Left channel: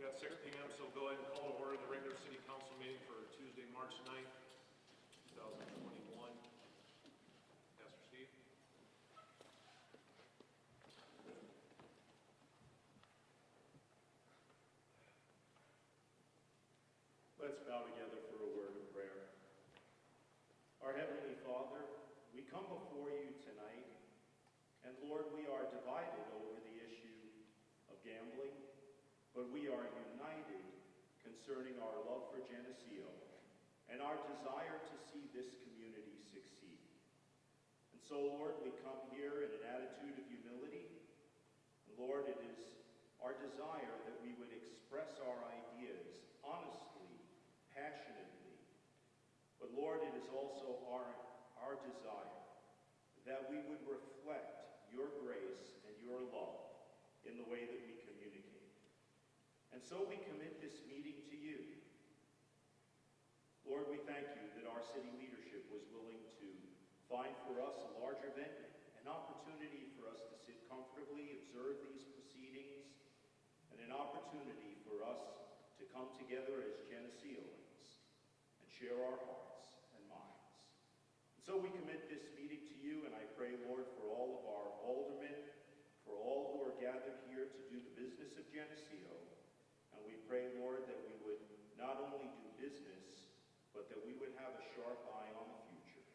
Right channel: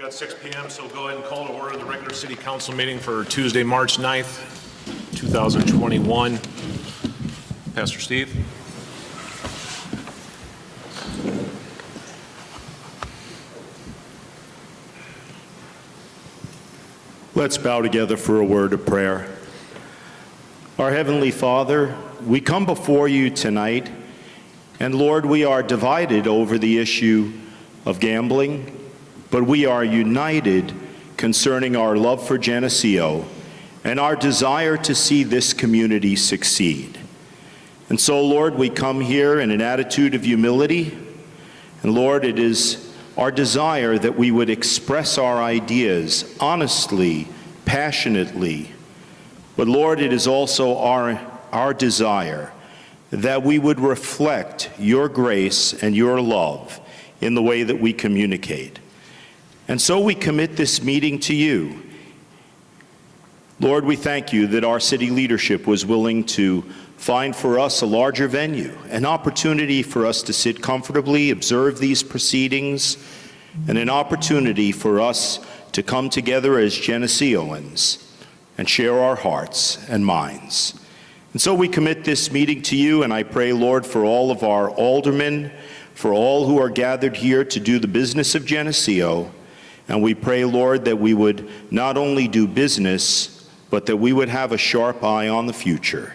got 6 p.m., so we'll go ahead and call to order the regular city council meeting for Tuesday, March 9th, 2021. Pastor Steve. Let's bow together for a word of prayer. Our Heavenly Father, we come before you tonight, and Lord, we are divided over the issue of gambling, but we are united concerning our love for Geneseo and our desire to see this community succeed. And so, Lord, we come here in an attitude of humility, and Lord, it is our desire that we would express our ideas honestly, passionately. But Lord, it is also our desire that we would reflect your grace and your love in the way that we communicate. And so we commit this meeting to you. Lord, we thank you that our city leadership was willing to find for us a larger venue, an opportunity for us to sit comfortably, observe these proceedings, and an opportunity for us to come together as Geneseoans and share our hearts and minds. And so we commit this meeting to you, and I pray, Lord, for all of our aldermen, for all who are gathered here to do the business of Geneseo. And we pray, Lord, that we would not only do business, but that we would have a sharp eye on the future.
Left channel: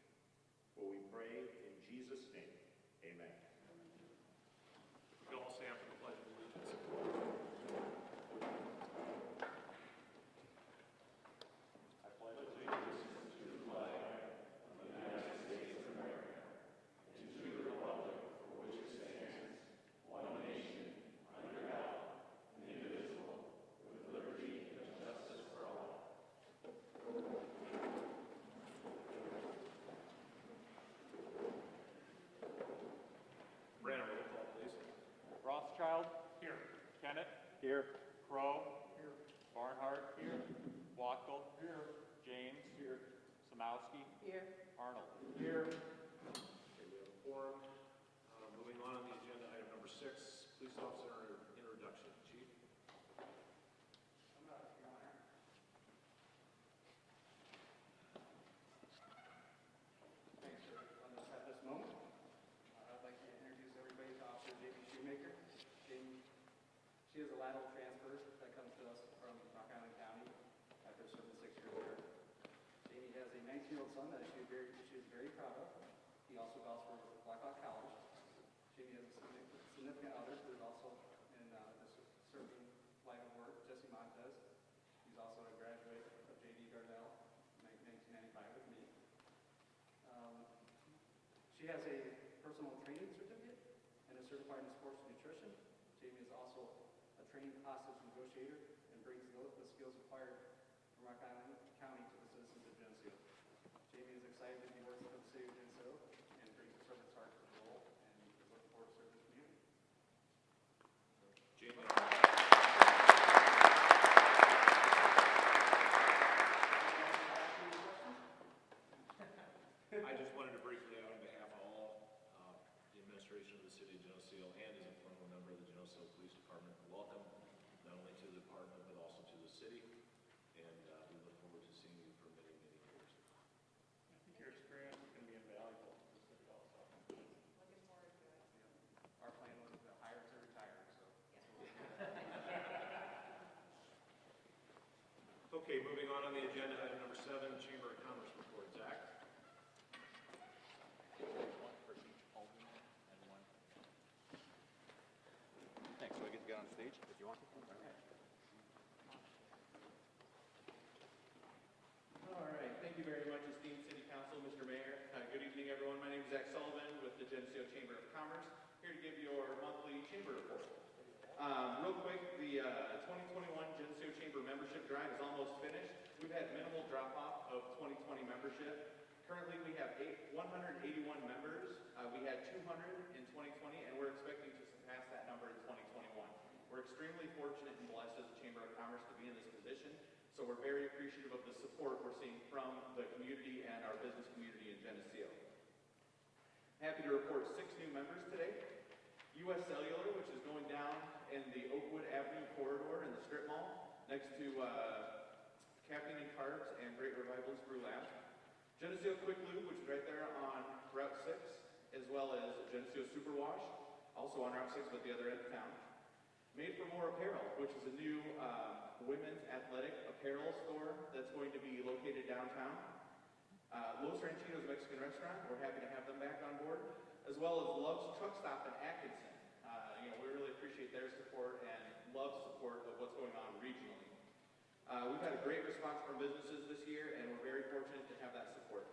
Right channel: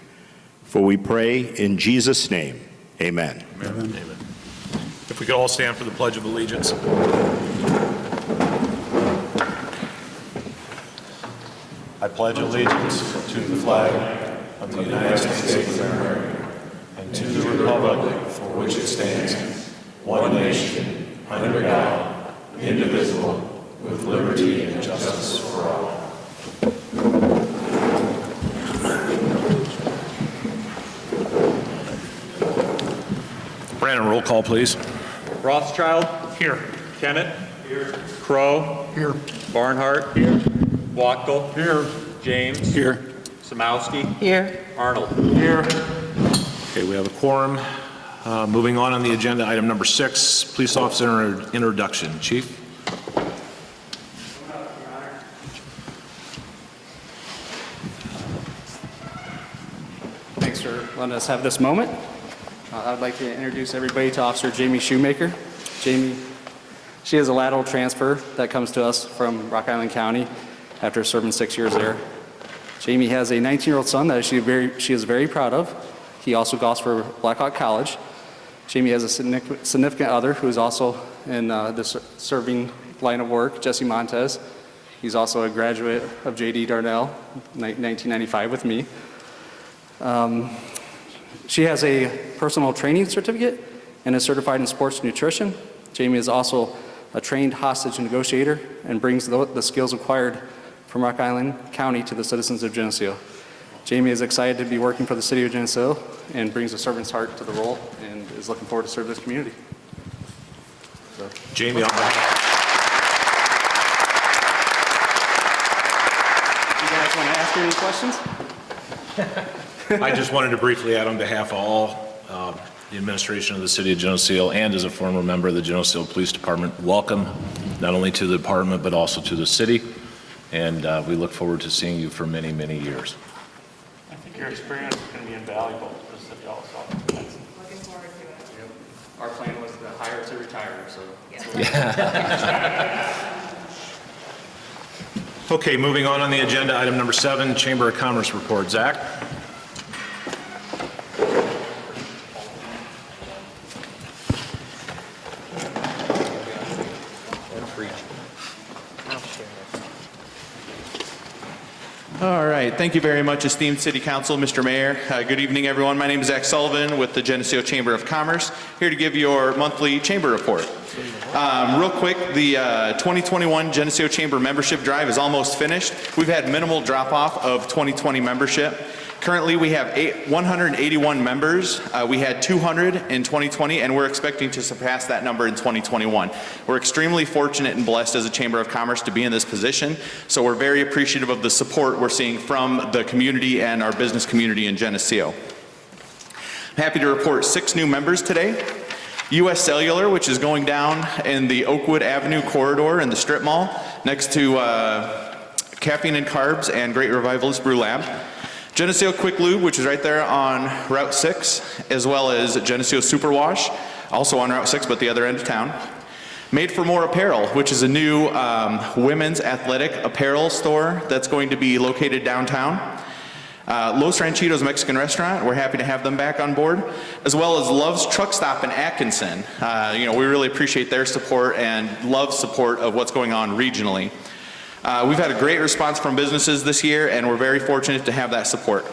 For we pray in Jesus' name, amen. Amen. Amen. If we could all stand for the Pledge of Allegiance. I pledge allegiance to the flag of the United States of America and to the republic for which it stands, one nation, under God, indivisible, with liberty and justice for all. Brandon, roll call, please. Rothschild. Here. Kennett. Here. Crow. Here. Barnhart. Here. Wachtel. Here. James. Here. Samowski. Here. Arnold. Here. Okay, we have a quorum. Moving on the agenda, item number 6, police officer introduction. Chief. Thanks for letting us have this moment. I'd like to introduce everybody to Officer Jamie Shoemaker. Jamie, she is a lateral transfer that comes to us from Rock Island County after serving 6 years there. Jamie has a 19-year-old son that she is very proud of. He also golfs for Blackhawk College. Jamie has a significant other who is also in the serving line of work, Jesse Montez. He's also a graduate of J.D. Darnell, 1995 with me. She has a personal training certificate and is certified in sports nutrition. Jamie is also a trained hostage negotiator and brings the skills acquired from Rock Island County to the citizens of Geneseo. Jamie is excited to be working for the city of Geneseo and brings a servant's heart to the role and is looking forward to serve this community. So, Jamie, on behalf. you guys want to ask her any questions? I just wanted to briefly add on behalf of all the administration of the city of Geneseo and as a former member of the Geneseo Police Department, welcome not only to the department but also to the city, and we look forward to seeing you for many, many years. I think your experience is going to be invaluable to the city also. Looking forward to it. Yep. Our plan was to hire to retire, so. Yeah. Okay, moving on the agenda, item number 7, Chamber of Commerce report. Zach? All right, thank you very much, esteemed City Council, Mr. Mayor. Good evening, everyone. My name is Zach Sullivan with the Geneseo Chamber of Commerce, here to give your monthly chamber report. Real quick, the 2021 Geneseo Chamber membership drive is almost finished. We've had minimal drop-off of 2020 membership. Currently, we have 181 members. We had 200 in 2020, and we're expecting to surpass that number in 2021. We're extremely fortunate and blessed as a Chamber of Commerce to be in this position, so we're very appreciative of the support we're seeing from the community and our business community in Geneseo. I'm happy to report 6 new members today. U.S. Cellular, which is going down in the Oakwood Avenue corridor in the strip mall next to Caffeine and Carbs and Great Revivalist Brew Lab. Geneseo Quick Lube, which is right there on Route 6, as well as Geneseo Superwash, also on Route 6, but the other end of town. Made for More Apparel, which is a new women's athletic apparel store that's going to be located downtown. Los Ranchitos Mexican Restaurant, we're happy to have them back on board, as well as Love's Truck Stop in Atkinson. We really appreciate their support and Love's support of what's going on regionally. We've had a great response from businesses this year, and we're very fortunate to have that support.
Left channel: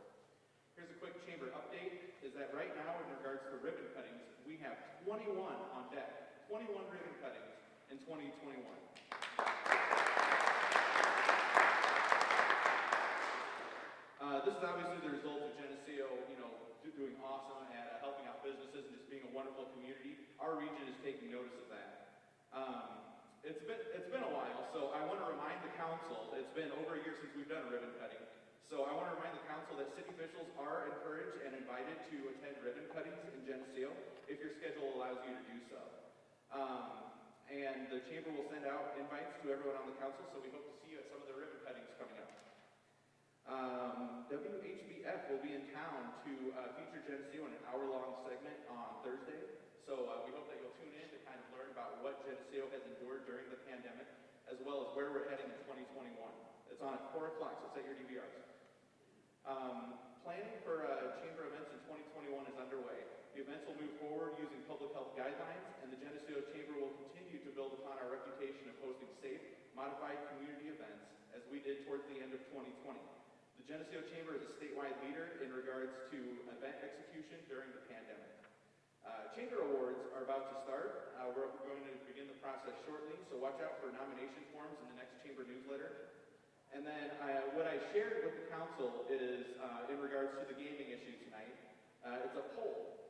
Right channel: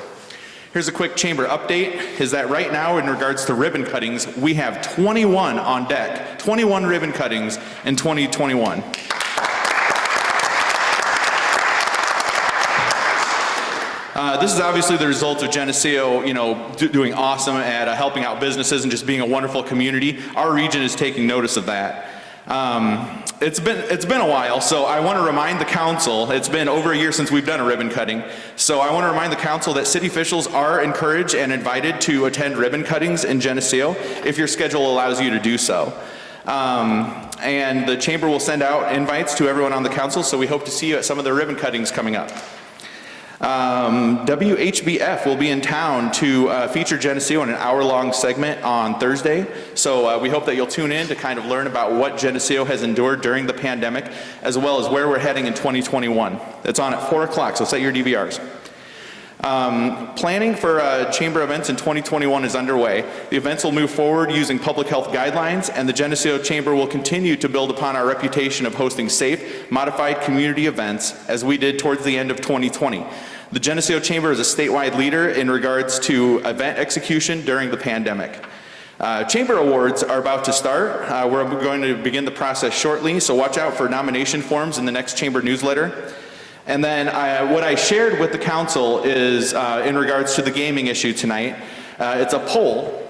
Here's a quick chamber update, is that right now in regards to ribbon cuttings, we have 21 on deck, 21 ribbon cuttings in 2021. This is obviously the result of Geneseo, doing awesome at helping out businesses and just being a wonderful community. Our region is taking notice of that. It's been a while, so I want to remind the council, it's been over a year since we've done a ribbon cutting, so I want to remind the council that city officials are encouraged and invited to attend ribbon cuttings in Geneseo if your schedule allows you to do so. And the chamber will send out invites to everyone on the council, so we hope to see you at some of the ribbon cuttings coming up. WHBF will be in town to feature Geneseo in an hour-long segment on Thursday. So we hope that you'll tune in to kind of learn about what Geneseo has endured during the pandemic, as well as where we're heading in 2021. It's on at 4 o'clock, so set your DVRs. Planning for chamber events in 2021 is underway. The events will move forward using public health guidelines, and the Geneseo Chamber will continue to build upon our reputation of hosting safe, modified community events as we did towards the end of 2020. The Geneseo Chamber is a statewide leader in regards to event execution during the pandemic. Chamber awards are about to start. We're going to begin the process shortly, so watch out for nomination forms in the next chamber newsletter. And then what I shared with the council is in regards to the gaming issue tonight. It's a poll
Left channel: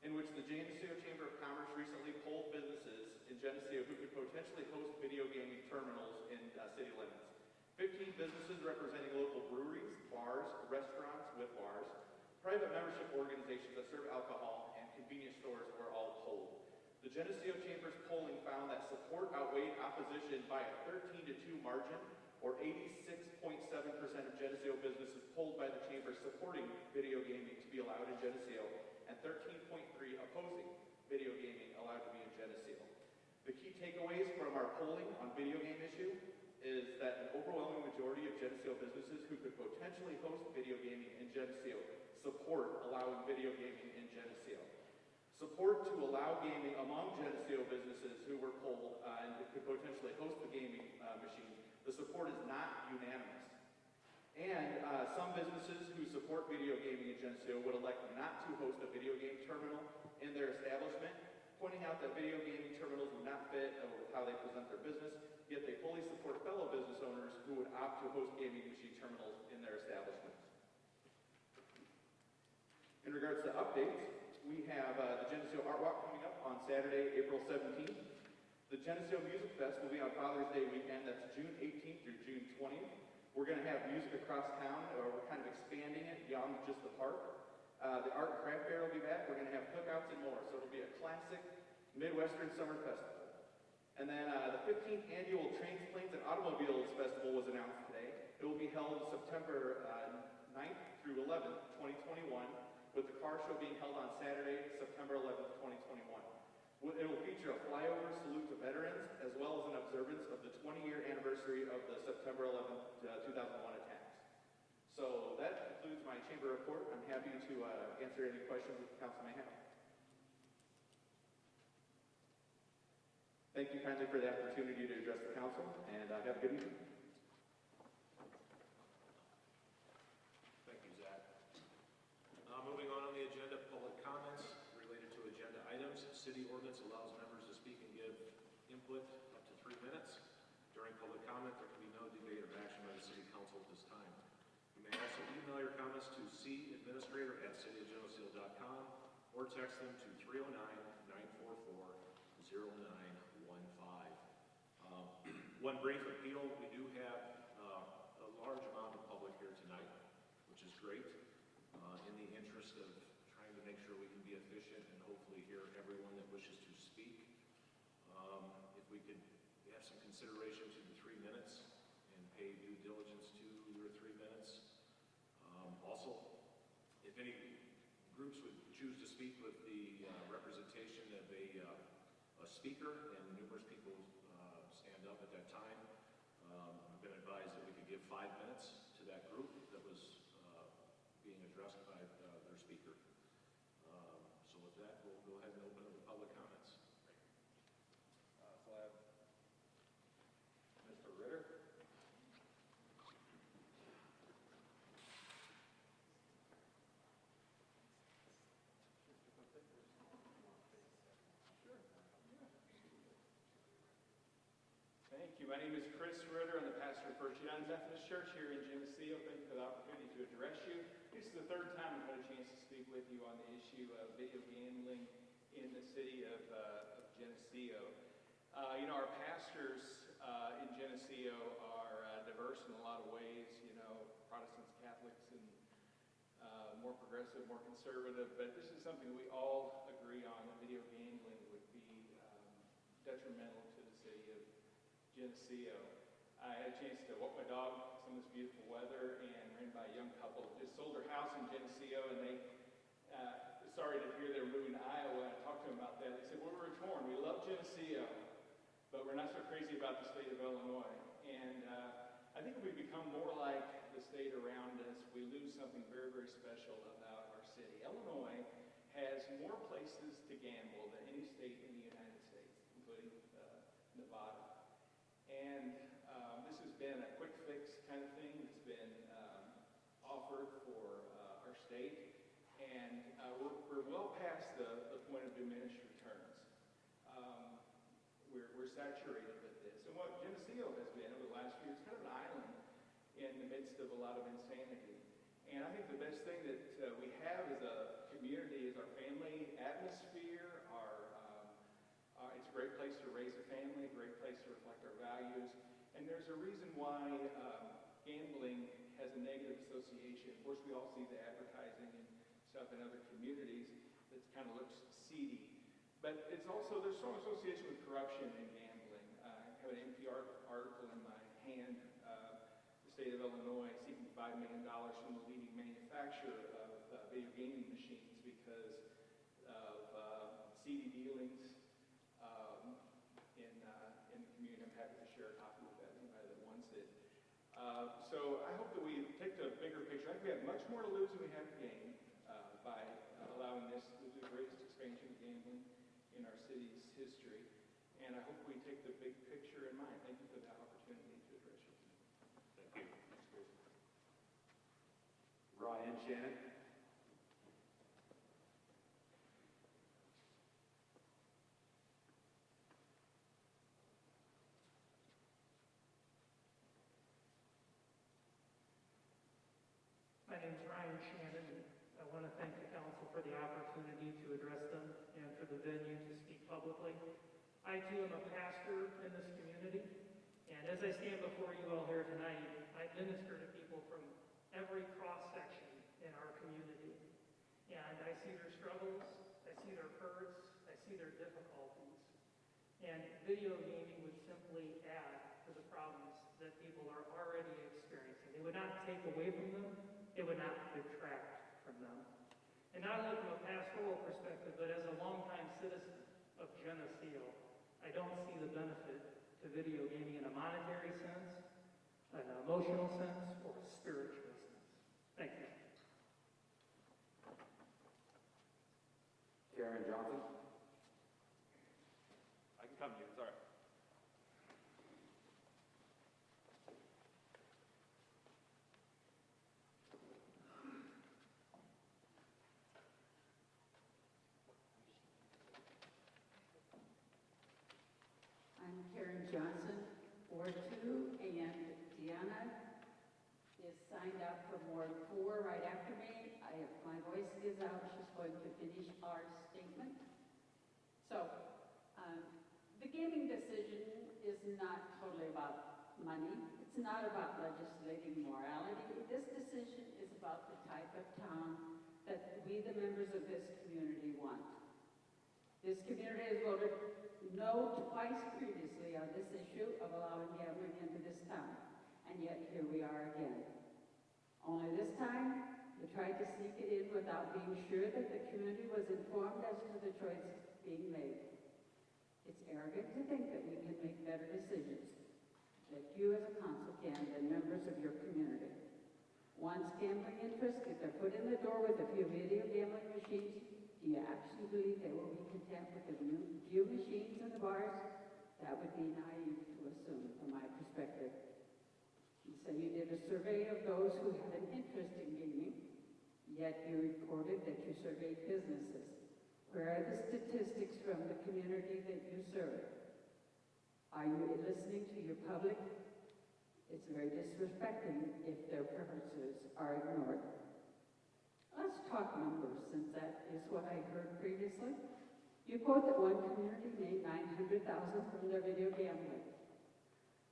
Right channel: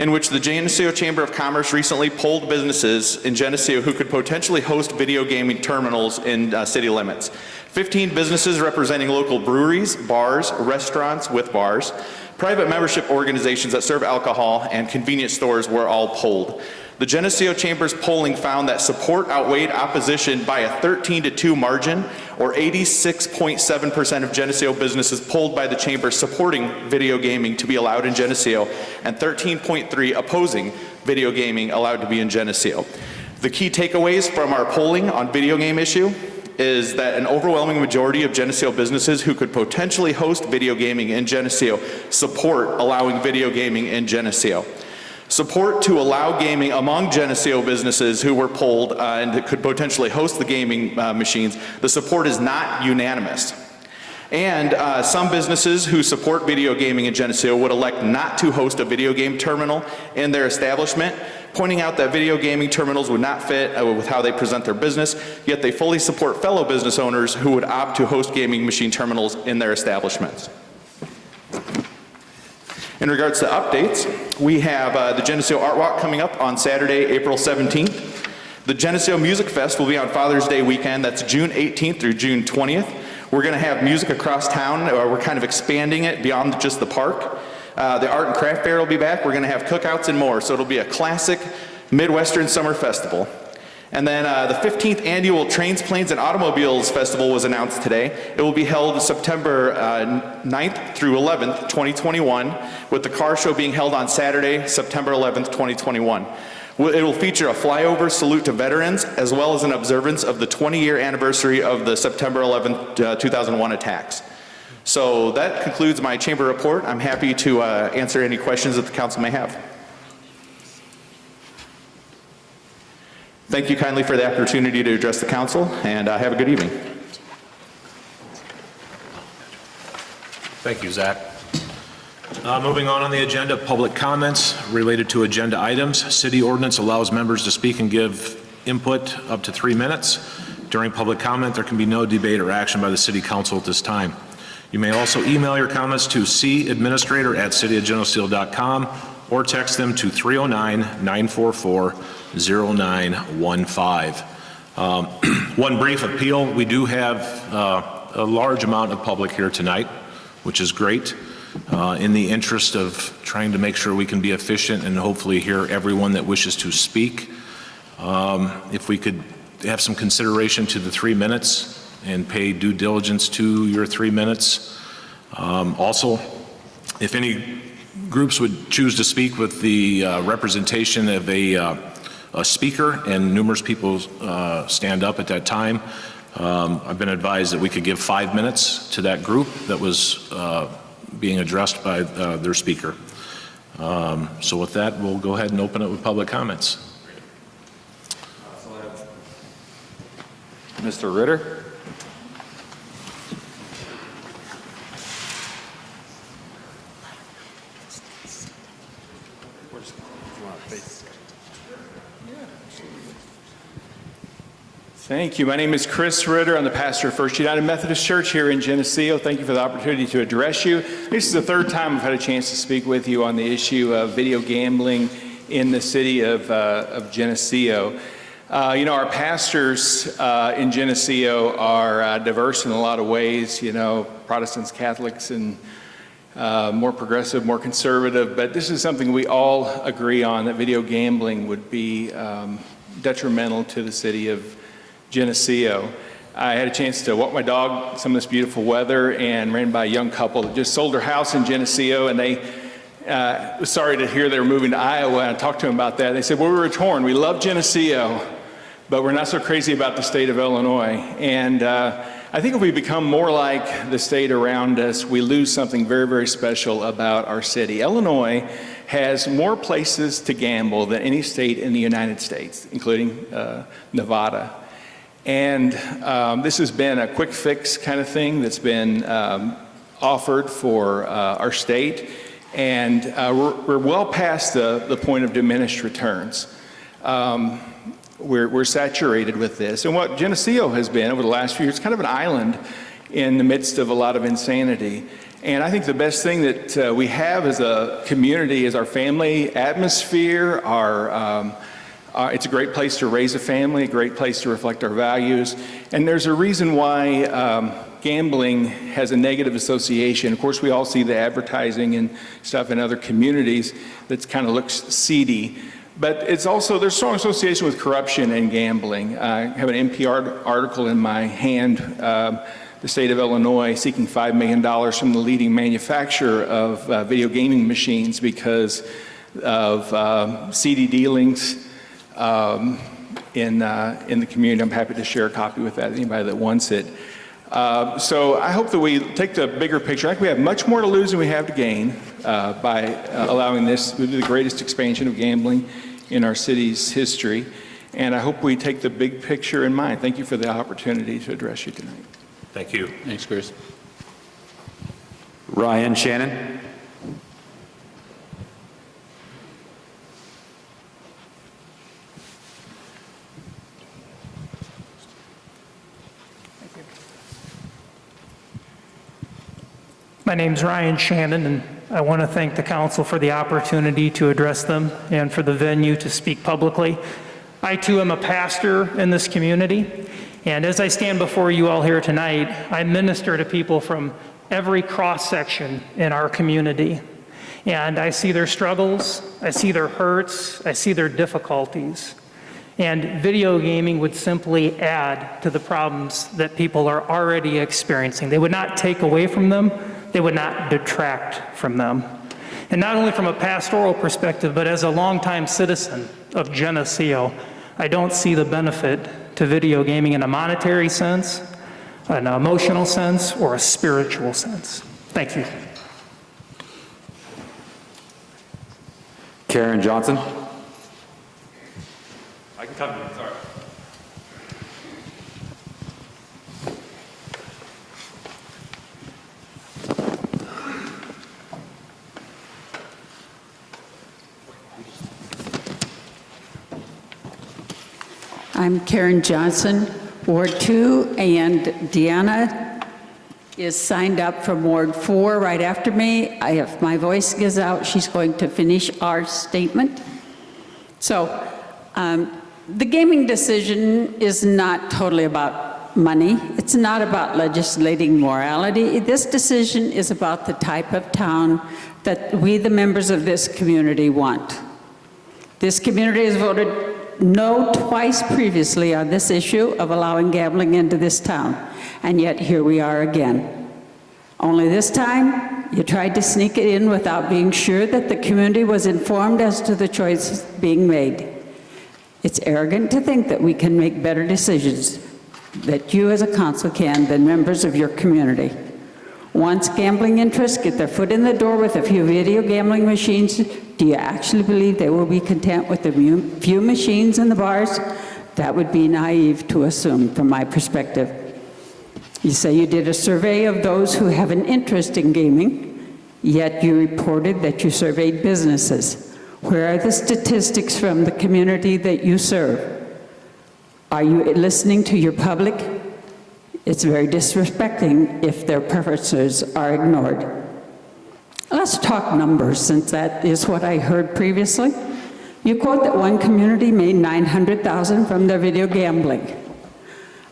in which the Geneseo Chamber of Commerce recently polled businesses in Geneseo who could potentially host video gaming terminals in city limits. 15 businesses representing local breweries, bars, restaurants with bars, private membership organizations that serve alcohol, and convenience stores were all polled. The Geneseo Chamber's polling found that support outweighed opposition by a 13-2 margin, or 86.7% of Geneseo businesses polled by the Chamber supporting video gaming to be allowed in Geneseo, and 13.3 opposing video gaming allowed to be in Geneseo. The key takeaways from our polling on video game issue is that an overwhelming majority of Geneseo businesses who could potentially host video gaming in Geneseo support allowing video gaming in Geneseo. Support to allow gaming among Geneseo businesses who were polled and could potentially host the gaming machines, the support is not unanimous. And some businesses who support video gaming in Geneseo would elect not to host a video game terminal in their establishment, pointing out that video gaming terminals would not fit with how they present their business, yet they fully support fellow business owners who would opt to host gaming machine terminals in their establishments. In regards to updates, we have the Geneseo Art Walk coming up on Saturday, April 17th. The Geneseo Music Fest will be on Father's Day weekend. That's June 18th through June 20th. We're going to have music across town. We're kind of expanding it beyond just the park. The Art and Craft Fair will be back. We're going to have cookouts and more. So it'll be a classic Midwestern Summer Festival. And then the 15th Annual Trains, Planes, and Automobiles Festival was announced today. It will be held September 9th through 11th, 2021, with the car show being held on Saturday, September 11th, 2021. It will feature a flyover salute to veterans, as well as an observance of the 20-year anniversary of the September 11th, 2001 attacks. So that concludes my chamber report. I'm happy to answer any questions that the council may have. Thank you kindly for the opportunity to address the council, and have a good evening. Thank you, Zach. Moving on the agenda, public comments related to agenda items. City ordinance allows members to speak and give input up to 3 minutes. During public comment, there can be no debate or action by the city council at this time. You may also email your comments to cadministrator@cityofgeneseo.com or text them to 309-944-0915. One brief appeal. We do have a large amount of public here tonight, which is great. in the interest of trying to make sure we can be efficient and hopefully hear everyone that wishes to speak, if we could have some consideration to the 3 minutes and pay due diligence to your 3 minutes. Also, if any groups would choose to speak with the representation of a speaker and numerous people stand up at that time, I've been advised that we could give 5 minutes to that group that was being addressed by their speaker. So with that, we'll go ahead and open it with public comments. Mr. Ritter? Thank you. My name is Chris Ritter. I'm the pastor of First United Methodist Church here in Geneseo. Thank you for the opportunity to address you. This is the third time I've had a chance to speak with you on the issue of video gambling in the city of Geneseo. You know, our pastors in Geneseo are diverse in a lot of ways, you know, Protestants, Catholics, and more progressive, more conservative. But this is something we all agree on, that video gambling would be detrimental to the city of Geneseo. I had a chance to walk my dog some of this beautiful weather and ran by a young couple that just sold their house in Geneseo, and they was sorry to hear they were moving to Iowa. And I talked to them about that. They said, well, we were torn. We love Geneseo, but we're not so crazy about the state of Illinois. And I think if we become more like the state around us, we lose something very, very special about our city. Illinois has more places to gamble than any state in the United States, including Nevada. And this has been a quick fix kind of thing that's been offered for our state. And we're well past the point of diminished returns. We're saturated with this. And what Geneseo has been over the last few years, kind of an island in the midst of a lot of insanity. And I think the best thing that we have as a community is our family atmosphere, it's a great place to raise a family, a great place to reflect our values. And there's a reason why gambling has a negative association. Of course, we all see the advertising and stuff in other communities that kind of looks seedy. But it's also, there's strong association with corruption and gambling. I have an NPR article in my hand, the state of Illinois seeking $5 million from the leading manufacturer of video gaming machines because of seedy dealings in the community. I'm happy to share a copy with anybody that wants it. So I hope that we take the bigger picture. I think we have much more to lose than we have to gain by allowing this to be the greatest expansion of gambling in our city's history. And I hope we take the big picture in mind. Thank you for the opportunity to address you tonight. Thank you. Thanks, Chris. Ryan Shannon. My name's Ryan Shannon, and I want to thank the council for the opportunity to address them and for the venue to speak publicly. I too am a pastor in this community, and as I stand before you all here tonight, I minister to people from every cross-section in our community. And I see their struggles, I see their hurts, I see their difficulties. And video gaming would simply add to the problems that people are already experiencing. They would not take away from them, they would not detract from them. And not only from a pastoral perspective, but as a longtime citizen of Geneseo, I don't see the benefit to video gaming in a monetary sense, an emotional sense, or a spiritual sense. Thank you. Karen Johnson. I can come to you, sorry. I'm Karen Johnson, Ward 2, and Deanna is signed up from Ward 4 right after me. If my voice gives out, she's going to finish our statement. So the gaming decision is not totally about money. It's not about legislating morality. This decision is about the type of town that we, the members of this community, want. This community has voted no twice previously on this issue of allowing gambling into this town, and yet here we are again. Only this time, you tried to sneak it in without being sure that the community was informed as to the choices being made. It's arrogant to think that we can make better decisions, that you as a council can, than members of your community. Once gambling interests get their foot in the door with a few video gambling machines, do you actually believe they will be content with the few machines in the bars? That would be naive to assume from my perspective. You say you did a survey of those who have an interest in gaming, yet you reported that you surveyed businesses. Where are the statistics from the community that you serve? Are you listening to your public? It's very disrespecting if their preferences are ignored. Let's talk numbers, since that is what I heard previously. You quote that one community made $900,000 from their video gambling.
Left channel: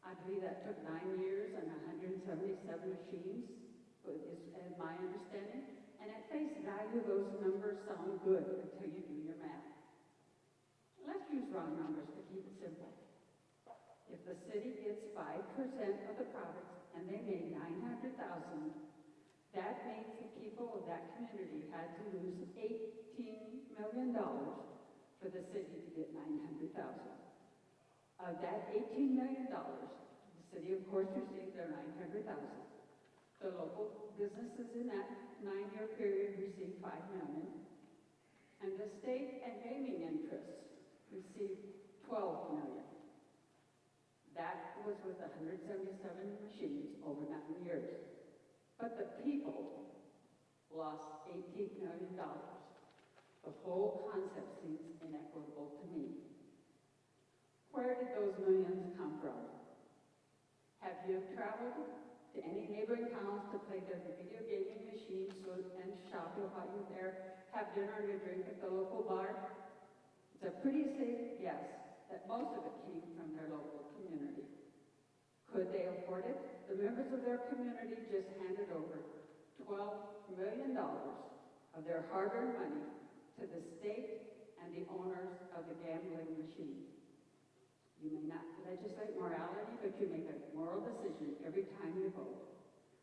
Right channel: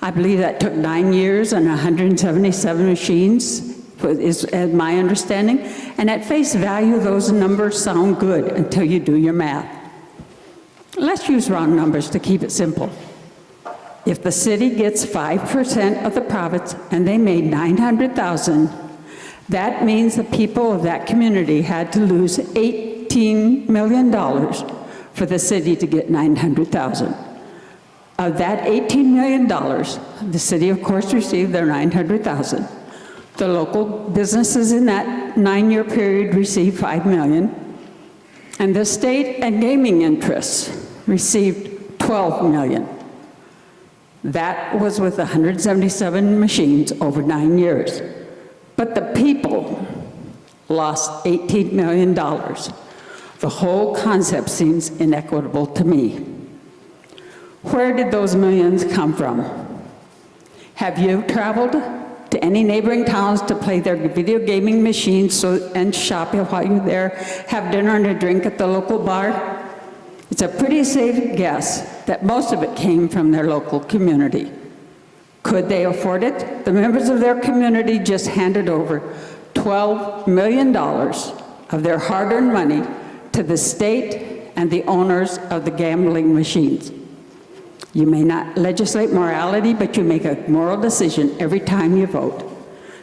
I believe that took 9 years and 177 machines, is my understanding. And at face value, those numbers sound good until you do your math. Let's use round numbers to keep it simple. If the city gets 5% of the profits and they made $900,000, that means the people of that community had to lose $18 million for the city to get $900,000. Of that $18 million, the city, of course, received their $900,000. The local businesses in that 9-year period received $5 million, and the state and gaming interests received $12 million. That was with 177 machines over 9 years. But the people lost $18 million. The whole concept seems inequitable to me. Where did those millions come from? Have you traveled to any neighboring towns to play their video gaming machines and shop while you're there, have dinner and a drink at the local bar? It's a pretty safe guess that most of it came from their local community. Could they afford it? The members of their community just handed over $12 million of their hard-earned money to the state and the owners of the gambling machines. You may not legislate morality, but you make a moral decision every time you vote.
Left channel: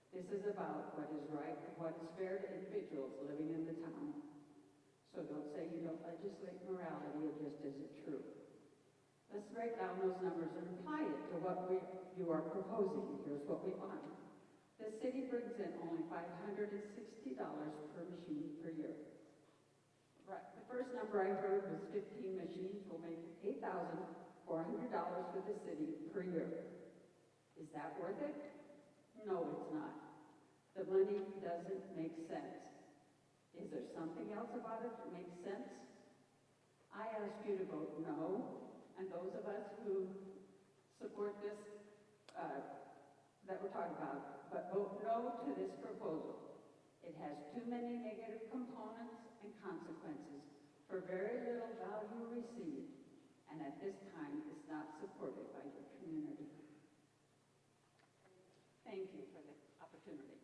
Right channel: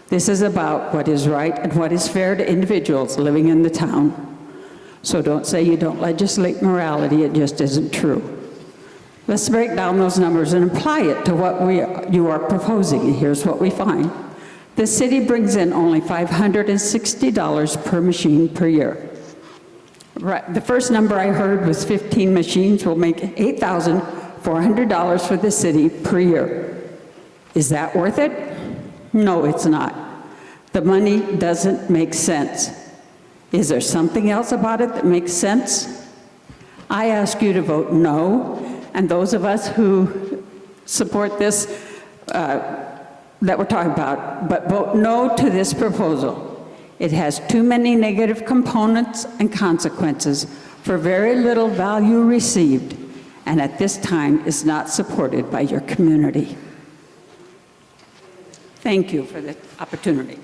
This is about what is right and what is fair to individuals living in the town. So don't say you don't legislate morality, it just isn't true. Let's break down those numbers and apply it to what you are proposing. Here's what we find. The city brings in only $560 per machine per year. Right. The first number I heard was 15 machines will make $8,400 for the city per year. Is that worth it? No, it's not. The money doesn't make sense. Is there something else about it that makes sense? I ask you to vote no, and those of us who support this that we're talking about, but vote no to this proposal. It has too many negative components and consequences for very little value received, and at this time is not supported by your community. Thank you for the opportunity.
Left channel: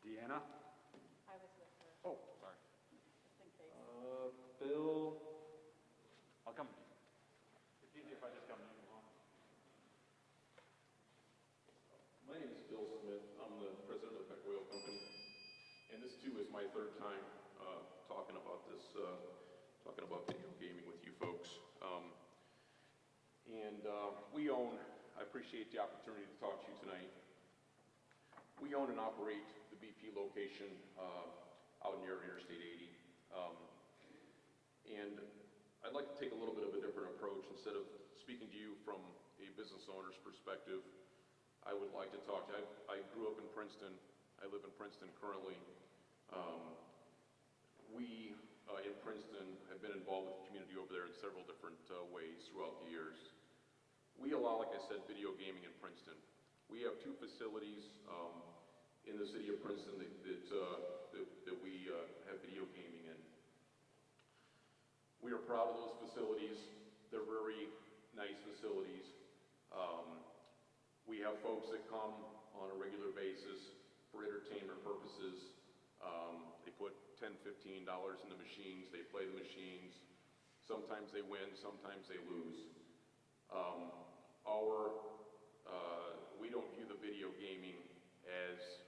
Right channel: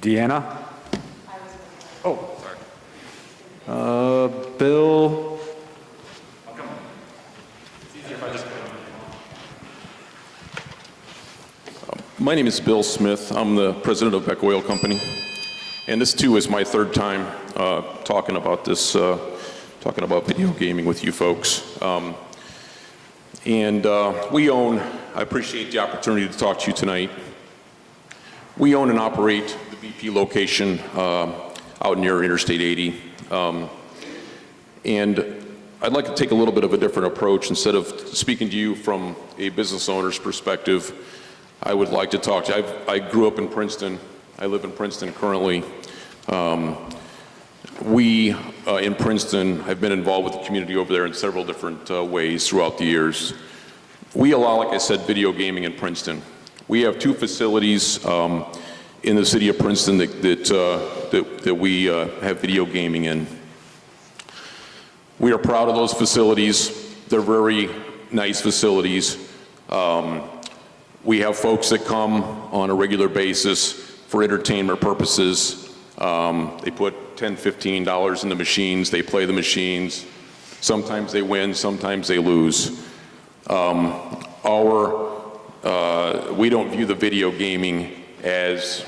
Deanna? Oh, sorry. Bill? My name is Bill Smith. I'm the president of Beck Oil Company. And this too is my third time talking about this, talking about video gaming with you folks. We own, I appreciate the opportunity to talk to you tonight. We own and operate the BP location out near Interstate 80. And I'd like to take a little bit of a different approach. Instead of speaking to you from a business owner's perspective, I would like to talk to you. I grew up in Princeton. I live in Princeton currently. We in Princeton have been involved with the community over there in several different ways throughout the years. We allow, like I said, video gaming in Princeton. We have 2 facilities in the city of Princeton that we have video gaming in. We are proud of those facilities. They're very nice facilities. We have folks that come on a regular basis for entertainment purposes. They put $10, $15 in the machines, they play the machines. Sometimes they win, sometimes they lose. We don't view the video gaming as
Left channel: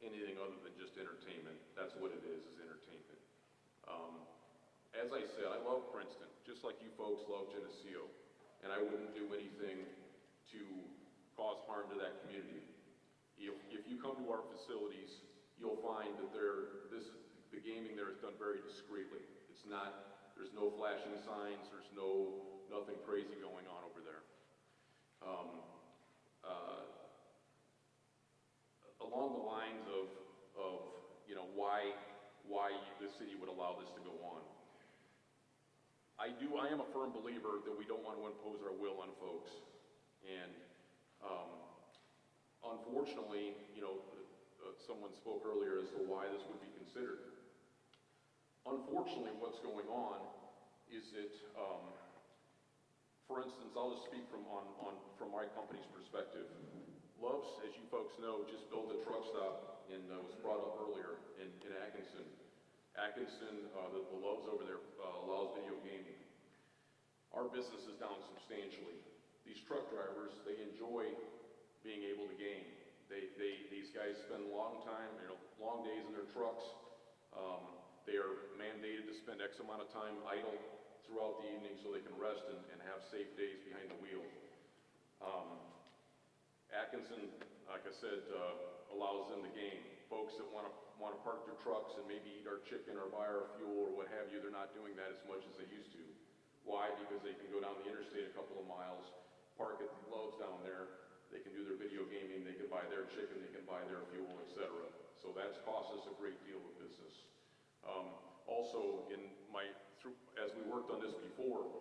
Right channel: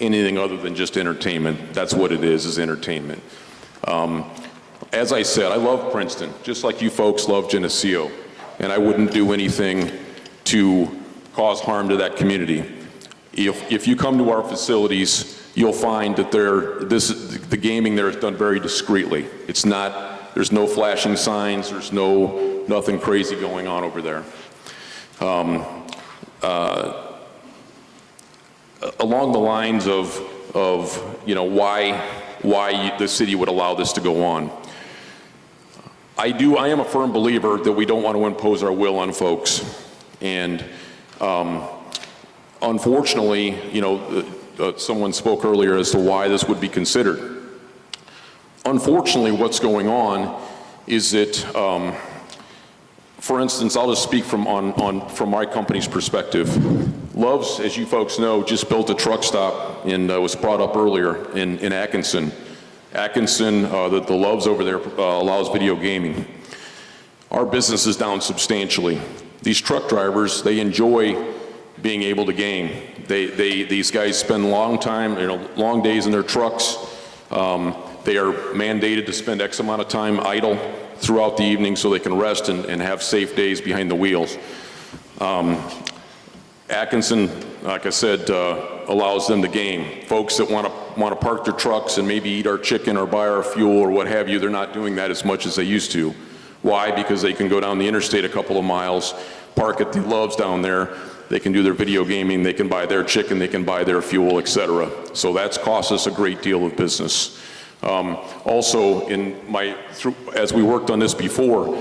anything other than just entertainment. That's what it is entertainment. As I said, I love Princeton, just like you folks love Geneseo, and I wouldn't do anything to cause harm to that community. If you come to our facilities, you'll find that the gaming there is done very discreetly. There's no flashing signs, there's nothing crazy going on over there. Along the lines of why the city would allow this to go on. I am a firm believer that we don't want to impose our will on folks. And unfortunately, someone spoke earlier as to why this would be considered. Unfortunately, what's going on is that, for instance, I'll just speak from my company's perspective. Love's, as you folks know, just built a truck stop and was brought up earlier in Atkinson. Atkinson, the Love's over there allows video gaming. Our business is down substantially. These truck drivers, they enjoy being able to game. These guys spend long days in their trucks. They are mandated to spend X amount of time idle throughout the evening so they can rest and have safe days behind the wheels. Atkinson, like I said, allows them to game. Folks that want to park their trucks and maybe eat our chicken or buy our fuel or what have you, they're not doing that as much as they used to. Why? Because they can go down the interstate a couple of miles, park at the Love's down there, they can do their video gaming, they can buy their chicken, they can buy their fuel, etc. So that's cost us a great deal of business. Also, as we worked on this before,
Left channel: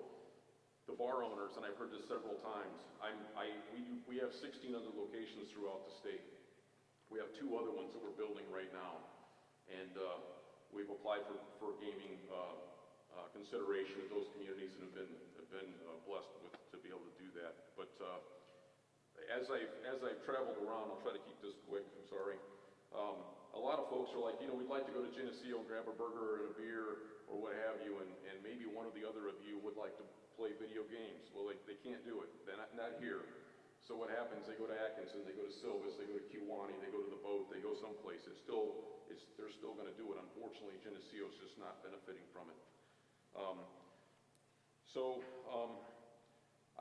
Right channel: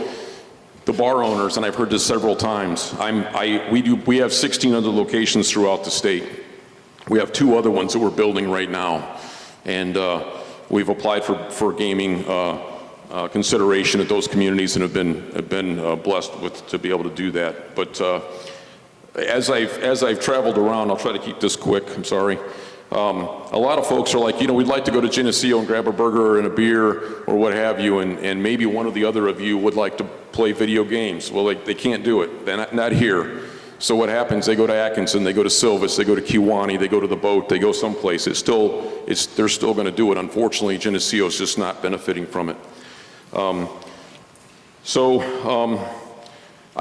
the bar owners, and I've heard this several times, we have 16 other locations throughout the state. We have 2 other ones that we're building right now, and we've applied for gaming consideration at those communities and have been blessed to be able to do that. But as I've traveled around, I'll try to keep this quick. I'm sorry. A lot of folks are like, we'd like to go to Geneseo and grab a burger and a beer or what have you, and maybe one or the other of you would like to play video games. Well, they can't do it. They're not here. So what happens? They go to Atkinson, they go to Silvis, they go to Kewanee, they go to the boat, they go someplace. They're still going to do it. Unfortunately, Geneseo is just not benefiting from it. I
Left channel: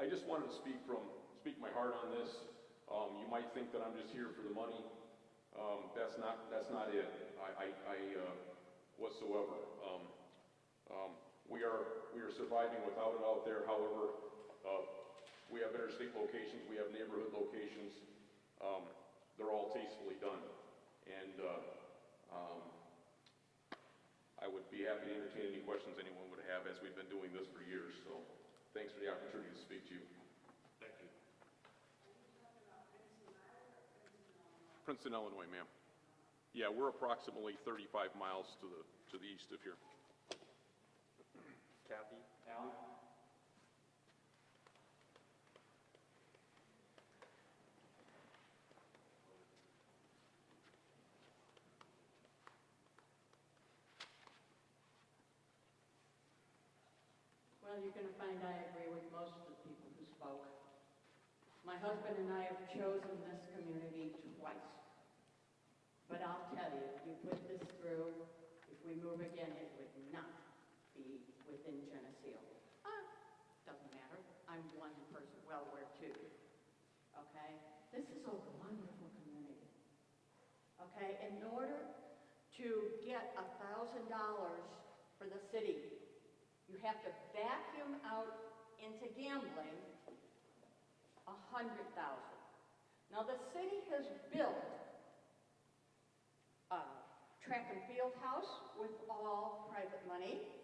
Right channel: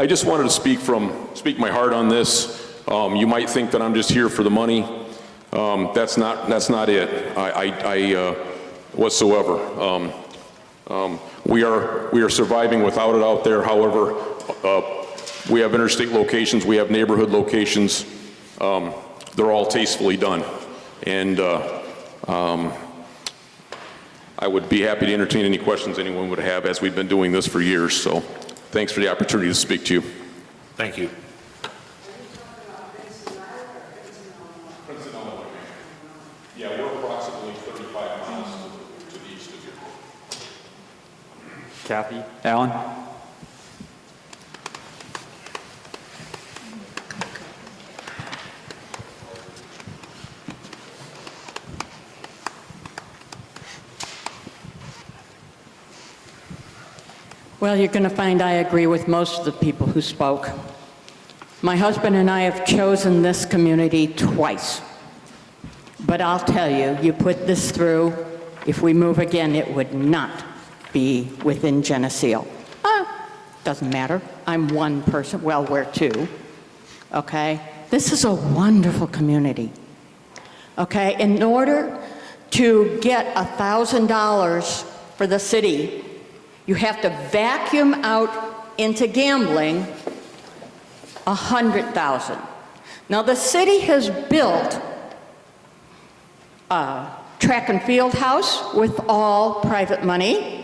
just wanted to speak my heart on this. You might think that I'm just here for the money. That's not it. Whatsoever. We are surviving without it out there. However, we have interstate locations, we have neighborhood locations. They're all tastefully done, and I would be happy to entertain any questions anyone would have, as we've been doing this for years. So, thanks for the opportunity to speak to you. Thank you. Yeah, we're approximately 35 miles to the east of here. Kathy, Alan? Well, you're going to find I agree with most of the people who spoke. My husband and I have chosen this community twice. But I'll tell you, you put this through, if we move again, it would not be within Geneseo. Doesn't matter. I'm one person. Well, we're 2. Okay? This is a wonderful community. Okay? In order to get $1,000 for the city, you have to vacuum out into gambling $100,000. Now, the city has built a track and field house with all private money,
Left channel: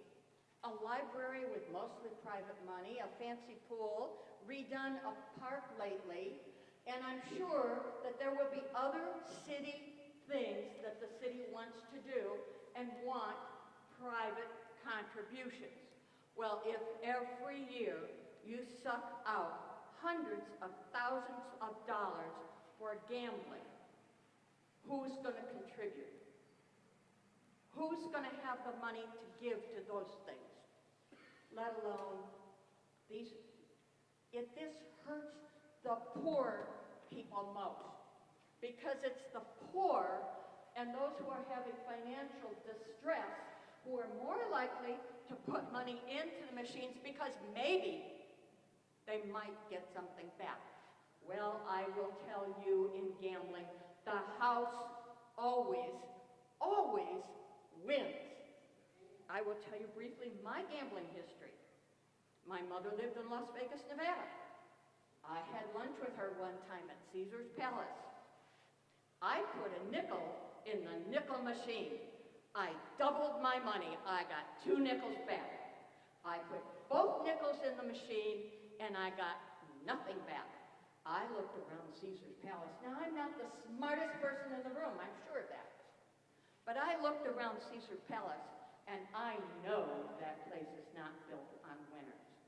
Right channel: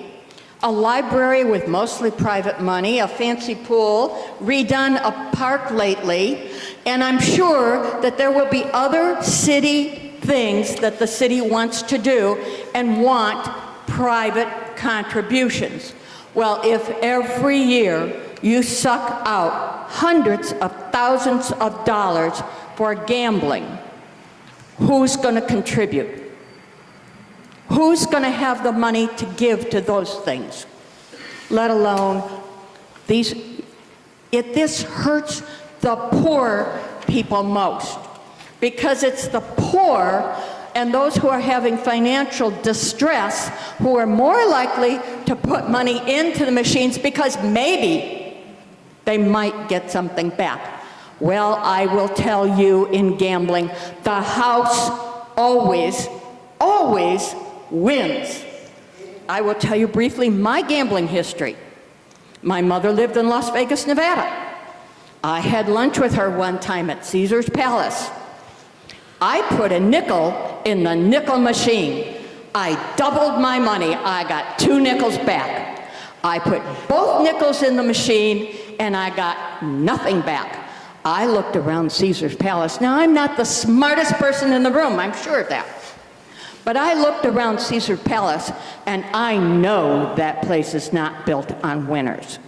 a library with mostly private money, a fancy pool, redone a park lately, and I'm sure that there will be other city things that the city wants to do and want private contributions. Well, if every year You suck out hundreds of thousands of dollars for gambling. Who's going to contribute? Who's going to have the money to give to those things? Let alone these. This hurts the poor people most, because it's the poor and those who are having financial distress who are more likely to put money into the machines because maybe they might get something back. Well, I will tell you, in gambling, the house always, always wins. I will tell you briefly my gambling history. My mother lived in Las Vegas, Nevada. I had lunch with her one time at Caesar's Palace. I put a nickel in the nickel machine. I doubled my money. I got 2 nickels back. I put both nickels in the machine and I got nothing back. I looked around Caesar's Palace. Now, I'm not the smartest person in the room, I'm sure of that. But I looked around Caesar's Palace and I know that place is not built on winners.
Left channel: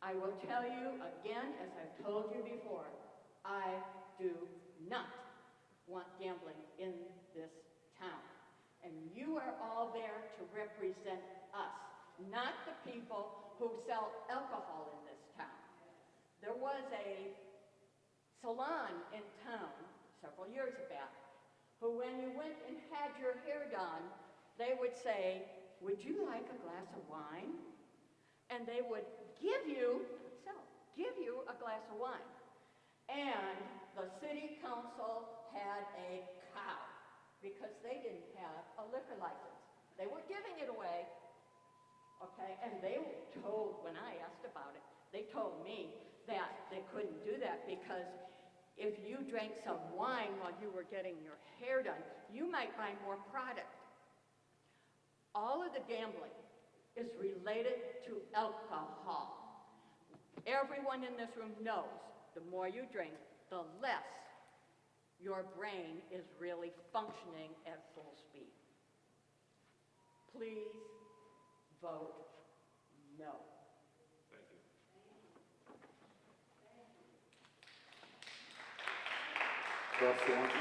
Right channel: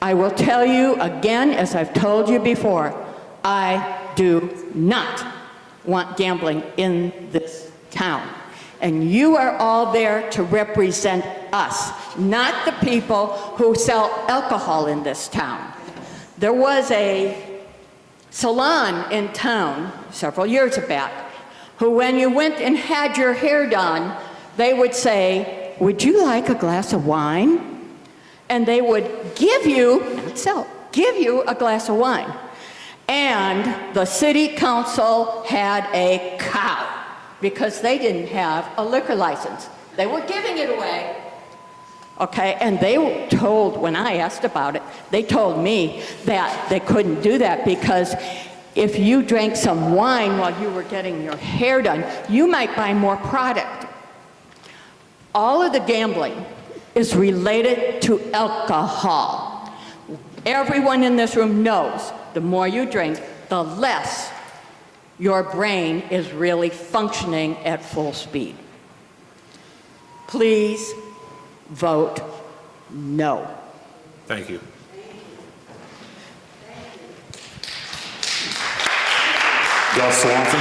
I will tell you again, as I've told you before, I do not want gambling in this town. And you are all there to represent us, not the people who sell alcohol in this town. There was a salon in town several years back who, when you went and had your hair done, they would say, "Would you like a glass of wine?" And they would give you, not sell, give you a glass of wine. And the city council had a cow because they didn't have a liquor license. They were giving it away. Okay, and they were told, when I asked about it, they told me that they couldn't do that because if you drank some wine while you were getting your hair done, you might buy more product. All of the gambling is related to alcohol. Everyone in this room knows the more you drink, the less your brain is really functioning at full speed. Please vote no. Thank you. Gus Swanson.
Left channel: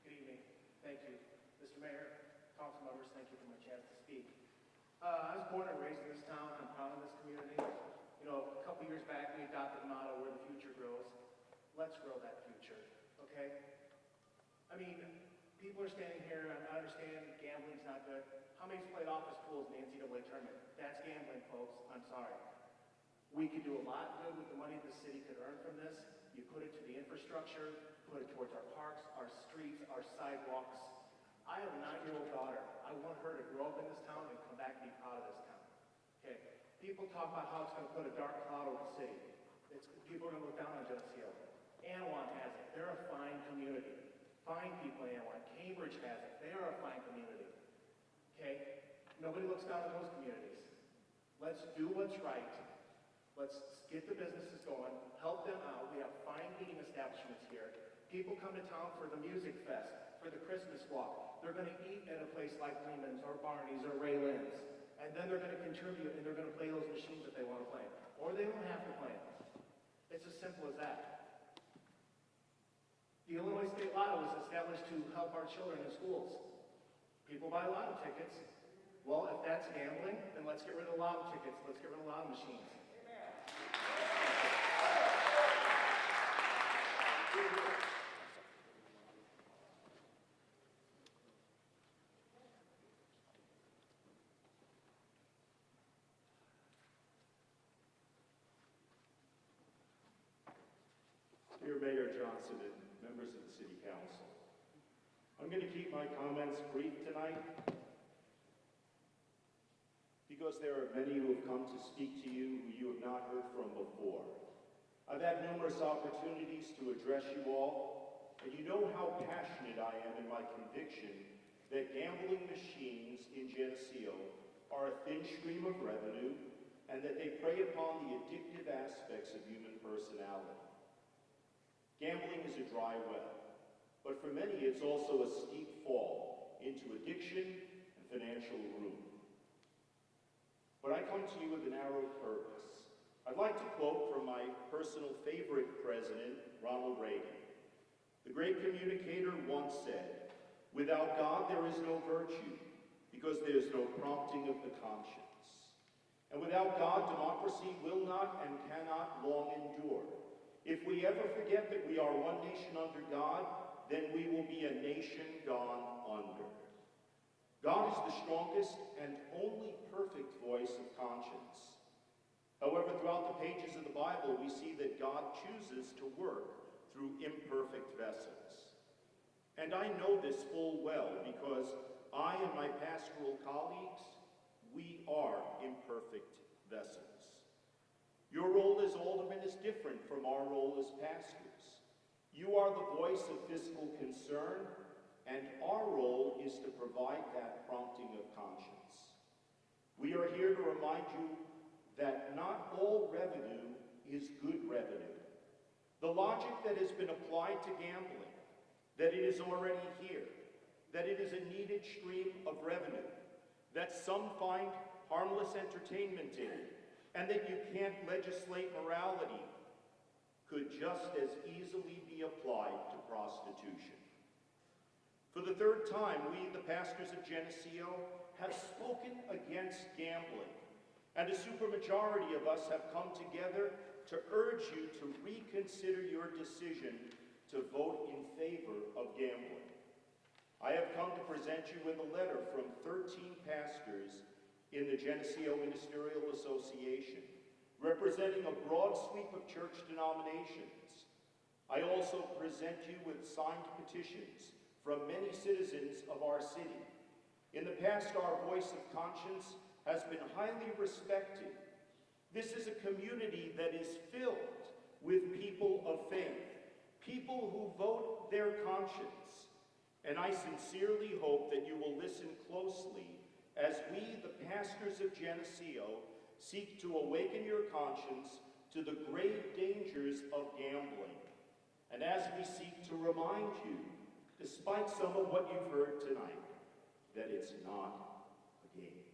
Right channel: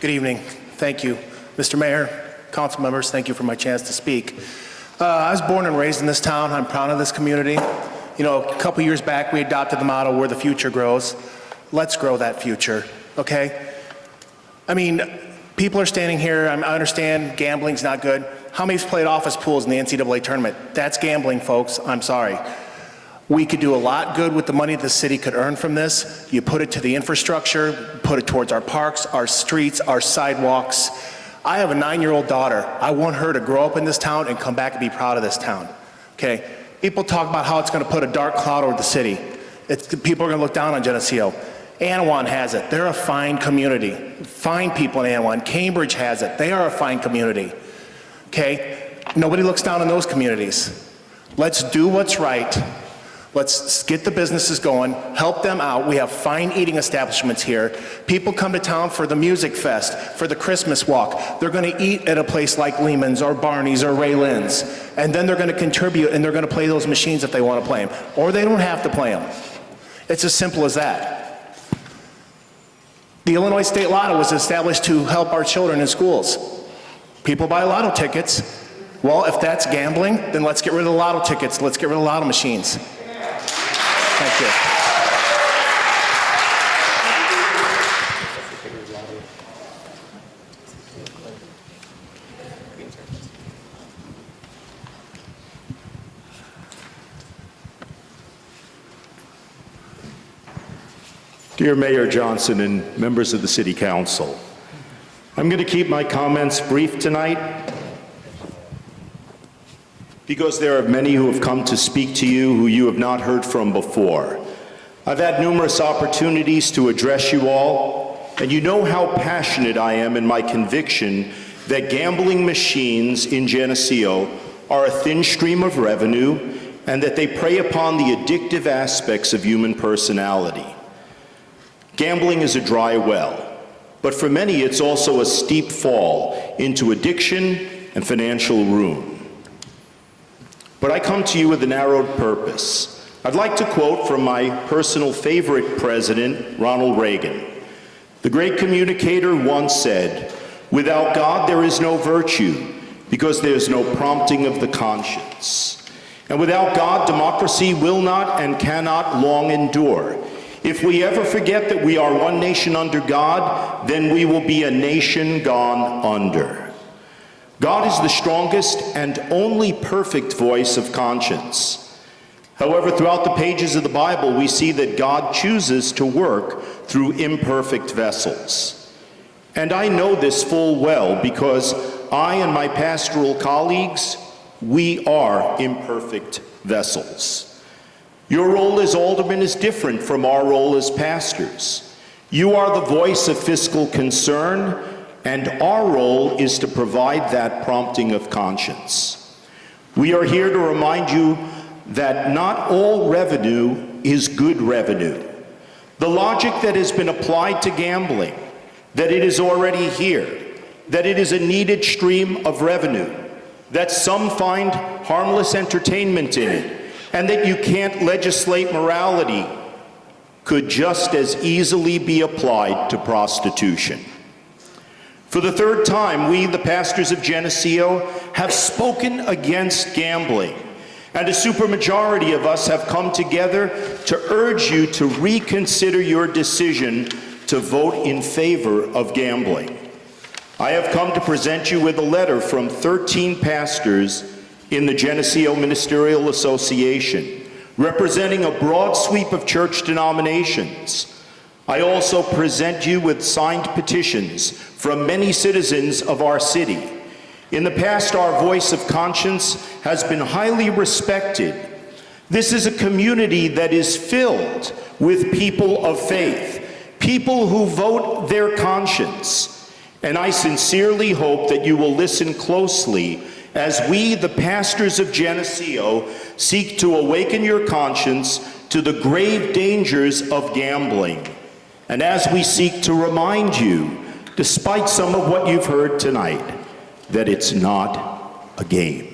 Good evening. Thank you. Mr. Mayor, council members, thank you for my chance to speak. I was born and raised in this town. I'm proud of this community. You know, a couple years back, we adopted the motto, where the future grows. Let's grow that future, okay? I mean, people are standing here, I understand gambling's not good. How many's played office pools in the NCAA tournament? That's gambling, folks. I'm sorry. We could do a lot good with the money the city could earn from this. You put it to the infrastructure, put it towards our parks, our streets, our sidewalks. I have a 9-year-old daughter. I want her to grow up in this town and come back and be proud of this town, okay? People talk about how it's gonna put a dark cloud over the city. People are gonna look down on Geneseo. Anawan has it. They're a fine community. Fine people in Anawan. Cambridge has it. They are a fine community, okay? Nobody looks down on those communities. Let's do what's right. Let's get the businesses going, help them out. We have fine eating establishments here. People come to town for the music fest, for the Christmas walk. They're gonna eat at a place like Lehman's or Barney's or Ray Lynn's, and then they're gonna contribute and they're gonna play those machines if they wanna play them, or they don't have to play them. It's as simple as that. The Illinois State Lotto was established to help our children in schools. People buy lotto tickets. Well, if that's gambling, then let's get rid of the lotto tickets. Let's get rid of the lotto machines. Thank you. Dear Mayor Johnson and members of the City Council, I'm going to keep my comments brief tonight because there are many who have come to speak to you who you have not heard from before. I've had numerous opportunities to address you all, and you know how passionate I am in my conviction that gambling machines in Geneseo are a thin stream of revenue and that they prey upon the addictive aspects of human personality. Gambling is a dry well, but for many it's also a steep fall into addiction and financial ruin. But I come to you with a narrowed purpose. I'd like to quote from my personal favorite president, Ronald Reagan. The great communicator once said, "Without God there is no virtue, because there's no prompting of the conscience. And without God, democracy will not and cannot long endure. If we ever forget that we are one nation under God, then we will be a nation gone under." God is the strongest and only perfect voice of conscience. However, throughout the pages of the Bible, we see that God chooses to work through imperfect vessels. And I know this full well because I and my pastoral colleagues, we are imperfect vessels. Your role as alderman is different from our role as pastors. You are the voice of fiscal concern, and our role is to provide that prompting of conscience. We are here to remind you that not all revenue is good revenue. The logic that has been applied to gambling, that it is already here, that it is a needed stream of revenue, that some find harmless entertainment in it, and that you can't legislate morality, could just as easily be applied to prostitution. For the third time, we, the pastors of Geneseo, have spoken against gambling, and a supermajority of us have come together to urge you to reconsider your decision to vote in favor of gambling. I have come to present you with a letter from 13 pastors in the Geneseo Ministerial Association, representing a broad sweep of church denominations. I also present you with signed petitions from many citizens of our city. In the past, our voice of conscience has been highly respected. This is a community that is filled with people of faith, people who vote their conscience. And I sincerely hope that you will listen closely as we, the pastors of Geneseo, seek to awaken your conscience to the grave dangers of gambling. And as we seek to remind you, despite some of what you've heard tonight, that it's not a game.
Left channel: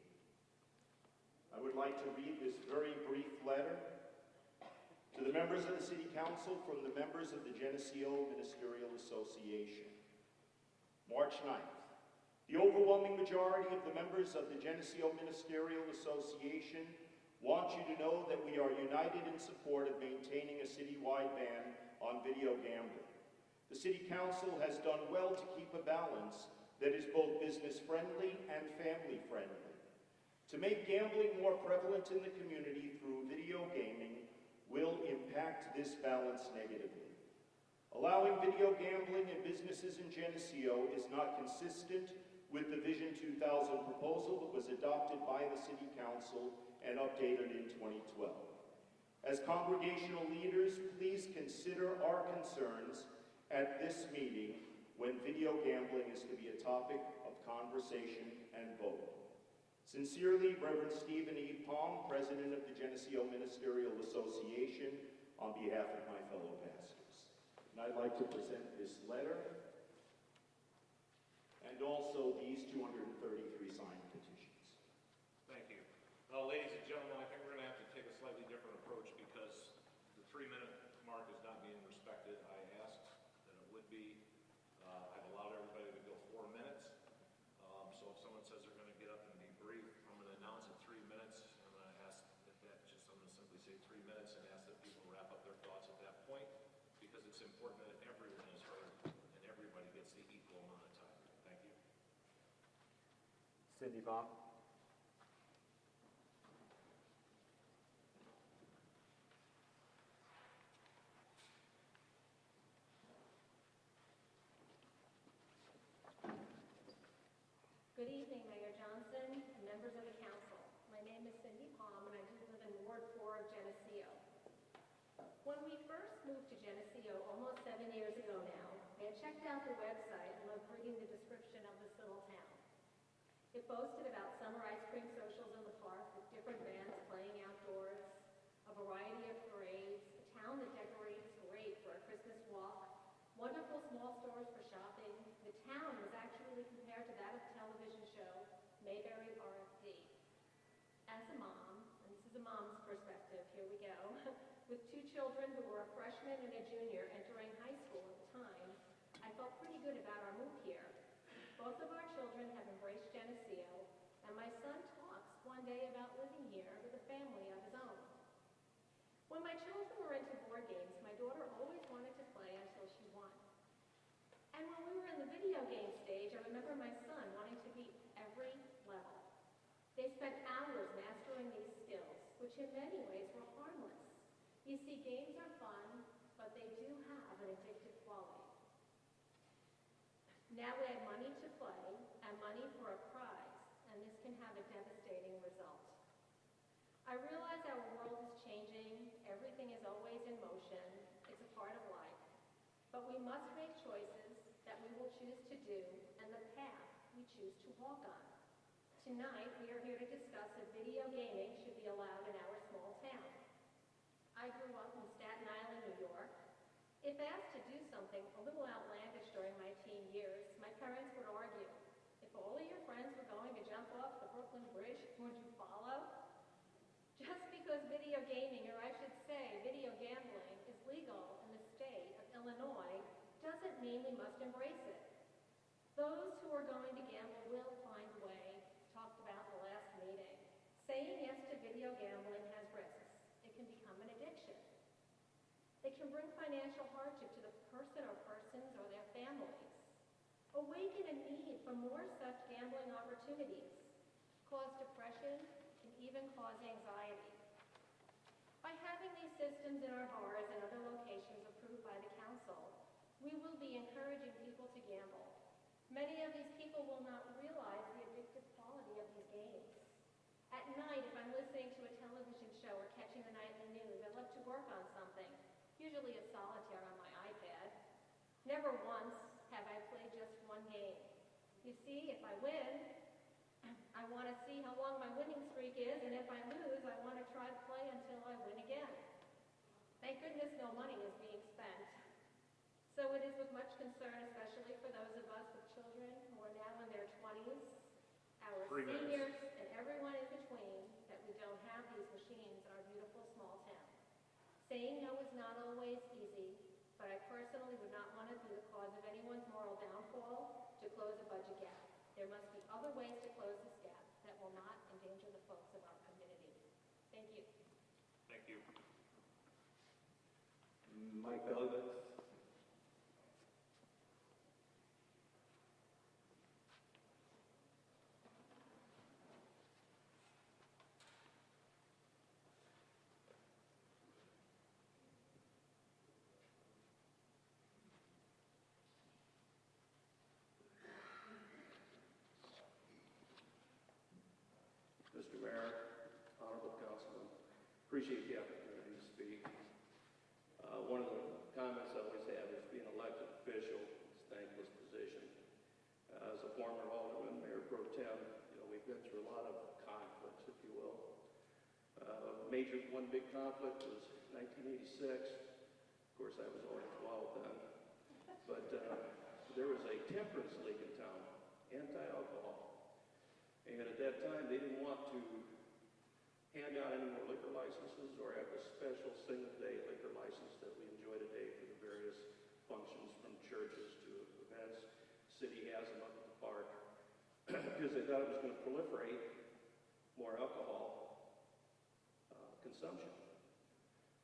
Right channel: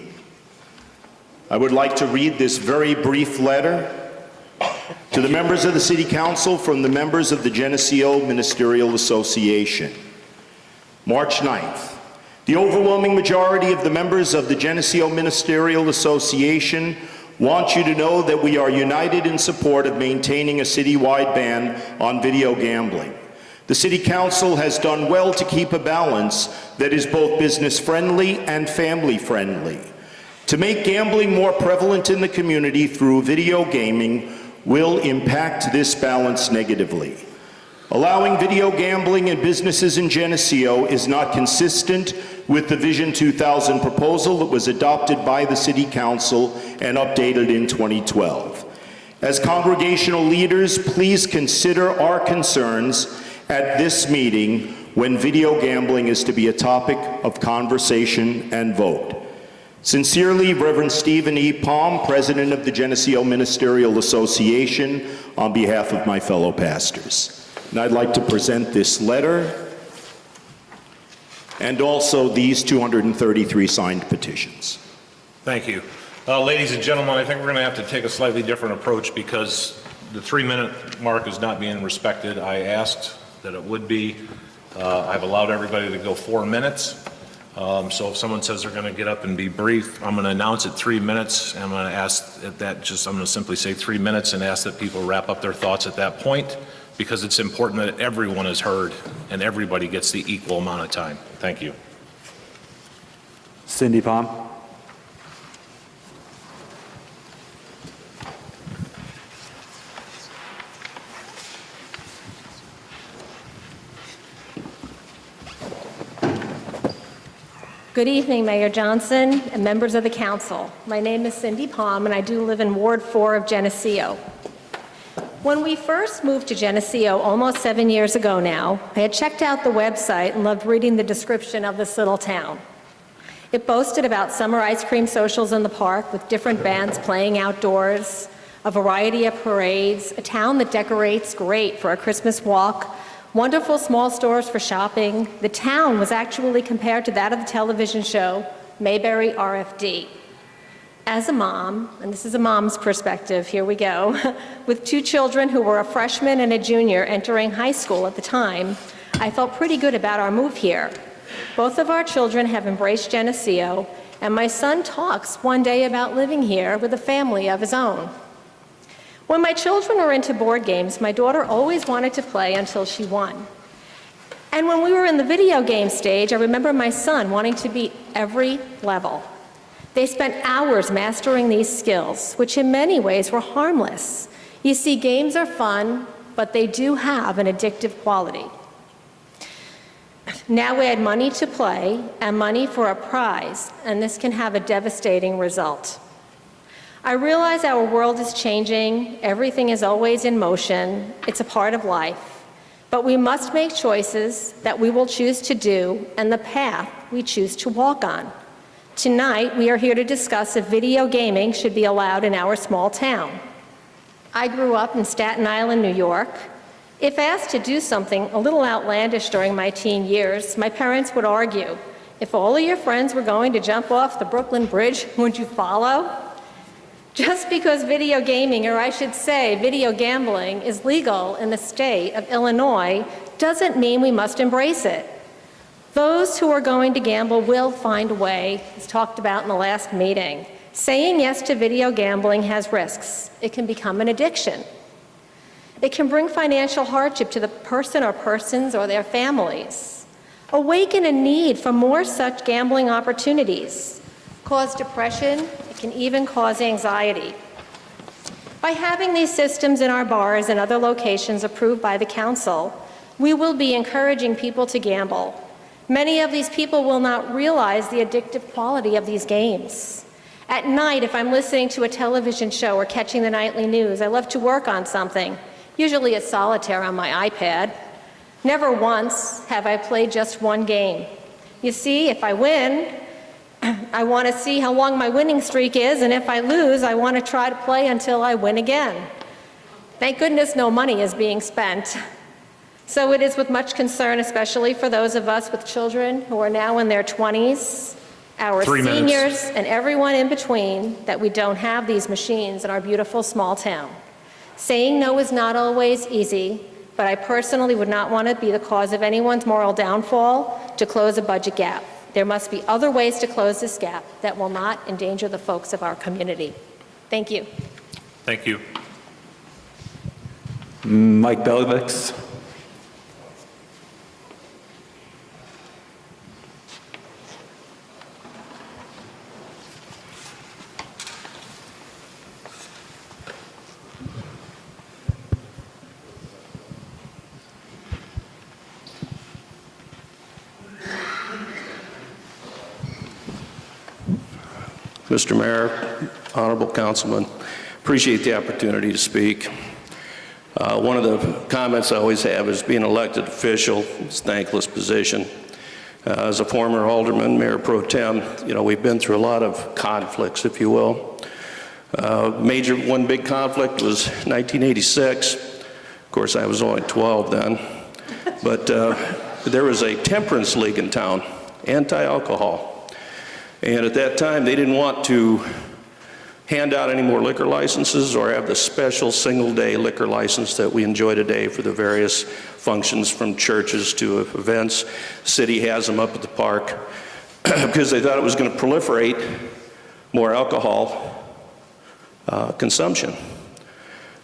I would like to read this very brief letter to the members of the City Council from the members of the Geneseo Ministerial Association. March 9th. The overwhelming majority of the members of the Geneseo Ministerial Association want you to know that we are united in support of maintaining a citywide ban on video gambling. The City Council has done well to keep a balance that is both business-friendly and family-friendly. To make gambling more prevalent in the community through video gaming will impact this balance negatively. Allowing video gambling in businesses in Geneseo is not consistent with the Vision 2000 proposal that was adopted by the City Council and updated in 2012. As congregational leaders, please consider our concerns at this meeting when video gambling is to be a topic of conversation and vote. Sincerely, Reverend Stephen E. Palm, President of the Geneseo Ministerial Association, on behalf of my fellow pastors. And I'd like to present this letter and also these 233 signed petitions. Thank you. Ladies and gentlemen, I think we're going to have to take a slightly different approach because the 3-minute mark is not being respected. I asked that it would be. I've allowed everybody to go 4 minutes. So if someone says they're going to get up and be brief, I'm going to announce it 3 minutes. And I'm going to ask that I'm going to simply say 3 minutes and ask that people wrap up their thoughts at that point, because it's important that everyone is heard and everybody gets the equal amount of time. Thank you. Cindy Palm. Good evening, Mayor Johnson and members of the council. My name is Cindy Palm, and I do live in Ward 4 of Geneseo. When we first moved to Geneseo almost 7 years ago now, I had checked out the website and loved reading the description of this little town. It boasted about summer ice cream socials in the park with different bands playing outdoors, a variety of parades, a town that decorates great for a Christmas walk, wonderful small stores for shopping. The town was actually compared to that of the television show Mayberry RFD. As a mom, and this is a mom's perspective, here we go, with 2 children who were a freshman and a junior entering high school at the time, I felt pretty good about our move here. Both of our children have embraced Geneseo, and my son talks one day about living here with a family of his own. When my children were into board games, my daughter always wanted to play until she won. And when we were in the video game stage, I remember my son wanting to beat every level. They spent hours mastering these skills, which in many ways were harmless. You see, games are fun, but they do have an addictive quality. Now we add money to play and money for a prize, and this can have a devastating result. I realize our world is changing, everything is always in motion, it's a part of life, but we must make choices that we will choose to do and the path we choose to walk on. Tonight, we are here to discuss if video gaming should be allowed in our small town. I grew up in Staten Island, New York. If asked to do something a little outlandish during my teen years, my parents would argue, if all of your friends were going to jump off the Brooklyn Bridge, would you follow? Just because video gaming, or I should say video gambling, is legal in the state of Illinois doesn't mean we must embrace it. Those who are going to gamble will find a way, as talked about in the last meeting. Saying yes to video gambling has risks. It can become an addiction. It can bring financial hardship to the person or persons or their families, awaken a need for more such gambling opportunities, cause depression, it can even cause anxiety. By having these systems in our bars and other locations approved by the council, we will be encouraging people to gamble. Many of these people will not realize the addictive quality of these games. At night, if I'm listening to a television show or catching the nightly news, I love to work on something. Usually it's solitaire on my iPad. Never once have I played just one game. You see, if I win, I want to see how long my winning streak is, and if I lose, I want to try to play until I win again. Thank goodness no money is being spent. So it is with much concern, especially for those of us with children who are now in their 20s, our 3 minutes. seniors, and everyone in between, that we don't have these machines in our beautiful small town. Saying no is not always easy, but I personally would not want to be the cause of anyone's moral downfall to close a budget gap. There must be other ways to close this gap that will not endanger the folks of our community. Thank you. Thank you. Mike Belvix. Mr. Mayor, honorable councilman, appreciate the opportunity to speak. One of the comments I always have is being an elected official is a thankless position. As a former alderman, mayor pro tem, we've been through a lot of conflicts, if you will. One big conflict was 1986. Of course, I was only 12 then. But there was a temperance league in town, anti-alcohol. And at that time, they didn't want to hand out any more liquor licenses or have the special single-day liquor license that we enjoy today for the various functions, from churches to events. City has them up at the park because they thought it was going to proliferate more alcohol consumption.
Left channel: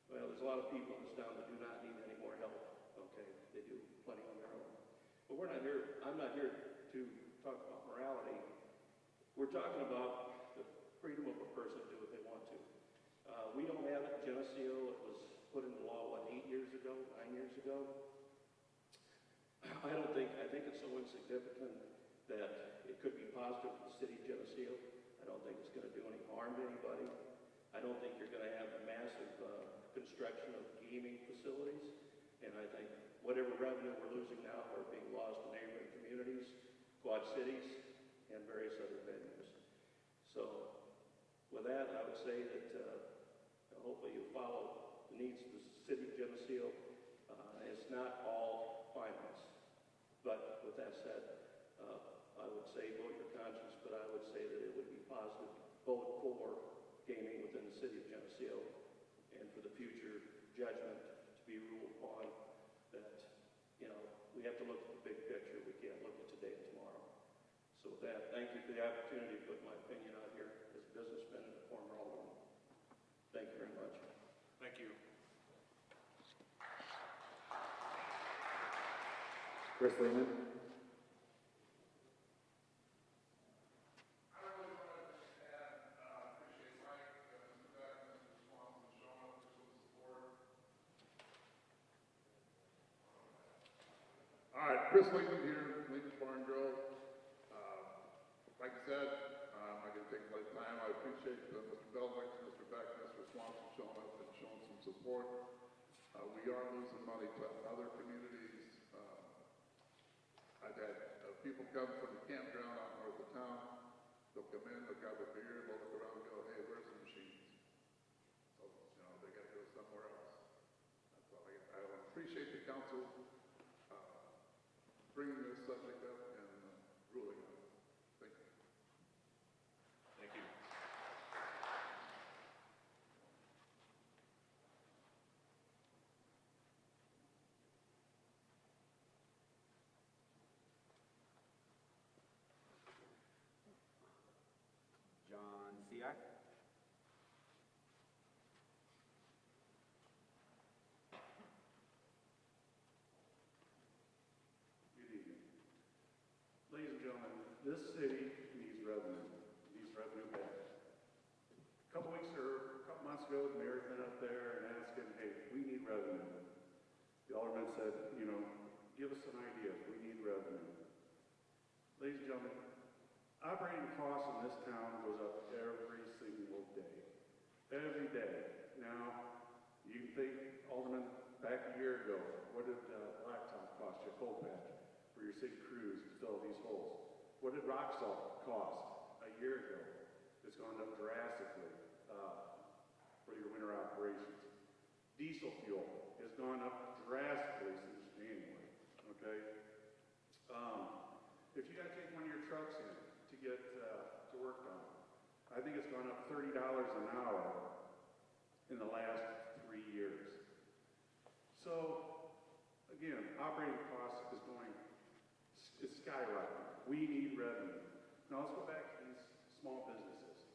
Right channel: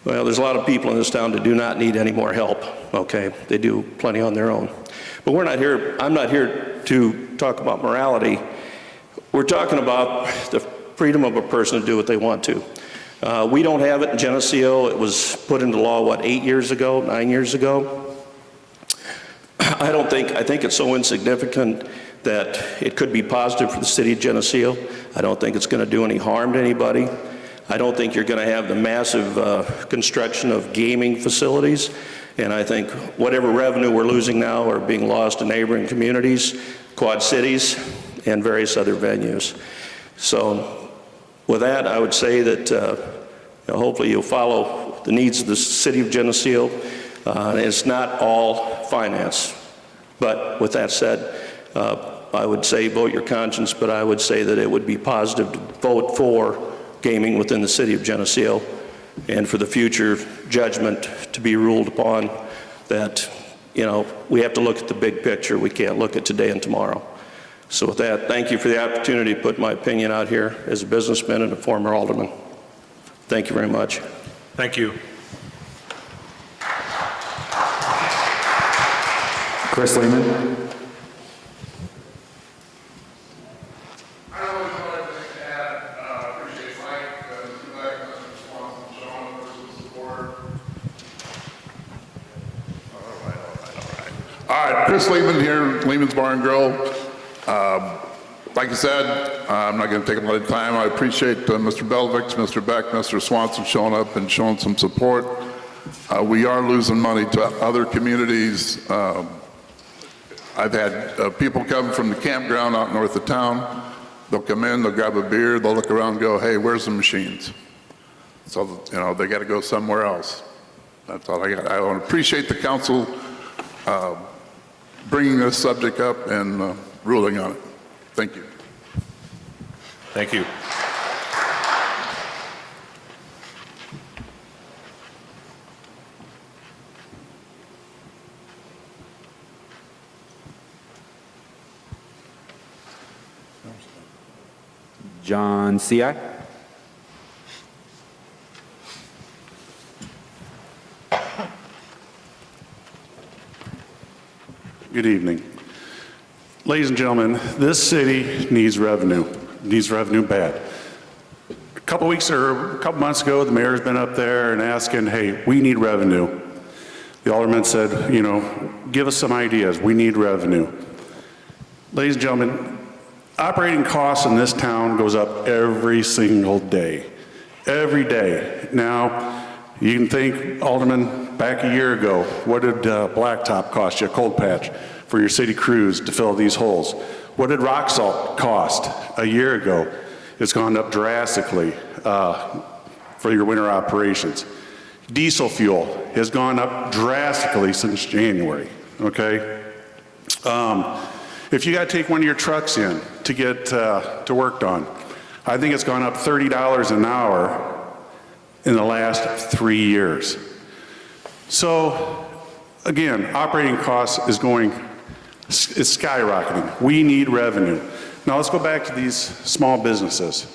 Well, there's a lot of people in this town that do not need any more help, okay? They do plenty on their own. But I'm not here to talk about morality. We're talking about the freedom of a person to do what they want to. We don't have it in Geneseo. It was put into law, 8 years ago, 9 years ago? I think it's so insignificant that it could be positive for the city of Geneseo. I don't think it's going to do any harm to anybody. I don't think you're going to have the massive construction of gaming facilities. And I think whatever revenue we're losing now are being lost to neighboring communities, Quad Cities, and various other venues. So with that, I would say that hopefully you'll follow the needs of the city of Geneseo. It's not all finance. But with that said, I would say vote your conscience, but I would say that it would be positive to vote for gaming within the city of Geneseo, and for the future judgment to be ruled upon that, we have to look at the big picture. We can't look at today and tomorrow. So with that, thank you for the opportunity to put my opinion out here as a businessman and a former alderman. Thank you very much. Thank you. Chris Lehman. I don't really know anything to add. Appreciate Mike, Mr. Beck, Mr. Swanson, Sean, for some support. All right, Chris Lehman here, Lehman's Bar and Grill. Like I said, I'm not going to take a lot of time. I appreciate Mr. Belvix, Mr. Beck, Mr. Swanson showing up and showing some support. We are losing money to other communities. I've had people come from the campground out north of town. They'll come in, they'll grab a beer, they'll look around and go, hey, where's the machines? So, they got to go somewhere else. That's all I got. I want to appreciate the council bringing this subject up and ruling on it. Thank you. Thank you. John C.I. Good evening. Ladies and gentlemen, this city needs revenue bad. A couple months ago, the mayor's been up there and asking, hey, we need revenue. The alderman said, give us some ideas. We need revenue. Ladies and gentlemen, operating costs in this town goes up every single day. Every day. Now, you can think, Alderman, back a year ago, what did blacktop cost you, a cold patch, for your city crews to fill these holes? What did rock salt cost a year ago? It's gone up drastically for your winter operations. Diesel fuel has gone up drastically since January, okay? If you got to take one of your trucks in to get to work done, I think it's gone up $30 an hour in the last 3 years. So again, operating costs is skyrocketing. We need revenue. Now let's go back to these small businesses.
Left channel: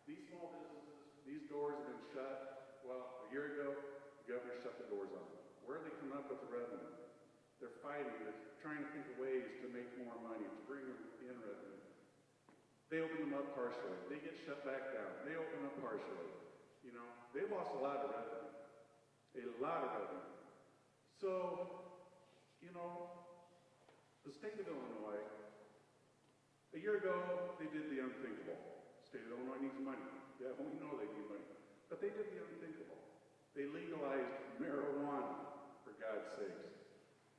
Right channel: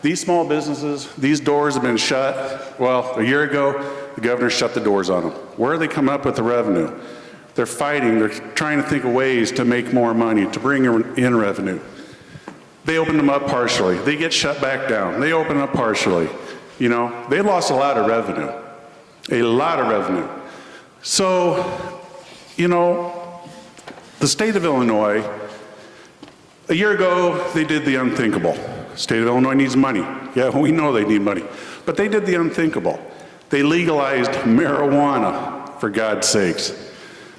These small businesses, these doors have been shut. Well, a year ago, the governor shut the doors on them. Where are they coming up with the revenue? They're fighting, they're trying to think of ways to make more money, to bring in revenue. They open them up partially. They get shut back down. They open up partially. They lost a lot of revenue. A lot of revenue. So, the state of Illinois, a year ago, they did the unthinkable. State of Illinois needs money. Yeah, we know they need money. But they did the unthinkable. They legalized marijuana, for God's sakes.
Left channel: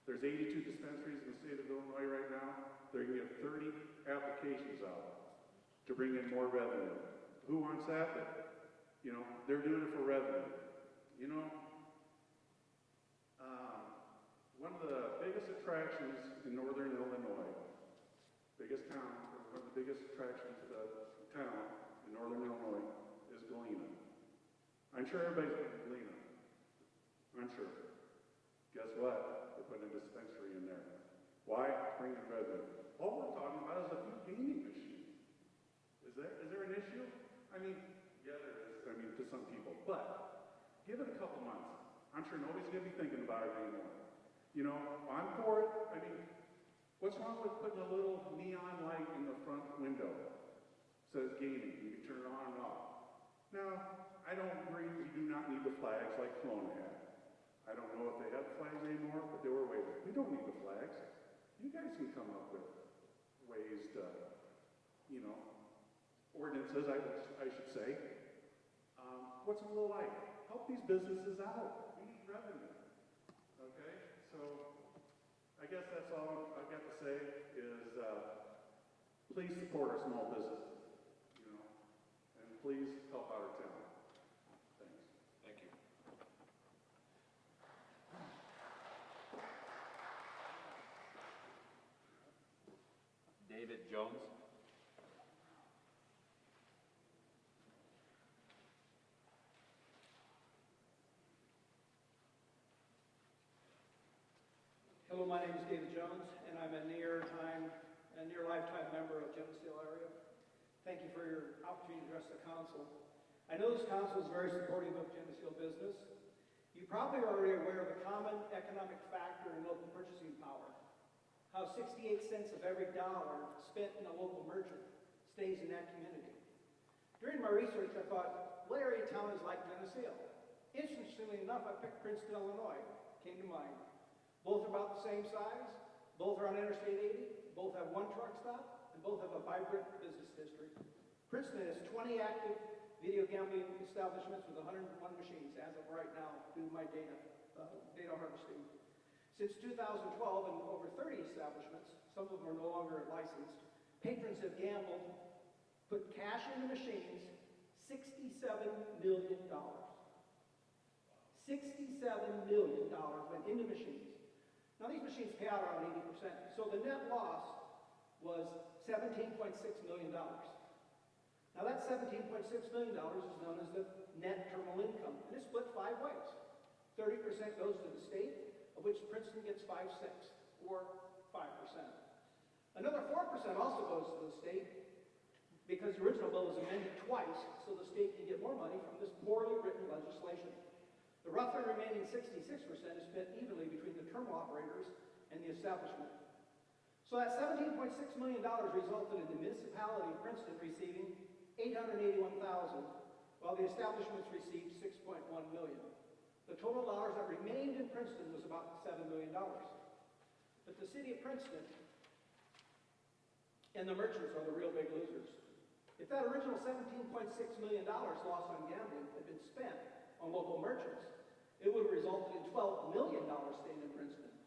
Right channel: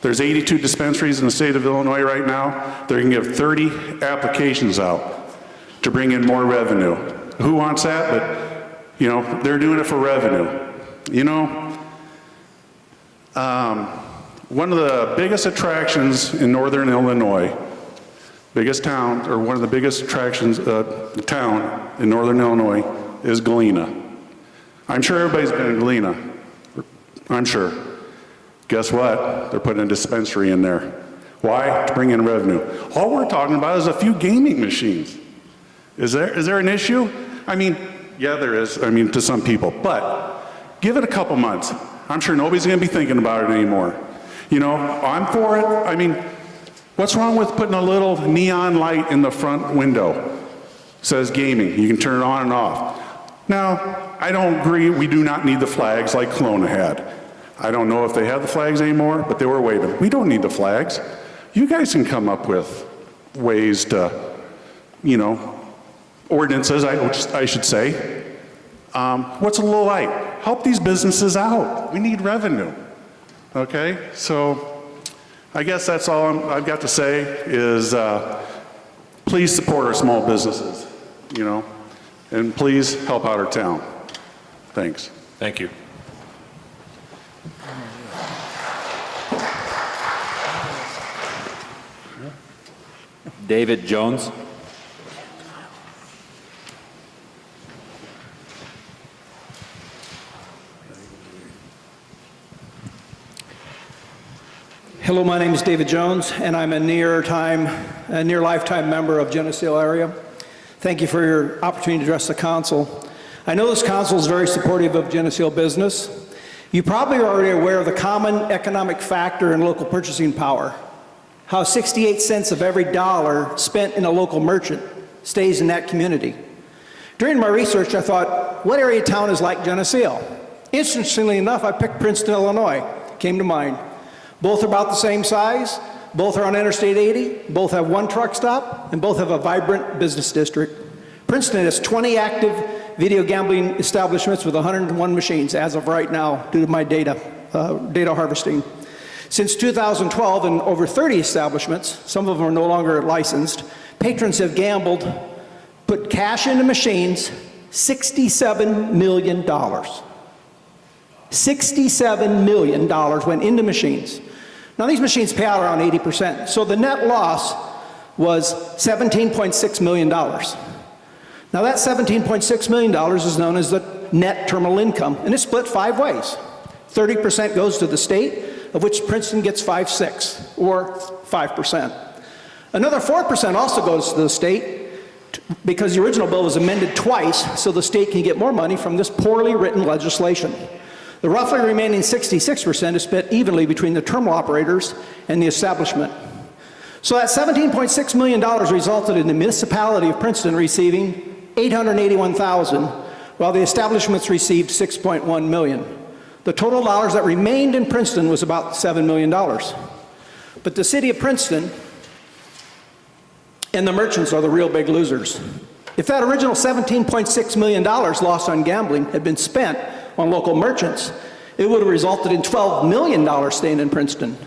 There's 82 dispensaries in the state of Illinois right now. They're going to give 30 applications out to bring in more revenue. Who wants that? But, they're doing it for revenue. One of the biggest attractions in northern Illinois, biggest town, or one of the biggest attractions, town in northern Illinois is Galena. I'm sure everybody's been in Galena. I'm sure. Guess what? They're putting a dispensary in there. Why? To bring in revenue. All we're talking about is a few gaming machines. Is there an issue? Yeah, there is, to some people. But give it a couple months. I'm sure nobody's going to be thinking about it anymore. I'm for it. What's wrong with putting a little neon light in the front window? It says gaming. You can turn it on and off. Now, I don't agree. We do not need the flags like Kelowna had. I don't know if they have the flags anymore, but they were waving. We don't need the flags. You guys can come up with ways to, ordinances, I should say. What's a little light? Help these businesses out. We need revenue. Okay? So I guess that's all I've got to say is please support our small businesses, and please help out our town. Thanks. Thank you. David Jones. Hello, my name is David Jones, and I'm a near lifetime member of Geneseo area. Thank you for your opportunity to address the council. I know this council is very supportive of Geneseo business. You probably are already aware of the common economic factor in local purchasing power, how 68 cents of every dollar spent in a local merchant stays in that community. During my research, I thought, what area of town is like Geneseo? Interestingly enough, I picked Princeton, Illinois, came to mind. Both are about the same size, both are on Interstate 80, both have one truck stop, and both have a vibrant business district. Princeton has 20 active video gambling establishments with 101 machines as of right now due to my data harvesting. Since 2012, in over 30 establishments, some of them are no longer licensed, patrons have gambled, put cash into machines, $67 million. $67 million went into machines. Now these machines pay out around 80%, so the net loss was $17.6 million. Now that $17.6 million is known as the net terminal income, and it's split 5 ways. 30% goes to the state, of which Princeton gets 5/6, or 5%. Another 4% also goes to the state, because the original bill was amended twice, so the state can get more money from this poorly written legislation. The roughly remaining 66% is split evenly between the terminal operators and the establishment. So that $17.6 million resulted in the municipality of Princeton receiving $881,000, while the establishments received $6.1 million. The total dollars that remained in Princeton was about $7 million. But the city of Princeton and the merchants are the real big losers. If that original $17.6 million lost on gambling had been spent on local merchants, it would have resulted in $12 million staying in Princeton.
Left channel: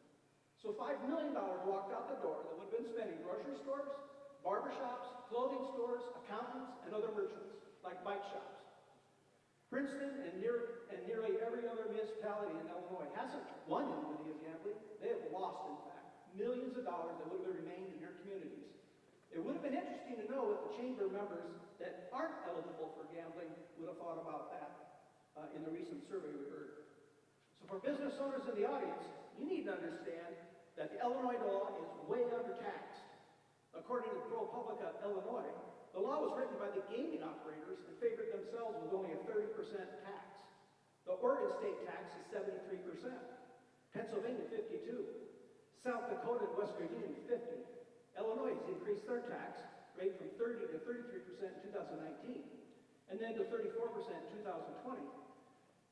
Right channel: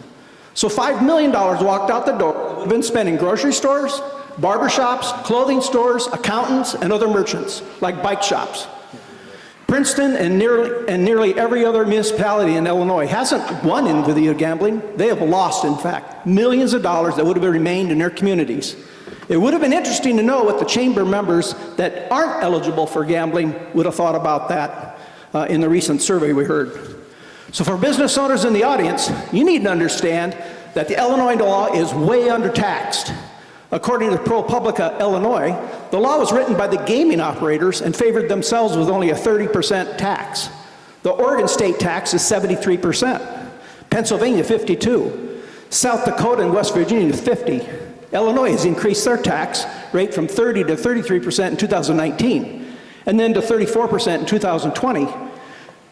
So $5 million walked out the door, would have been spent in grocery stores, barbershops, clothing stores, accountants, and other merchants, like bike shops. Princeton and nearly every other municipality in Illinois hasn't won in video gambling. They have lost, in fact, millions of dollars that would have remained in their communities. It would have been interesting to know what the chamber members that aren't eligible for gambling would have thought about that in the recent survey we heard. So for business owners in the audience, you need to understand that the Illinois law is way undertaxed. According to ProPublica Illinois, the law was written by the gaming operators and favored themselves with only a 30% tax. The Oregon state tax is 73%, Pennsylvania 52%, South Dakota and West Virginia 50%. Illinois has increased their tax rate from 30 to 33% in 2019, and then to 34% in 2020.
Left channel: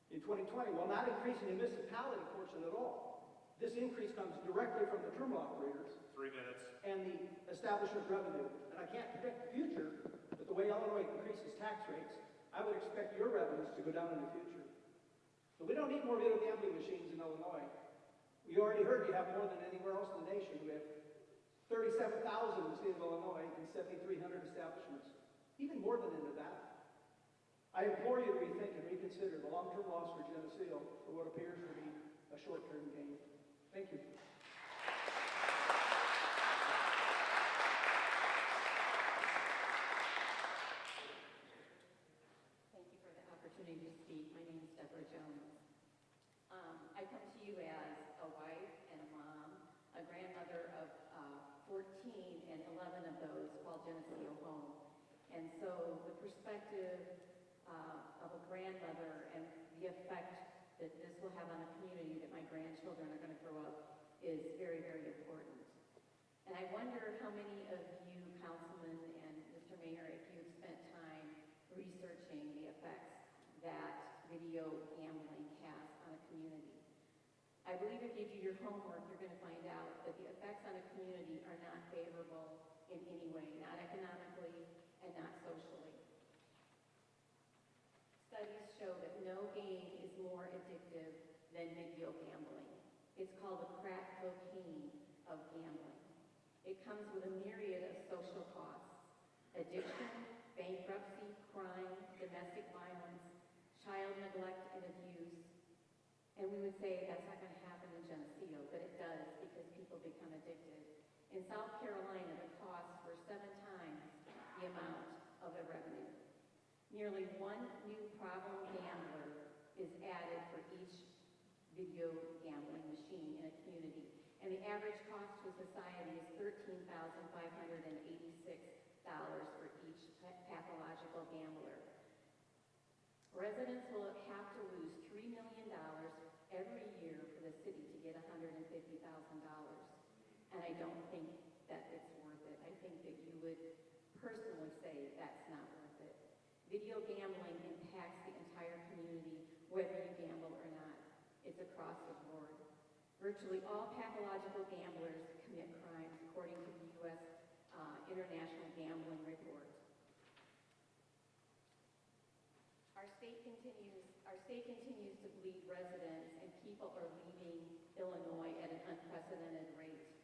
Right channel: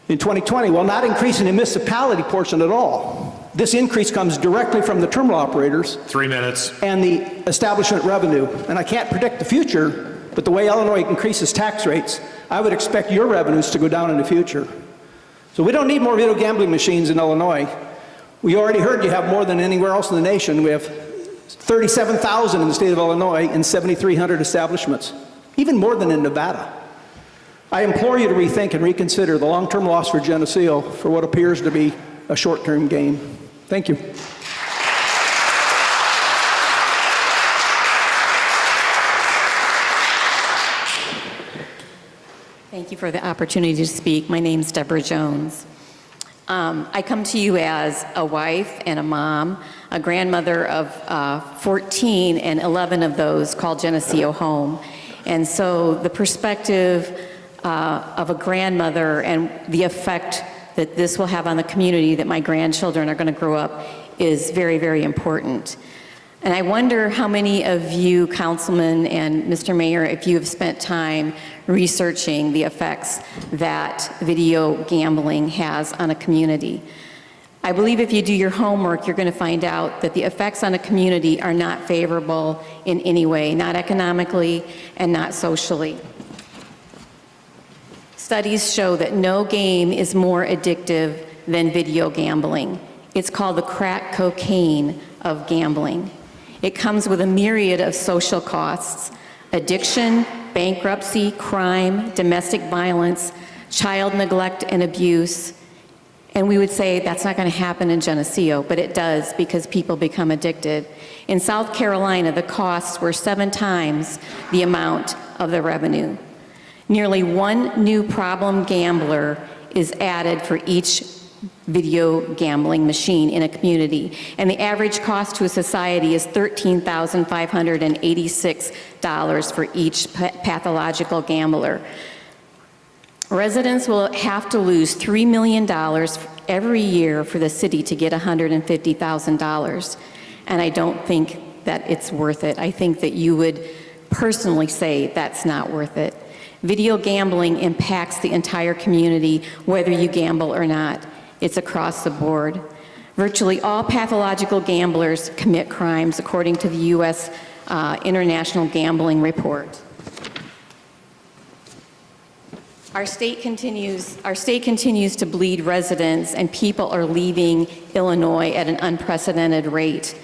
In 2020, while not increasing the municipality portion at all. This increase comes directly from the terminal operators. 3 minutes. And the establishment revenue. And I can't predict the future, but the way Illinois increases tax rates, I would expect your revenues to go down in the future. So we don't need more video gambling machines in Illinois. We already heard you have more than anywhere else in the nation. We have 37,000 in the state of Illinois and 7,300 establishments, even more than in Nevada. I implore you to rethink and reconsider the long-term loss for Geneseo for what appears to be a short-term gain. Thank you. Thank you for the opportunity to speak. My name's Deborah Jones. I come to you as a wife and a mom, a grandmother of 14, and 11 of those called Geneseo home. And so the perspective of a grandmother and the effect that this will have on the community that my grandchildren are going to grow up is very, very important. And I wonder how many of you, councilmen and Mr. Mayor, if you have spent time researching the effects that video gambling has on a community. I believe if you do your homework, you're going to find out that the effects on a community are not favorable in any way, not economically and not socially. Studies show that no game is more addictive than video gambling. It's called the crack cocaine of gambling. It comes with a myriad of social costs: addiction, bankruptcy, crime, domestic violence, child neglect and abuse. And we would say that's not going to happen in Geneseo, but it does because people become addicted. In South Carolina, the costs were 7 times the amount of the revenue. Nearly 1 new problem gambler is added for each video gambling machine in a community, and the average cost to a society is $13,586 for each pathological gambler. Residents will have to lose $3 million every year for the city to get $150,000, and I don't think that it's worth it. I think that you would personally say that's not worth it. Video gambling impacts the entire community, whether you gamble or not. It's across the board. Virtually all pathological gamblers commit crimes, according to the U.S. International Gambling Report. Our state continues to bleed residents, and people are leaving Illinois at an unprecedented rate.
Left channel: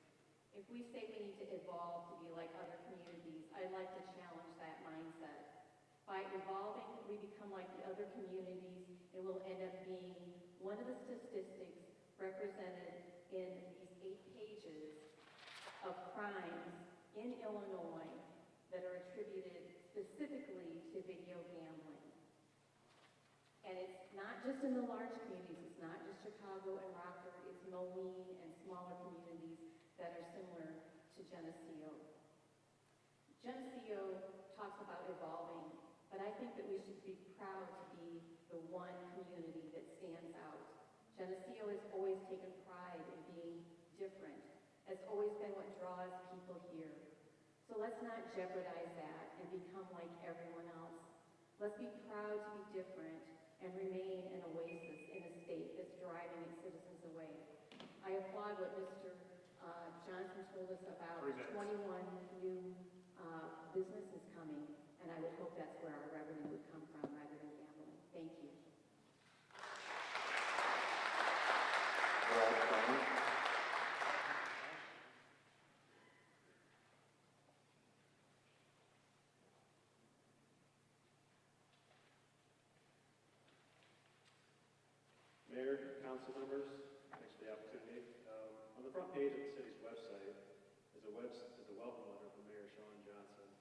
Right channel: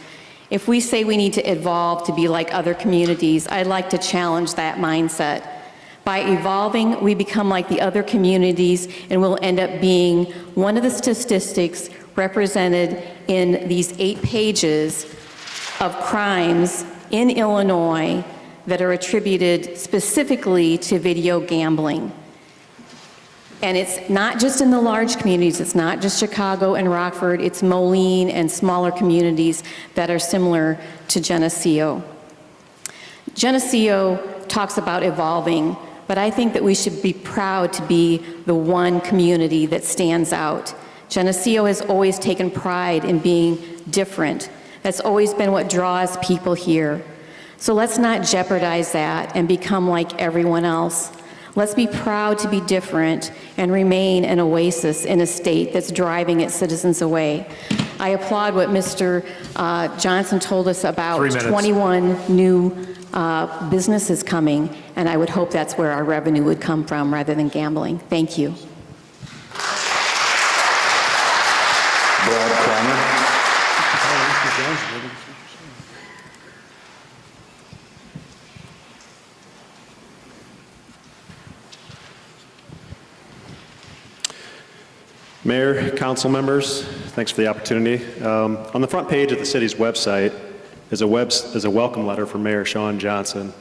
If we say we need to evolve to be like other communities, I'd like to challenge that mindset. By evolving, we become like the other communities, and we'll end up being one of the statistics represented in these 8 pages of crimes in Illinois that are attributed specifically to video gambling. And it's not just in the large communities, it's not just Chicago and Rockford, it's Moline and smaller communities that are similar to Geneseo. Geneseo talks about evolving, but I think that we should be proud to be the one community that stands out. Geneseo has always taken pride in being different. That's always been what draws people here. So let's not jeopardize that and become like everyone else. Let's be proud to be different and remain an oasis in a state that's driving its citizens away. I applaud what Mr. Johnson told us about 21 new businesses coming, and I would hope that's where our revenue would come from rather than gambling. Thank you. Brad Connor. Mayor, council members, thanks for the opportunity. On the front page of the city's website is a welcome letter from Mayor Sean Johnson.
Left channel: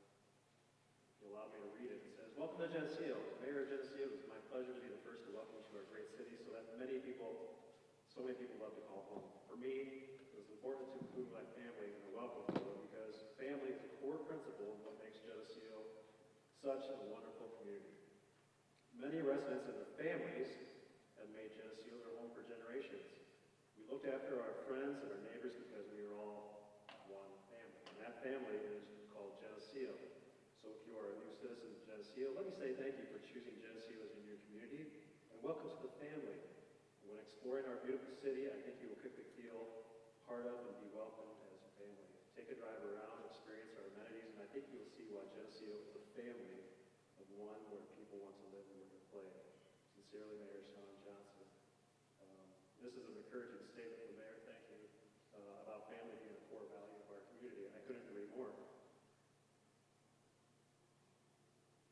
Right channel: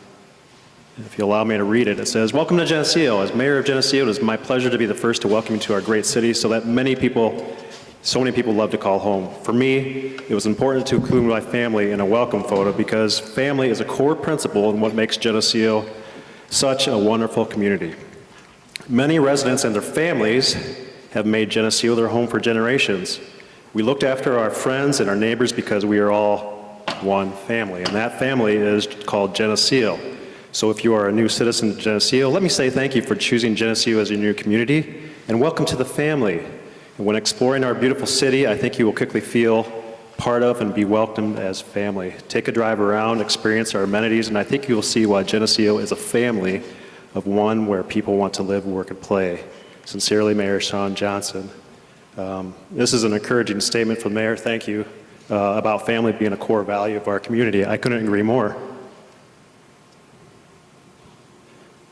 If you allow me to read it, it says, "Welcome to Geneseo. As Mayor of Geneseo, it is my pleasure to be the first to welcome you to our great city so that so many people love to call home. For me, it was important to include my family in a welcome photo because family is a core principle in what makes Geneseo such a wonderful community. Many residents and their families have made Geneseo their home for generations. We looked after our friends and our neighbors because we are all one family, and that family is called Geneseo. So if you are a new citizen of Geneseo, let me say thank you for choosing Geneseo as your new community, and welcome to the family. And when exploring our beautiful city, I think you will quickly feel part of and be welcomed as family. Take a drive around, experience our amenities, and I think you will see why Geneseo is a family of one where people want to live, work, and play. Sincerely, Mayor Sean Johnson." This is an encouraging statement from the mayor, thank you, about family being a core value of our community. I couldn't agree more.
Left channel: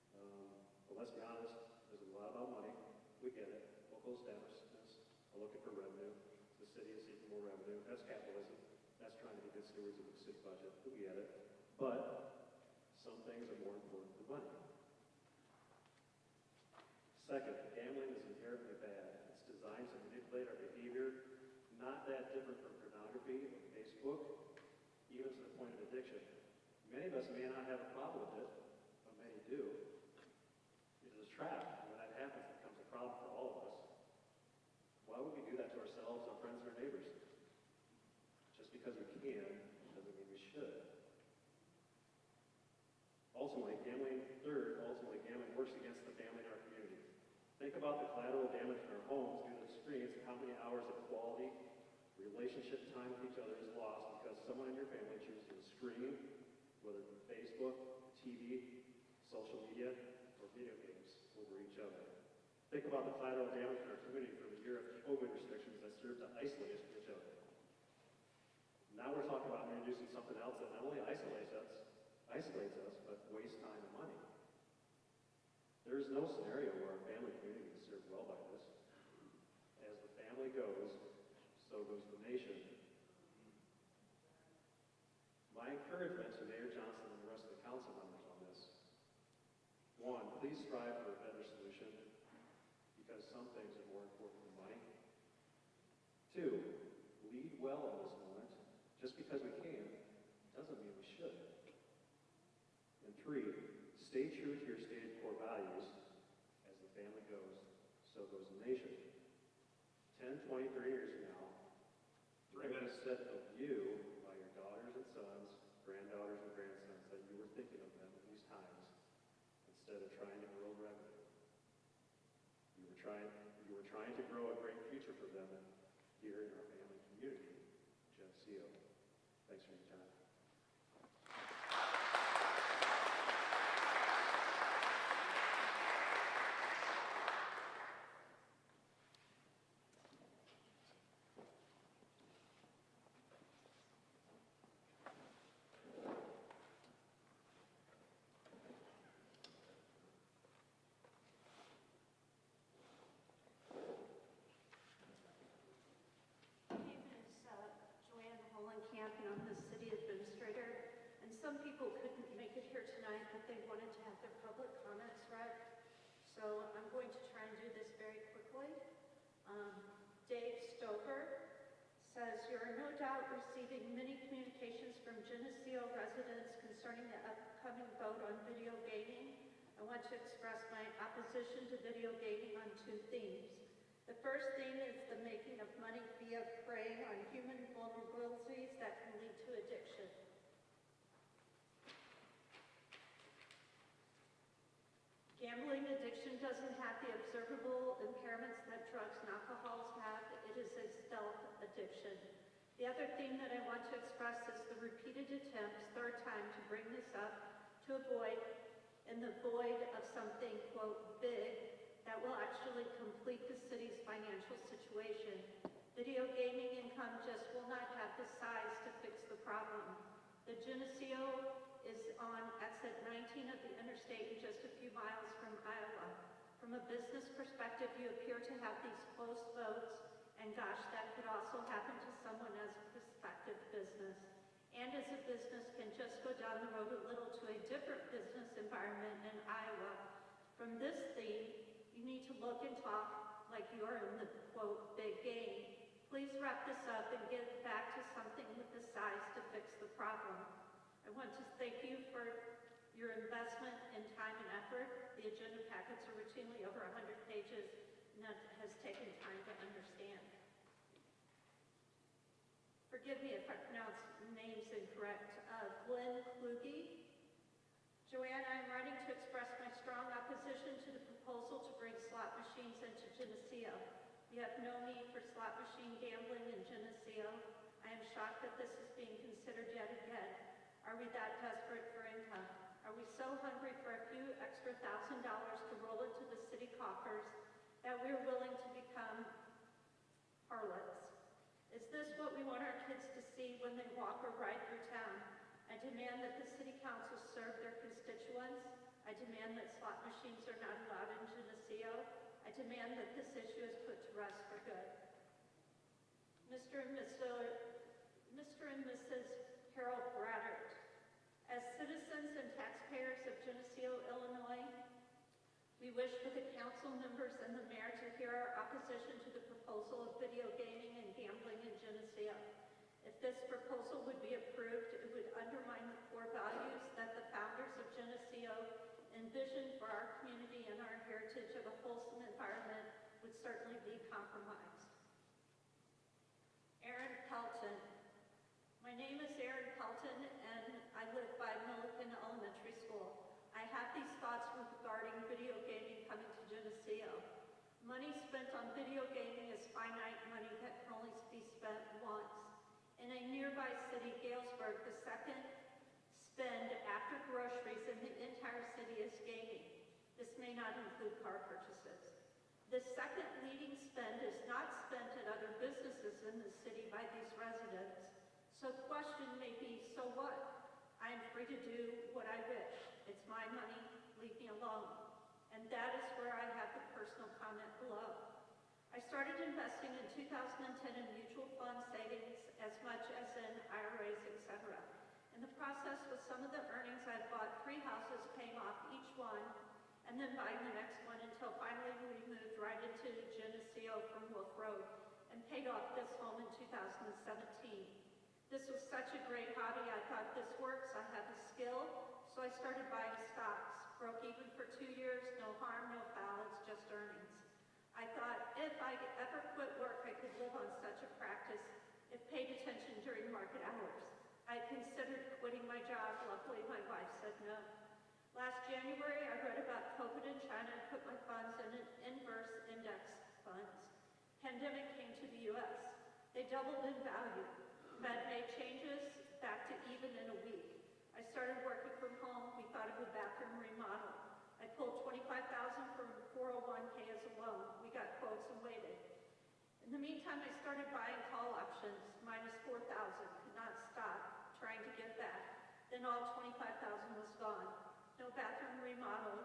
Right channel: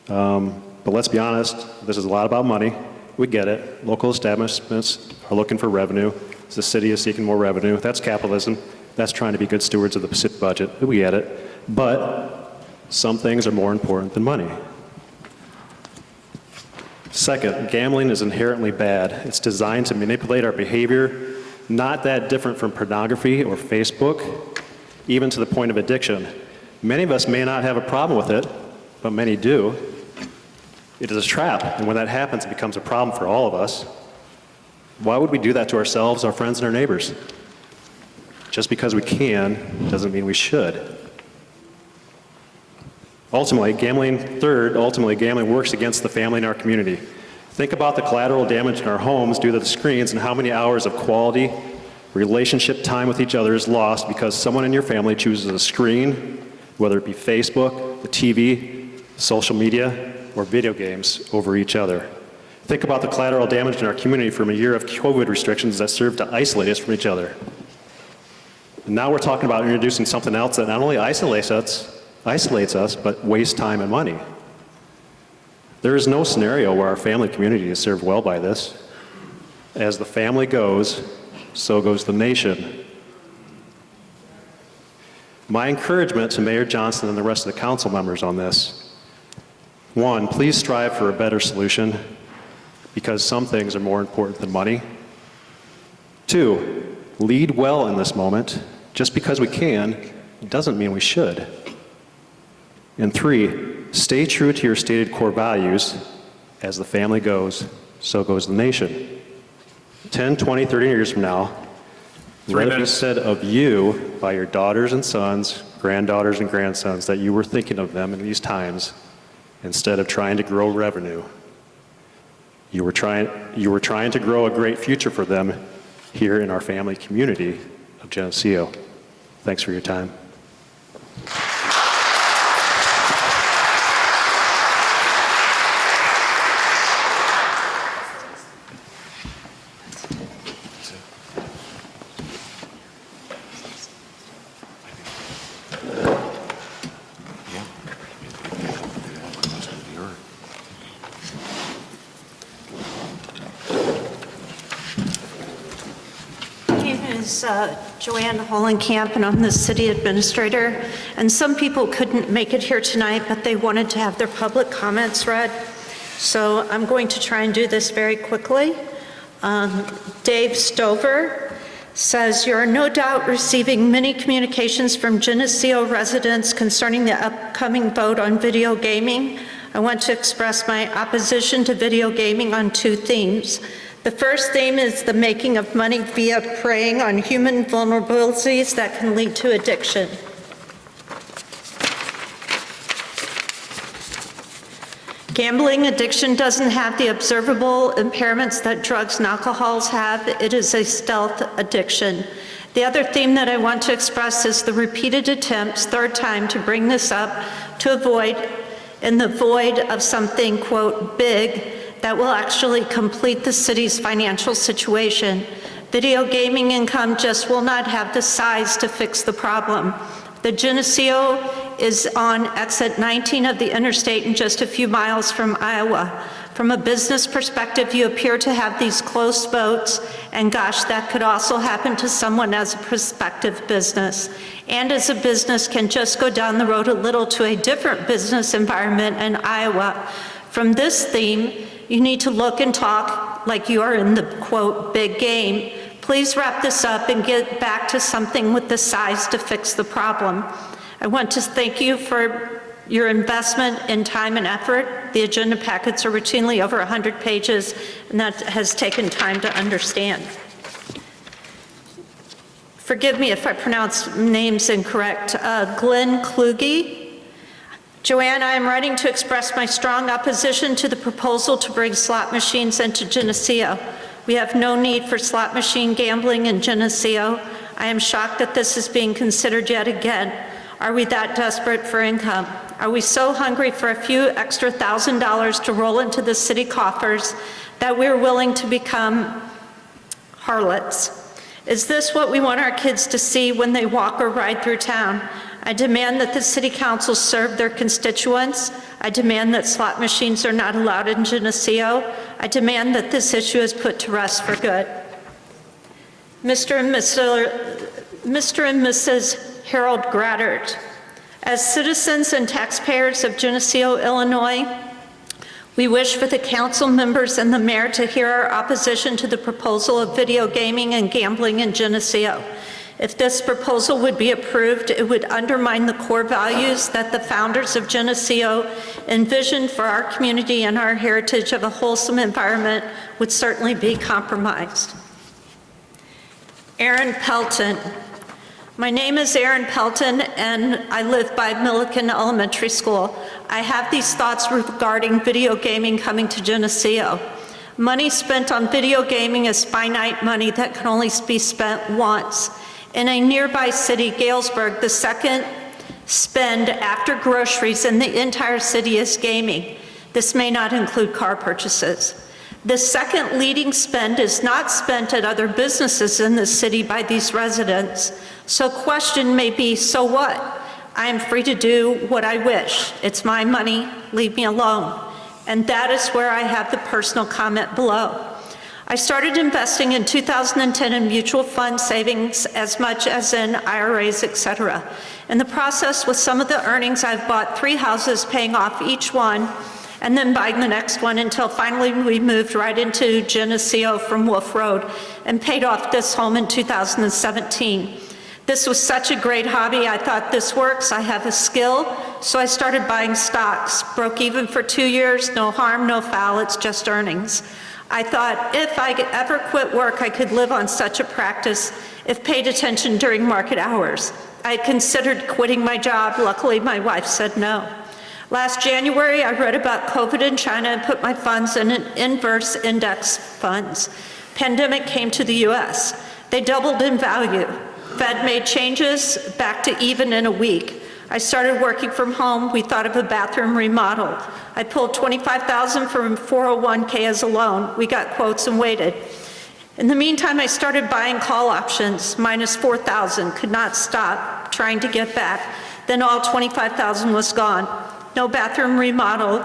But let's be honest, this is a lot about money. We get it. Local establishments are looking for revenue. The city is seeking more revenue. That's capitalism. That's trying to be good stewards of the city budget. We get it. But some things are more important than money. Second, gambling is inherently bad. It's designed to manipulate our behavior, not that different from pornography or Facebook, even to the point of addiction. Many of us may not have a problem with it, but many do. It is a trap, and when that happens, it becomes a problem for all of us. Why would we do that to ourselves, our friends, and our neighbors? Just because we can doesn't mean we should. Ultimately, gambling works against the family in our community. Think about the collateral damage in our homes due to the screens and how many hours of quality relationship time with each other is lost because someone in your family chooses a screen, whether it be Facebook, the TV, social media, or video games over each other. Think about the collateral damage in our community from a year of COVID restrictions that served to isolate us from each other. And now we're talking about introducing something else that not only isolates us, but wastes time and money. There is no scenario where our family community is served well by this. As the family goes, so goes the nation. My encouragement to Mayor Johnson and the rest of the council members on this: 1, please strive for a better solution, because some things are more important than money. 2, lead well in this moment. Just because we can doesn't mean we should. And 3, stay true to your stated core values. As the family goes, so goes the nation. 10, 20, 30 years from now, let it be said of you by your daughters and sons, granddaughters and grandsons, that you were thinking of them in these times instead of trying to grow revenue. You were trying to grow a great future for them here in our family community of Geneseo. Thanks for your time. Joanne Hollenkamp, and I'm the city administrator. And some people couldn't make it here tonight, but they wanted to have their public comments read. So I'm going to try and do this very quickly. Dave Stover says, "You are no doubt receiving many communications from Geneseo residents concerning the upcoming vote on video gaming. I want to express my opposition to video gaming on 2 themes. The first theme is the making of money via preying on human vulnerabilities that can lead to addiction. Gambling addiction doesn't have the observable impairments that drugs and alcohols have. It is a stealth addiction. The other theme that I want to express is the repeated attempts, 3rd time, to bring this up, to avoid in the void of something, quote, big, that will actually complete the city's financial situation. Video gaming income just will not have the size to fix the problem. The Geneseo is on exit 19 of the interstate and just a few miles from Iowa. From a business perspective, you appear to have these close votes, and gosh, that could also happen to someone as a prospective business. And as a business can just go down the road a little to a different business environment in Iowa. From this theme, you need to look and talk like you are in the, quote, big game. Please wrap this up and get back to something with the size to fix the problem. I want to thank you for your investment in time and effort. The agenda packets are routinely over 100 pages, and that has taken time to understand. Forgive me if I pronounce names incorrect. Glenn Kluge. Joanne, I am writing to express my strong opposition to the proposal to bring slot machines into Geneseo. We have no need for slot machine gambling in Geneseo. I am shocked that this is being considered yet again. Are we that desperate for income? Are we so hungry for a few extra $1,000 to roll into the city coffers that we're willing to become harlots? Is this what we want our kids to see when they walk or ride through town? I demand that the city council serve their constituents. I demand that slot machines are not allowed in Geneseo. I demand that this issue is put to rest for good. Mr. and Mrs. Harold Graddert, as citizens and taxpayers of Geneseo, Illinois, we wish for the council members and the mayor to hear our opposition to the proposal of video gaming and gambling in Geneseo. If this proposal would be approved, it would undermine the core values that the founders of Geneseo envisioned for our community, and our heritage of a wholesome environment would certainly be compromised. Aaron Pelton. My name is Aaron Pelton, and I live by Milliken Elementary School. I have these thoughts regarding video gaming coming to Geneseo. Money spent on video gaming is finite money that can only be spent once. In a nearby city, Galesburg, the second spend after groceries in the entire city is gaming. This may not include car purchases. The second leading spend is not spent at other businesses in the city by these residents. So question may be, so what? I am free to do what I wish. It's my money, leave me alone. And that is where I have the personal comment below. I started investing in 2010 in mutual fund savings as much as in IRAs, etc. In the process, with some of the earnings, I've bought 3 houses, paying off each one, and then buying the next one until finally we moved right into Geneseo from Wolf Road and paid off this home in 2017. This was such a great hobby. I thought, this works, I have a skill, so I started buying stocks. Broke even for 2 years, no harm, no foul, it's just earnings. I thought if I could ever quit work, I could live on such a practice if paid attention during market hours. I considered quitting my job. Luckily, my wife said no. Last January, I read about COVID in China and put my funds in an inverse index funds. Pandemic came to the US. They doubled in value. Fed made changes back to even in a week. I started working from home. We thought of a bathroom remodel. I pulled $25,000 from 401k as a loan. We got quotes and waited. In the meantime, I started buying call options, minus $4,000, could not stop trying to get back. Then all $25,000 was gone. No bathroom remodel.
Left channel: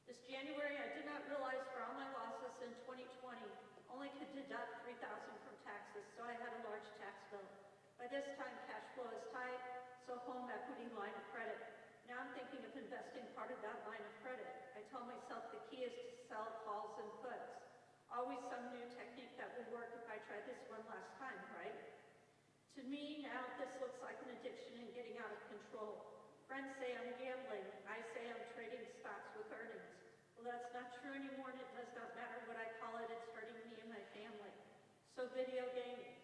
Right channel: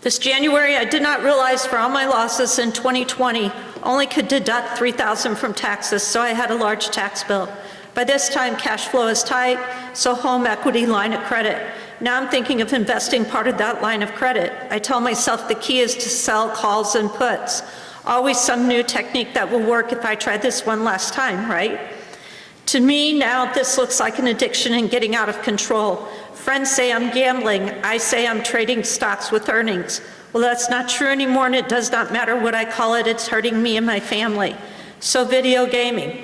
This January, I did not realize for all my losses in 2020, only could deduct $3,000 from taxes, so I had a large tax bill. By this time, cash flow is tight, so home equity line of credit. Now I'm thinking of investing part of that line of credit. I tell myself the key is to sell calls and puts. Always some new technique that will work if I try this one last time, right? To me, now this looks like an addiction and getting out of control. Friends say I'm gambling. I say I'm trading stocks with earnings. Well, that's not true anymore, and it does not matter what I call it. It's hurting me and my family. So video gaming.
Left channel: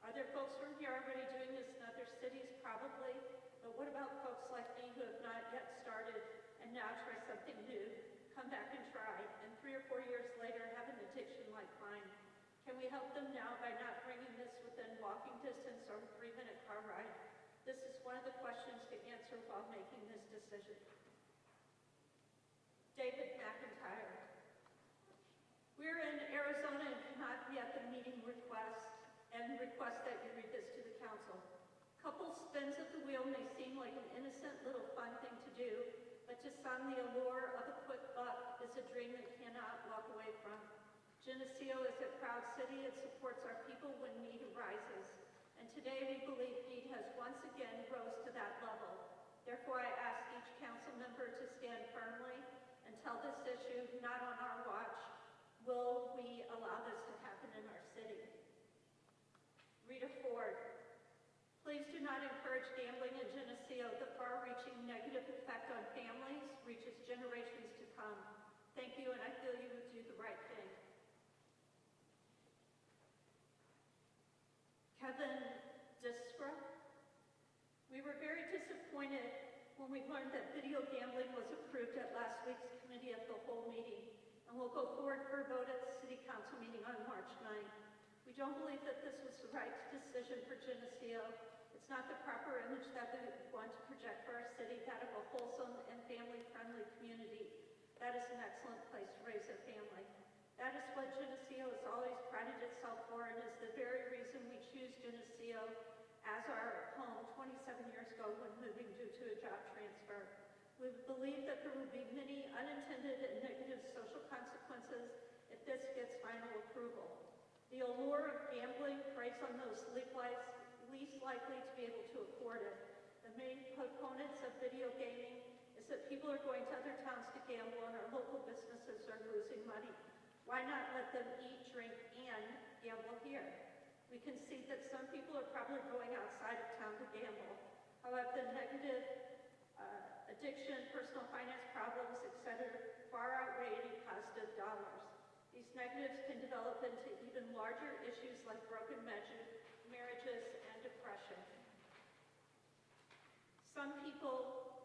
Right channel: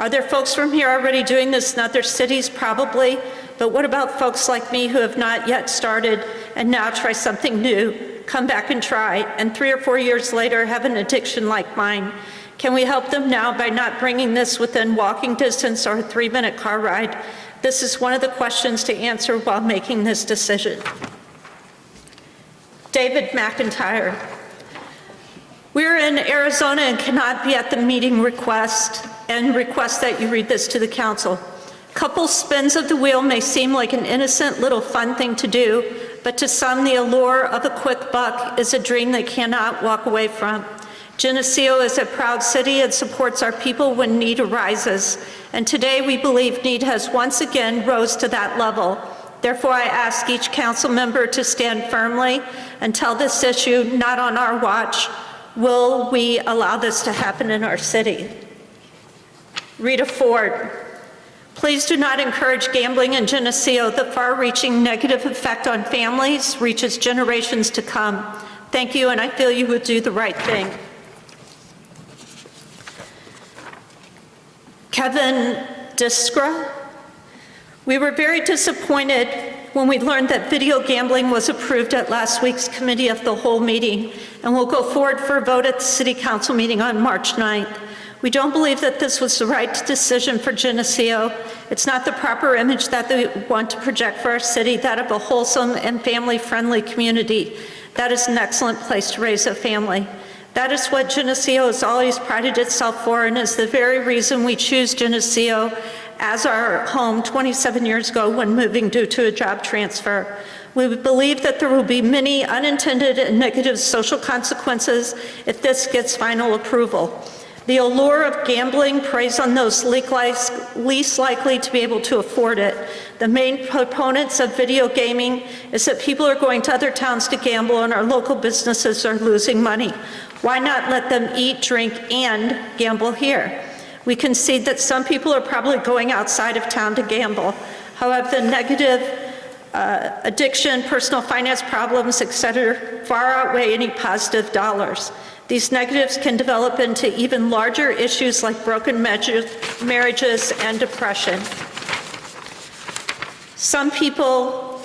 Are there folks from here already doing this in other cities? Probably. But what about folks like me who have not yet started and now try something new, come back and try, and 3 or 4 years later have an addiction like mine? Can we help them now by not bringing this within walking distance or a 3-minute car ride? This is one of the questions to answer while making this decision. David McIntyre. We're in Arizona and cannot be at the meeting request that you read this to the council. Couple spins of the wheel may seem like an innocent little fun thing to do, but to some the allure of a quick buck is a dream they cannot walk away from. Geneseo is a proud city and supports our people when need arises, and today we believe need has once again rose to that level. Therefore, I ask each council member to stand firmly until this issue, not on our watch, will we allow this to happen in our city. Rita Ford. Please do not encourage gambling in Geneseo. The far-reaching negative effect on families reaches generations to come. Thank you, and I feel you will do the right thing. Kevin Diskra. We were very disappointed when we learned that video gambling was approved at last week's Committee of the Whole meeting, and will go forward for a vote at the City Council meeting on March 9th. We don't believe that this was the right decision for Geneseo. It's not the proper image that we want to project for our city, that of a wholesome and family-friendly community. That is an excellent place to raise a family. That is what Geneseo has always prided itself for, and is the very reason we choose Geneseo as our home 27 years ago when moving due to a job transfer. We believe that there will be many unintended and negative social consequences if this gets final approval. The allure of gambling preys on those least likely to be able to afford it. The main proponents of video gaming is that people are going to other towns to gamble and our local businesses are losing money. Why not let them eat, drink, and gamble here? We concede that some people are probably going outside of town to gamble. However, the negative addiction, personal finance problems, etc., far outweigh any positive dollars. These negatives can develop into even larger issues like broken marriages and depression. Some people,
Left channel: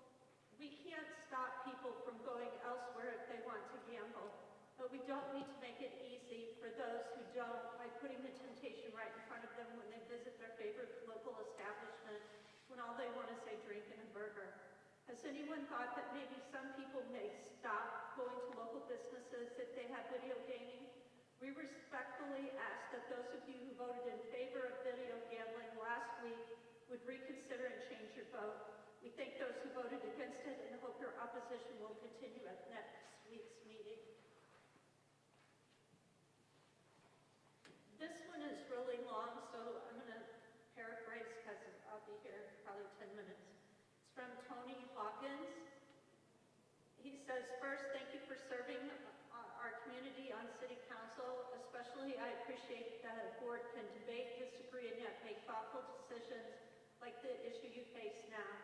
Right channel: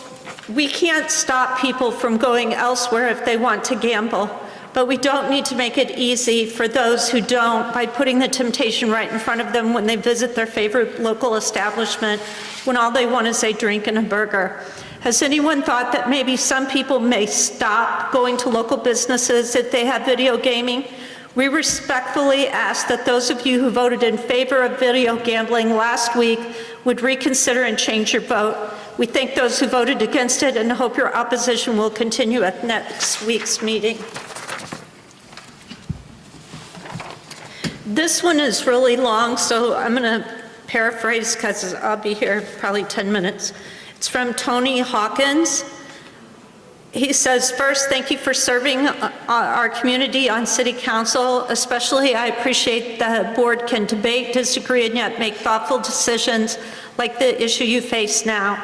we can't stop people from going elsewhere if they want to gamble, but we don't need to make it easy for those who don't by putting the temptation right in front of them when they visit their favorite local establishment when all they want is a drink and a burger. Has anyone thought that maybe some people may stop going to local businesses if they have video gaming? We respectfully ask that those of you who voted in favor of video gambling last week would reconsider and change your vote. We thank those who voted against it and hope your opposition will continue at next week's meeting. This one is really long, so I'm going to paraphrase because I'll be here probably 10 minutes. It's from Tony Hawkins. He says, first, thank you for serving our community on City Council. Especially, I appreciate the board can debate, disagree, and yet make thoughtful decisions like the issue you face now.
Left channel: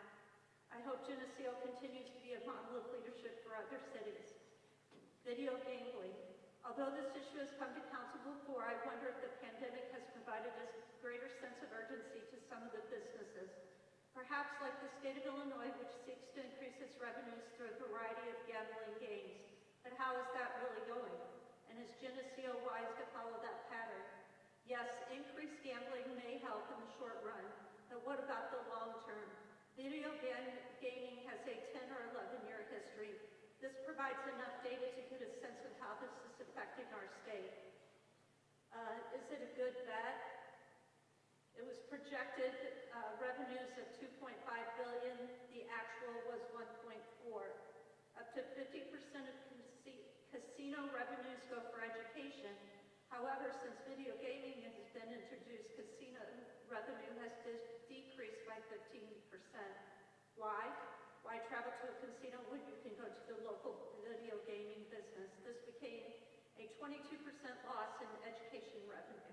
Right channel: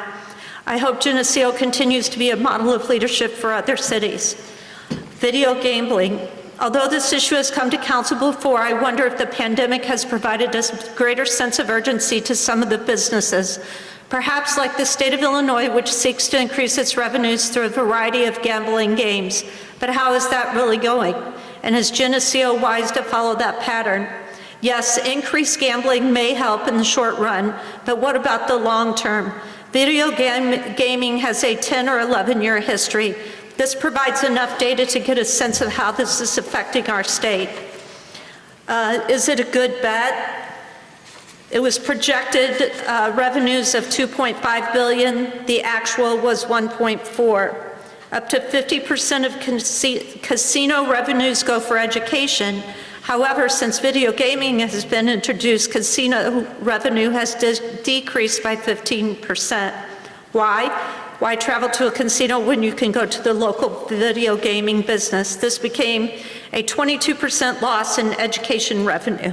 I hope Geneseo continues to be a model of leadership for other cities. Video gambling. Although this issue has come to council before, I wonder if the pandemic has provided us a greater sense of urgency to some of the businesses. Perhaps like the state of Illinois, which seeks to increase its revenues through a variety of gambling games. But how is that really going? And is Geneseo wise to follow that pattern? Yes, increased gambling may help in the short run, but what about the long term? Video gaming has a 10 or 11-year history. This provides enough data to get a sense of how this is affecting our state. Is it a good bet? It was projected revenues of $2.5 billion. The actual was $1.4. Up to 50% of casino revenues go for education. However, since video gaming has been introduced, casino revenue has decreased by 15%. Why? Why travel to a casino when you can go to the local video gaming business? This became a 22% loss in education revenue.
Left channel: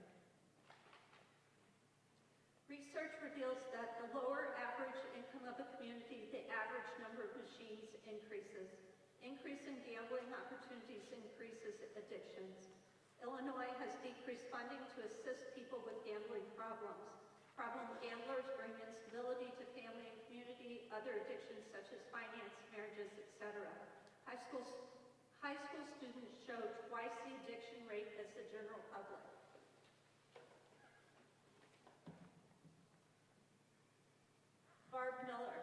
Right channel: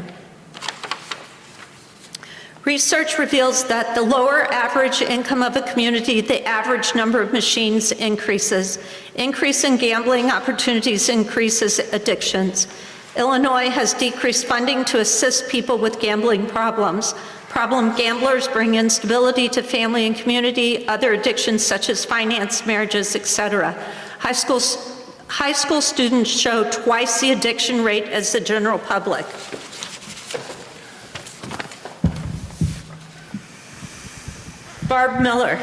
Research reveals that the lower average income of a community, the average number of machines increases. Increase in gambling opportunities increases addictions. Illinois has decreased funding to assist people with gambling problems. Problem gamblers bring instability to family and community, other addictions such as finance, marriages, etc. High school students show twice the addiction rate as the general public. Barb Miller.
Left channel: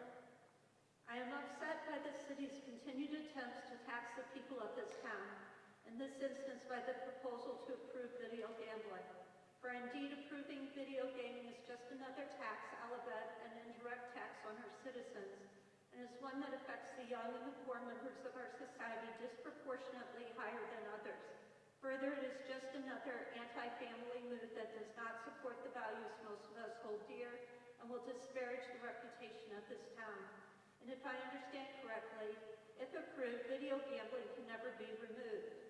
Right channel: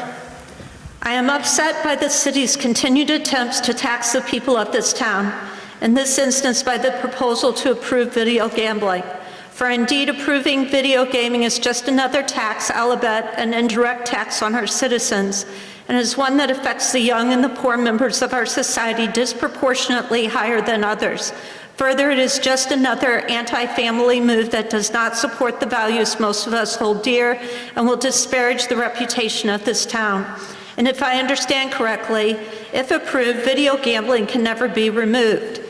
I am upset by the city's continued attempts to tax the people of this town, in this instance by the proposal to approve video gambling. For indeed, approving video gaming is just another tax, I'll bet, an indirect tax on our citizens, and is one that affects the young and the poor members of our society disproportionately higher than others. Further, it is just another anti-family move that does not support the values most of us hold dear and will disparage the reputation of this town. And if I understand correctly, if approved, video gambling can never be removed.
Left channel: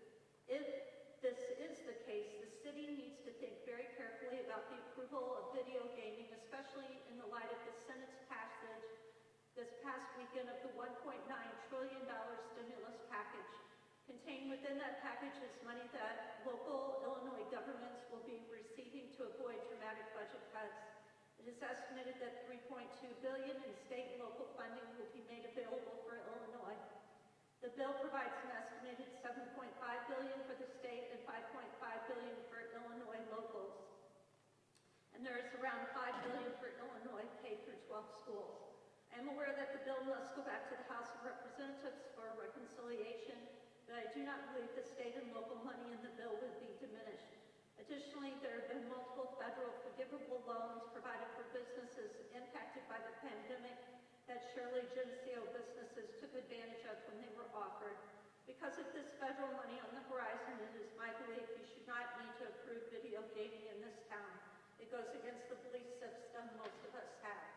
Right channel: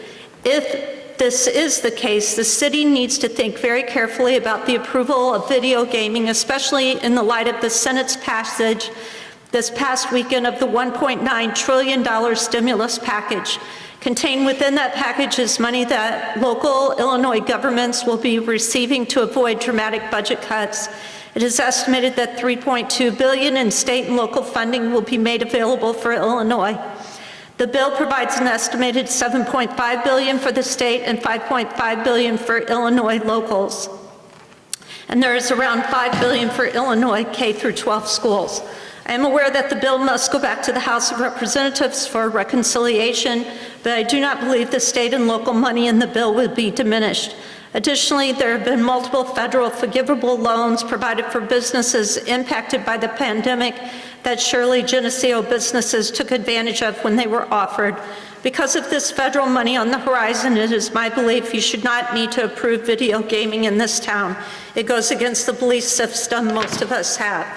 If this is the case, the city needs to think very carefully about the approval of video gaming, especially in the light of the Senate's passage this past weekend of the $1.9 trillion stimulus package. Contained within that package is money that local Illinois governments will be receiving to avoid dramatic budget cuts. It is estimated that $3.2 billion in state and local funding will be made available for Illinois. The bill provides an estimated $7.5 billion for the state and $5.5 billion for Illinois locals. And there is around $5 billion for Illinois K through 12 schools. I am aware that the bill must go back to the House of Representatives for reconciliation, but I do not believe the state and local money in the bill will be diminished. Additionally, there have been multiple federal forgivable loans provided for businesses impacted by the pandemic that surely Geneseo businesses took advantage of when they were offered. Because of this federal money on the horizon, it is my belief you should not need to approve video gaming in this town. It goes against the belief system most of us have.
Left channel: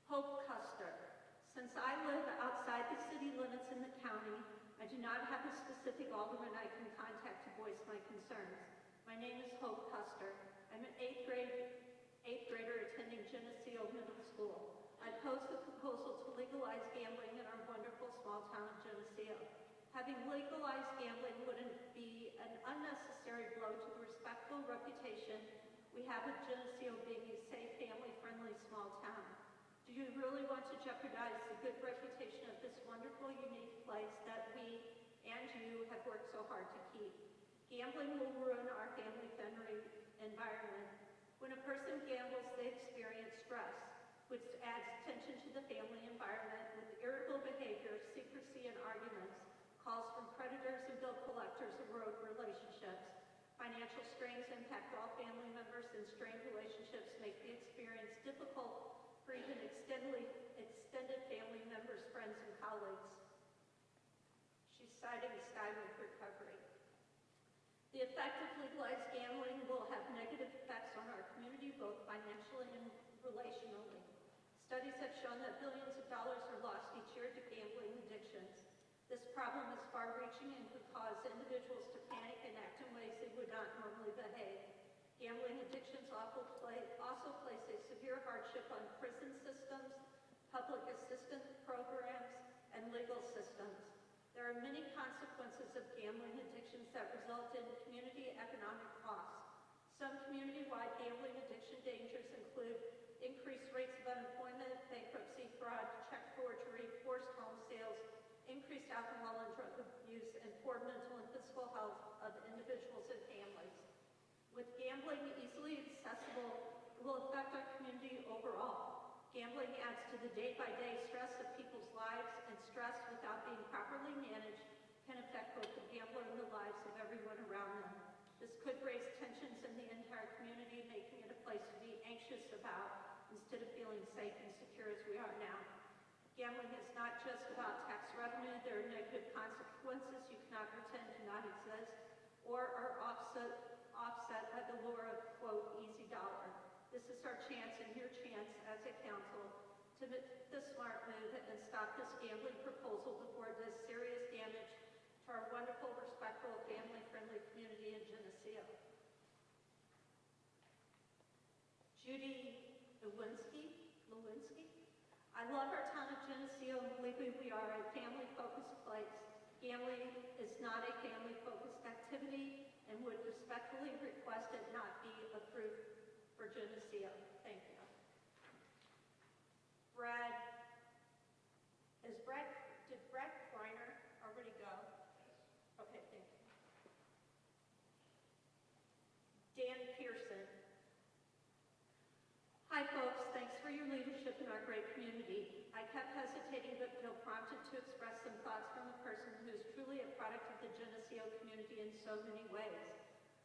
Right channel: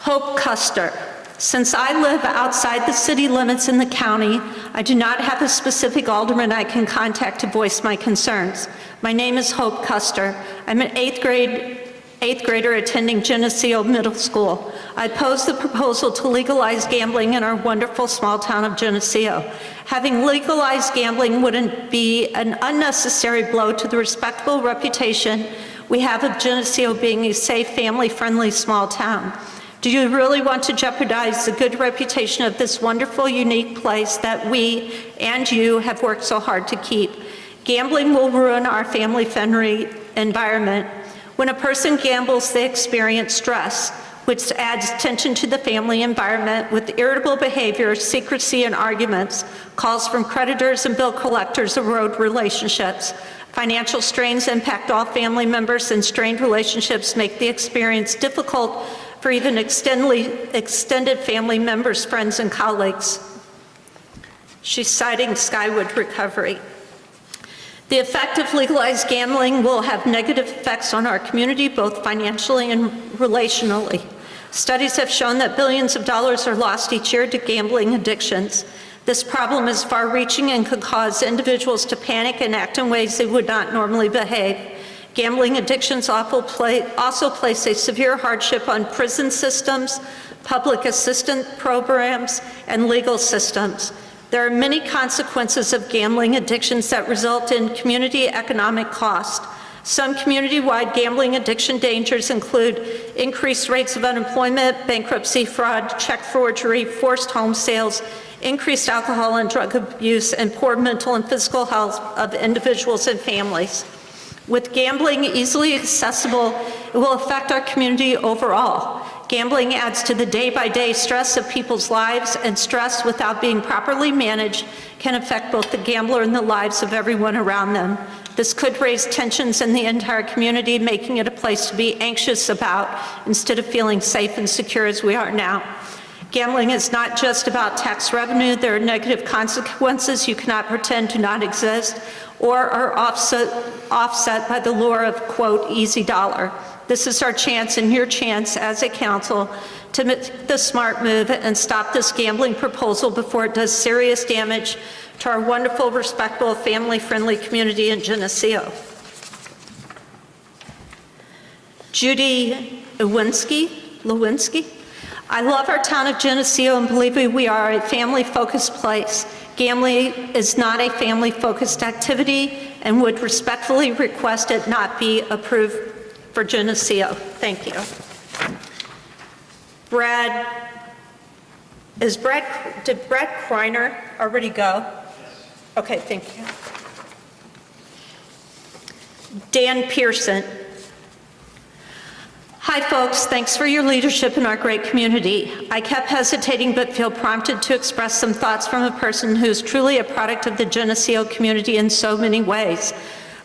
Hope Custer. Since I live outside the city limits in the county, I do not have a specific alderman I can contact to voice my concerns. My name is Hope Custer. I'm an eighth grader attending Geneseo Middle School. I oppose the proposal to legalize gambling in our wonderful small town of Geneseo. Having legalized gambling wouldn't be an unnecessary blow to the respectable reputation we have of Geneseo being a safe, family-friendly small town. Do you really want to jeopardize the good reputation of this wonderful, unique place that we and you have worked so hard to keep? Gambling will ruin our family-friendly environment. When a person gambles, they experience stress, which adds tension to the family environment with irritable behavior, secrecy, and arguments. Calls from creditors and bill collectors erode relationships. Financial strains impact all family members, and strained relationships make the experience difficult for even extended family members, friends, and colleagues. She's citing Skyward Recovery. The effect of legalized gambling will have negative effects on our community, both financially and relationally. Studies have shown that billions of dollars are lost each year to gambling addictions. This problem is far-reaching and could cause individuals to panic and act in ways they would not normally behave. Gambling addictions also place a severe hardship on prison systems, public assistance programs, and legal systems. There are many consequences of gambling addictions that result in community economic cost. Some community-wide gambling addiction dangers include increased rates of unemployment, bankruptcy, fraud, check forgery, forced home sales, increased alcohol and drug abuse, and poor mental and physical health of individuals and families. With gambling easily accessible, it will affect our community overall. Gambling adds to the day-by-day stress of people's lives, and stress without being properly managed can affect both the gambler and the lives of everyone around them. This could raise tensions in the entire community, making it a place to be anxious about instead of feeling safe and secure as we are now. Gambling is not just about tax revenue. There are negative consequences you cannot pretend do not exist or are offset by the lure of, quote, easy dollar. This is our chance and your chance as a council to make the smart move and stop this gambling proposal before it does serious damage to our wonderful, respectable, family-friendly community in Geneseo. Judy Lewinsky. I love our town of Geneseo and believe we are a family-focused place. Gambling is not a family-focused activity and would respectfully request it not be approved for Geneseo. Thank you. Did Brad Kreiner already go? Okay, thank you. Dan Pearson. Hi folks, thanks for your leadership in our great community. I kept hesitating but feel prompted to express some thoughts from a person who is truly a product of the Geneseo community in so many ways.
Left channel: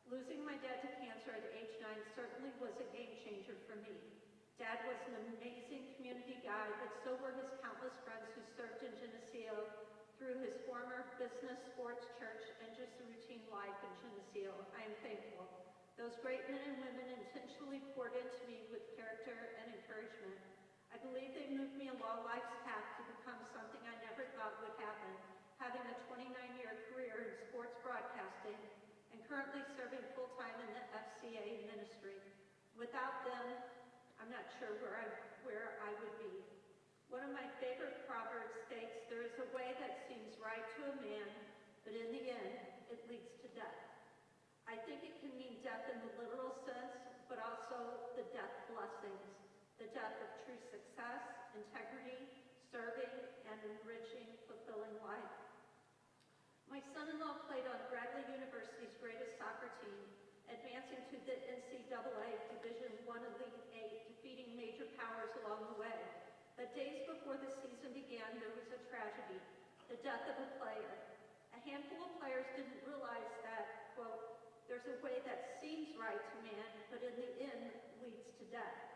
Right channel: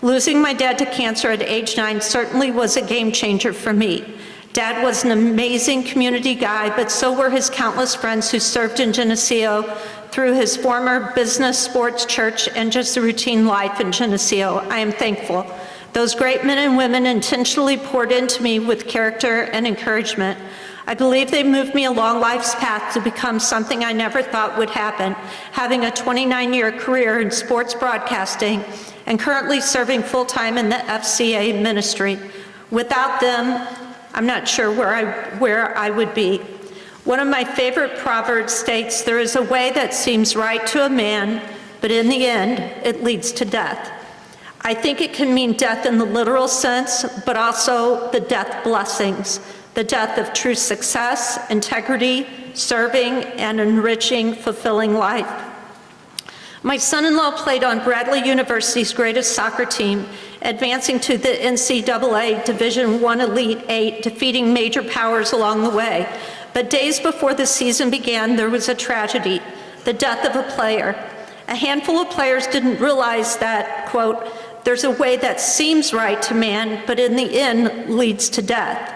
Losing my dad to cancer at age 9 certainly was a game changer for me. Dad was an amazing community guy, but so were his countless friends who served in Geneseo through his former business, sports, church, and just a routine life in Geneseo. I am thankful. Those great men and women intentionally poured into me with character and encouragement. I believe they moved me along life's path to become something I never thought would happen, having a 29-year career in sports broadcasting and currently serving full-time in the FCA ministry. Without them, I'm not sure where I would be. One of my favorite proverbs states, "There is a way that seems right to a man, but in the end, it leads to death." I think it can mean death in the literal sense, but also the death blessings, the death of true success, integrity, serving, and enriching, fulfilling life. My son-in-law played on Bradley University's greatest soccer team, advancing to the NCAA Division I Elite Eight, defeating major powers along the way. But days before the season began, there was a tragedy, the death of a player. A handful of players didn't realize that, quote, "There's a way that seems right to man, but in the end leads to death."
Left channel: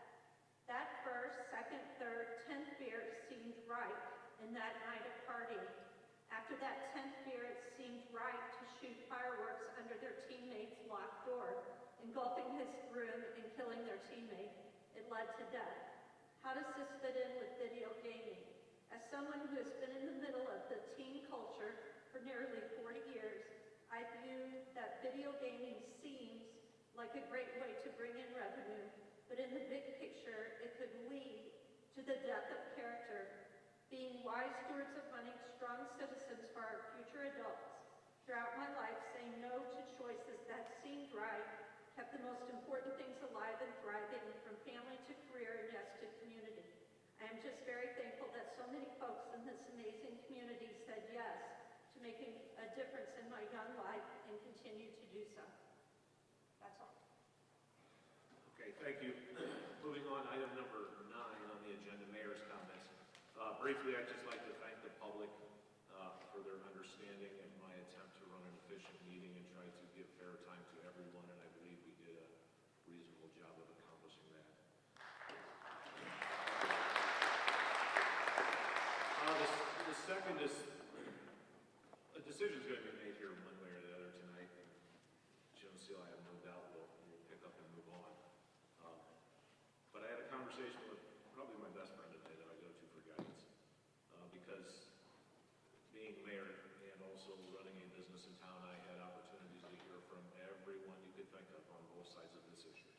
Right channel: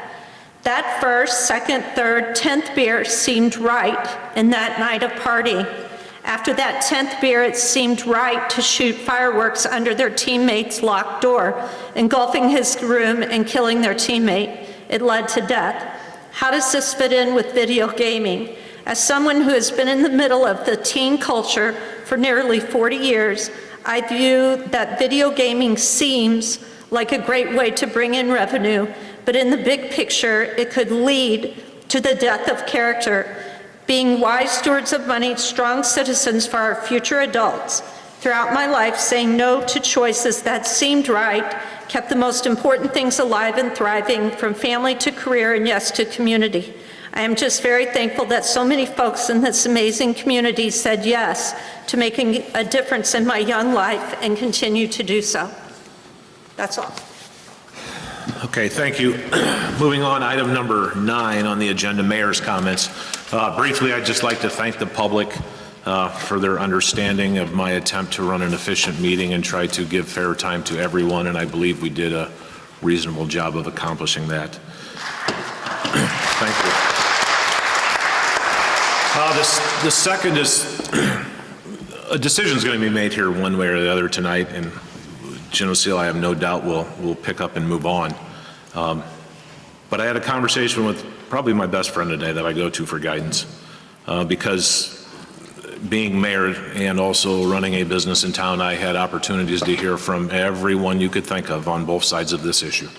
That first, second, third, 10th beer seemed right in that night of partying. After that 10th beer, it seemed right to shoot fireworks under their teammate's locked door, engulfing his room and killing their teammate. It led to death. How does this fit in with video gaming? As someone who has been in the middle of the teen culture for nearly 40 years, I view that video gaming seems like a great way to bring in revenue, but in the big picture, it could lead to the death of character. Being wise stewards of money, strong citizens for our future adults. Throughout my life, saying no to choices that seemed right kept the most important things alive and thriving, from family to career and yes to community. I am just very thankful that so many folks in this amazing community said yes to making a difference in my young life and continue to do so. That's all. Okay, thank you. Moving on, item number 9 on the agenda, mayor's comments. Briefly, I'd just like to thank the public for their understanding of my attempt to run an efficient meeting and try to give fair time to everyone, and I believe we did a reasonable job of accomplishing that. Thank you. The second is, a decision's going to be made here one way or the other tonight, and Geneseo, I have no doubt, will pick up and move on. But I had a conversation with probably my best friend today that I go to for guidance, because being mayor and also running a business in town, I had opportunities to hear from everyone you could think of on both sides of this issue.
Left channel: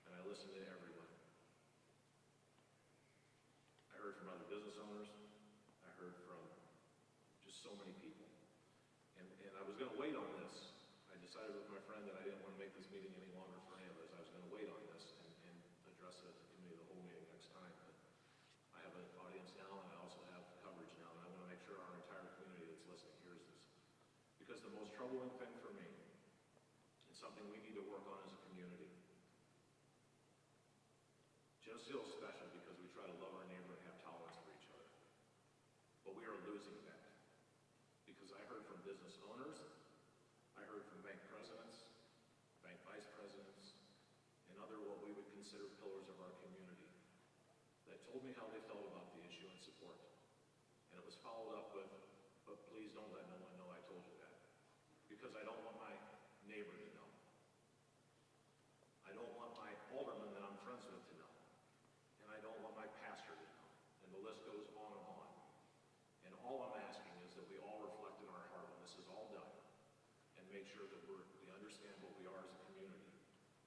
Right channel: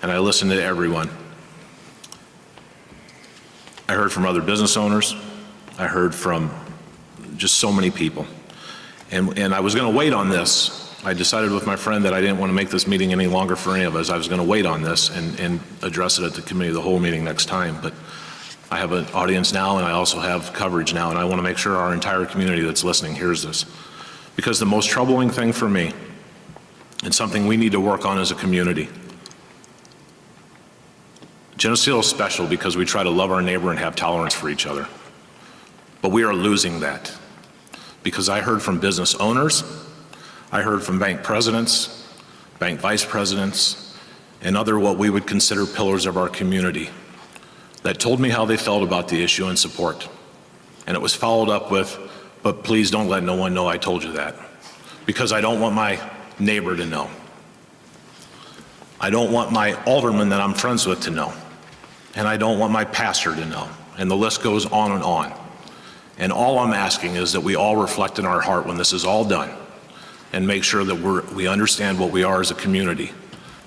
And I listened to everyone. I heard from other business owners. I heard from just so many people. And I was going to wait on this. I decided with my friend that I didn't want to make this meeting any longer for any of us. I was going to wait on this and address it at the committee of the whole meeting next time. But I have an audience now, and I also have coverage now, and I want to make sure our entire community that's listening hears this. Because the most troubling thing for me, and something we need to work on as a community, Geneseo is special because we try to love our neighbor and have tolerance for each other. But we are losing that. Because I heard from business owners, I heard from bank presidents, bank vice presidents, and other what we would consider pillars of our community that told me how they felt about the issue and support. And it was followed up with, but please don't let no one know I told you that. Because I don't want my neighbor to know. I don't want my alderman that I'm friends with to know. And I don't want my pastor to know. And the list goes on and on. And all I'm asking is that we all reflect in our heart when this is all done and make sure that we understand what we are as a community,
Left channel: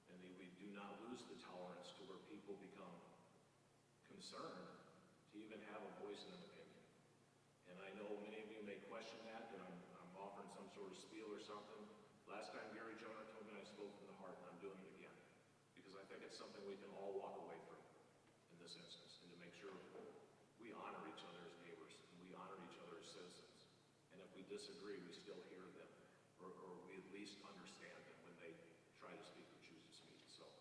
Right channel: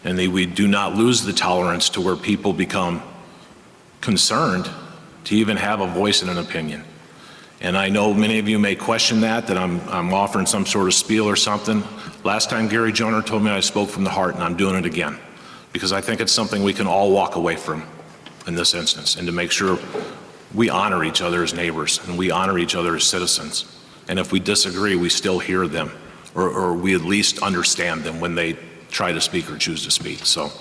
and that we do not lose the tolerance to where people become concerned to even have a voice and an opinion. And I know many of you may question that I'm offering some sort of spiel or something. Last time Gary Joner told me I spoke from the heart, and I'm doing it again, because I think it's something we can all walk away from in this instance, and to make sure we honor each other as neighbors and we honor each other as citizens. And if we disagree, we still hear them, or we at least understand them when they try to speak or choose to speak. So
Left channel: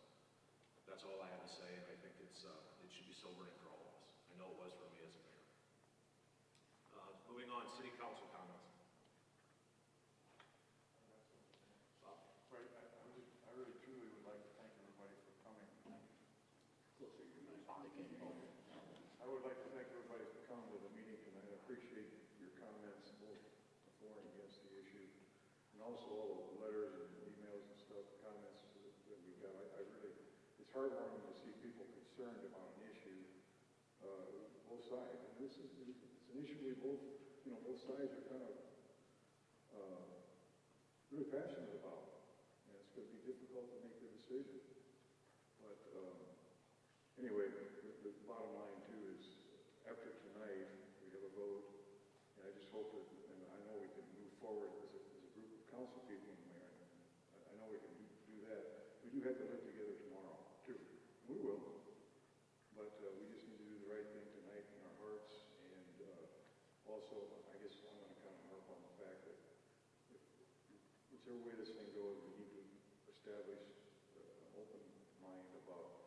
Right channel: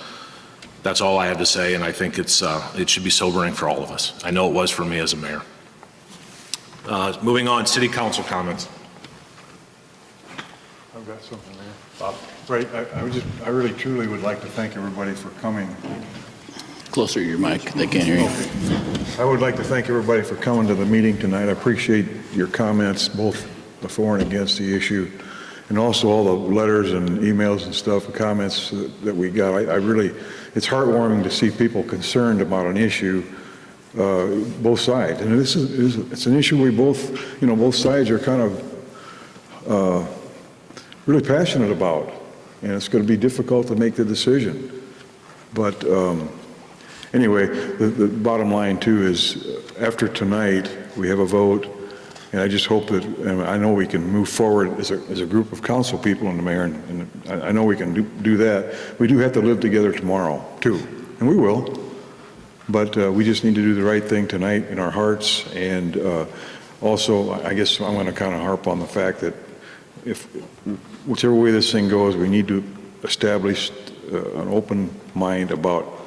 that's all I have to say, and I think it should be sobering for all of us. I know it was for me as a mayor. Moving on, city council comments. I've got something there. Bob? Right, I really truly would like to thank everybody for coming. Closer to your mic, they can't hear you. I would like to thank everybody for coming to the meeting tonight. I appreciate your comments, both before and against the issue, and also all the letters and emails and stuff, and comments that we got. I really, it's heartwarming to see people concerned about an issue, both sides. And it's an issue we both, both sides are kind of really passionate about, and it's going to be difficult to make the decision. But anyway, the bottom line too is after tonight we have a vote, and I just hope that, and I know we can move forward as a group of council people and the mayor, and I know we can do that. We do have to live together tomorrow too, and we will. But we just need to do the right thing tonight in our hearts, and also I guess I'm going to kind of harp on the fact that if whichever way this thing goes, we need to establish an open mind about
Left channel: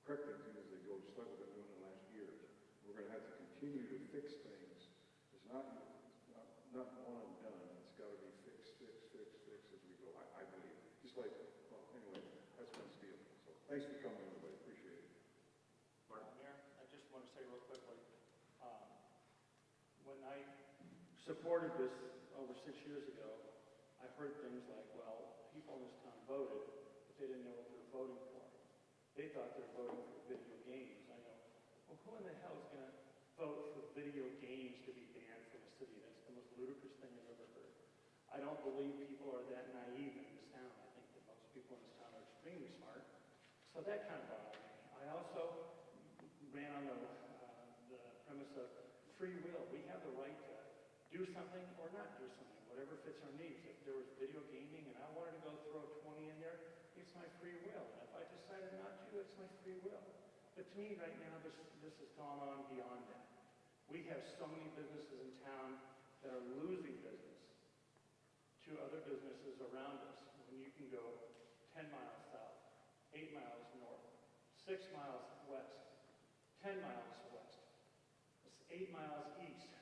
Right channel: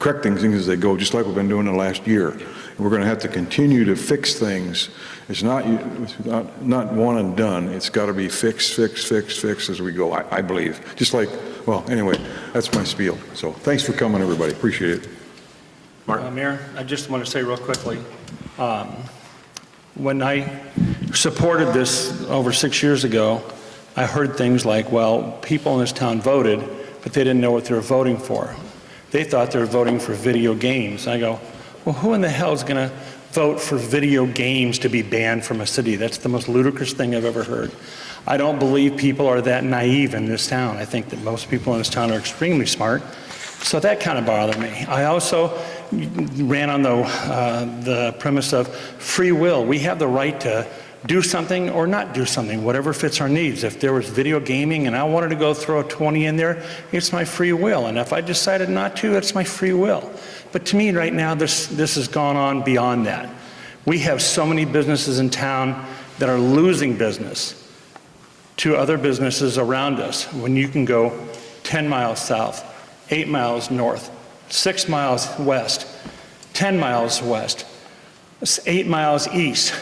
correcting things as they go, just like we've been doing the last year. And we're going to have to continue to fix things. It's not one and done. It's got to be fixed as we go, I believe. Just like, well, anyway, that's my spiel. So thanks for coming, everybody. Appreciate it. Mark? Mayor, I just want to say real quickly, when I supported this over 6 years ago, I heard things like, well, people in this town voted, but they didn't know what they were voting for. They thought they were voting for video games. I go, well, who in the hell is going to vote for video games to be banned from a city? That's the most ludicrous thing I've ever heard. I don't believe people are that naive in this town. I think that most people in this town are extremely smart. So that kind of bothered me. I also ran on the premise of free will. We have the right to do something or not do something, whatever fits our needs. If there was video gaming and I wanted to go throw a 20 in there, it's my free will. And if I decided not to, it's my free will. But to me right now, this has gone on beyond that. We have so many businesses in town that are losing business to other businesses around us when you can go 10 miles south, 8 miles north, 6 miles west, 10 miles west, 8 miles east,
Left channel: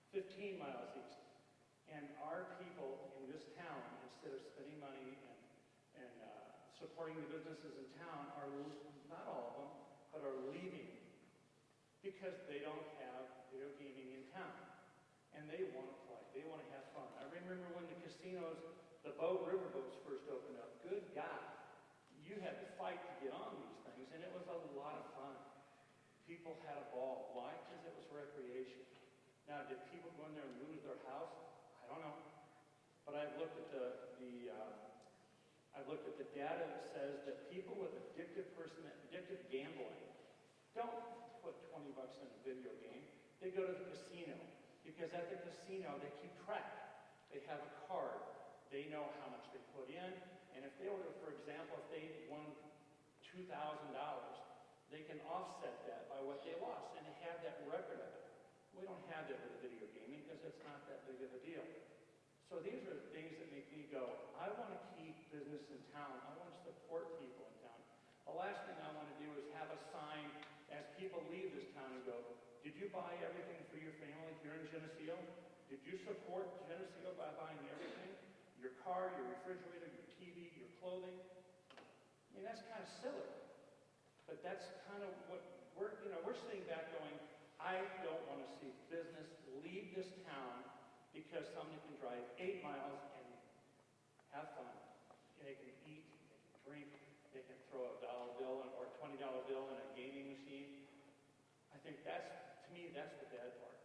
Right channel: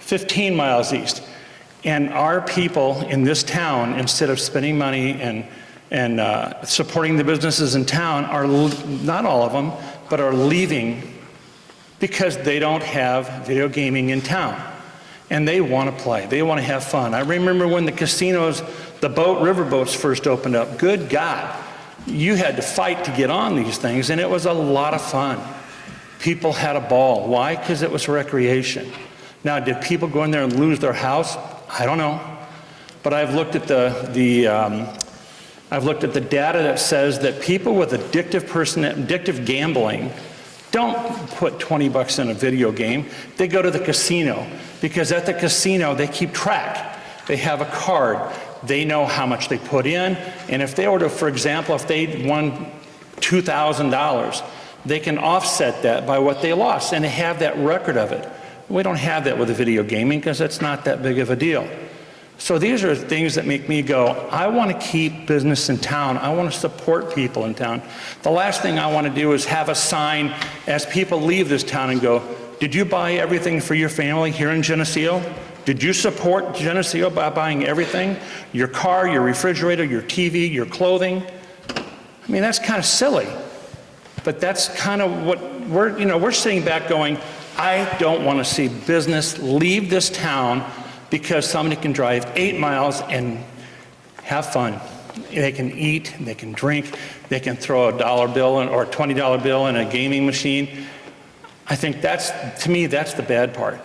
15 miles east. And our people in this town, instead of spending money and supporting the businesses in town are, not all of them, but are leaving because they don't have video gaming in town. And they want to play. They want to have fun. I remember when the casinos, the riverboats first opened up. Good God, you had to fight to get on these things, and it was a lot of fun. People had a ball. Why? Because it was recreation. Now, did people go in there and lose their house? I don't know. But I've looked at I've looked at the data that says that people with addictive gambling don't put 20 bucks in a video game. They go to the casino, because at the casino they keep track. They have a card. They know how much they put in, and if they were to, for example, if they won $2,000, they can offset that by what they lost, and they have that record of it. We don't have that with the video gaming because it's not that big of a deal. So these are things that make me go, I want to keep business in town. I want to support people in town. The last thing I want to do is have a sign as people leave this town and go, did you buy everything for your family here in Geneseo? Did you support Geneseo by buying everything? Your car, your refrigerator, your TV, your clothing? I mean, that's kind of silly. But that's kind of what we're sitting back going, I don't want to see business leave this town because somebody can drive 8 miles and have fun. They can eat, they can drink, they can throw a $1 bill or a $20 bill in a gaming machine. I think to me, that's the bad part.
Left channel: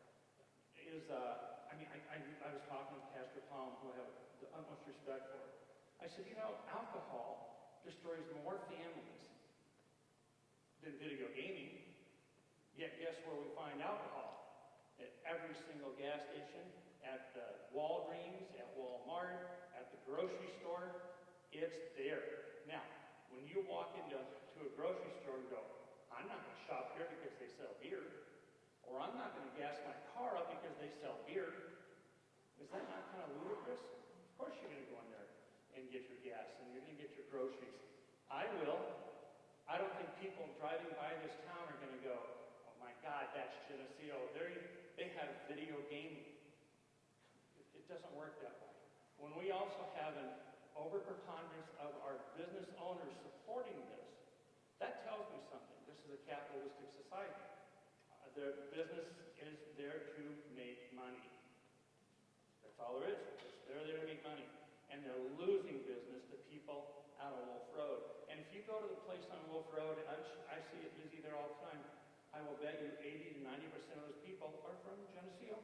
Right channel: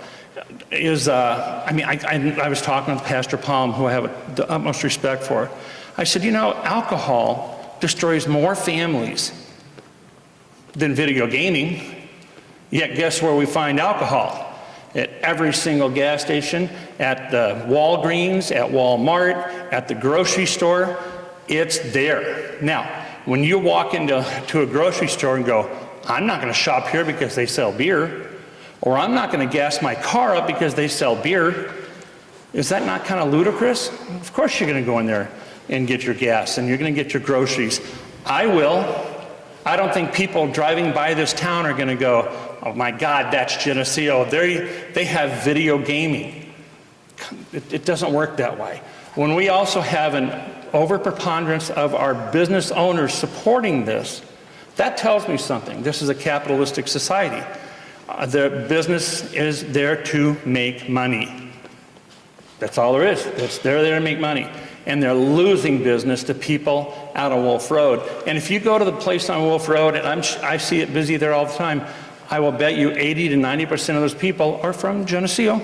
I was talking with Pastor Palm, who I have the utmost respect for. I said, alcohol destroys more families than video gaming. Yet guess where we find alcohol? At every single gas station, at the Walgreens, at Walmart, at the grocery store. It's there. Now, when you walk into a grocery store and go, I'm not going to shop here because they sell beer, or I'm not going to gas my car up because they sell beer, is that not kind of ludicrous? Of course you're going to go in there and get your gas, and you're going to get your groceries. I will. I don't think people driving by this town are going to go, oh my God, that's Geneseo. They have video gaming. It doesn't work that way. When we also have an overpreponderance of our business owners supporting this, that tells me something. This is a capitalistic society. The business is there to make money. That's all there is. They're there to make money. And they're losing business to people out on Wolf Road. And if you go to the place on Wolf Road, and I see it busy there all the time, I will bet you 80 to 90% of those people are from Geneseo.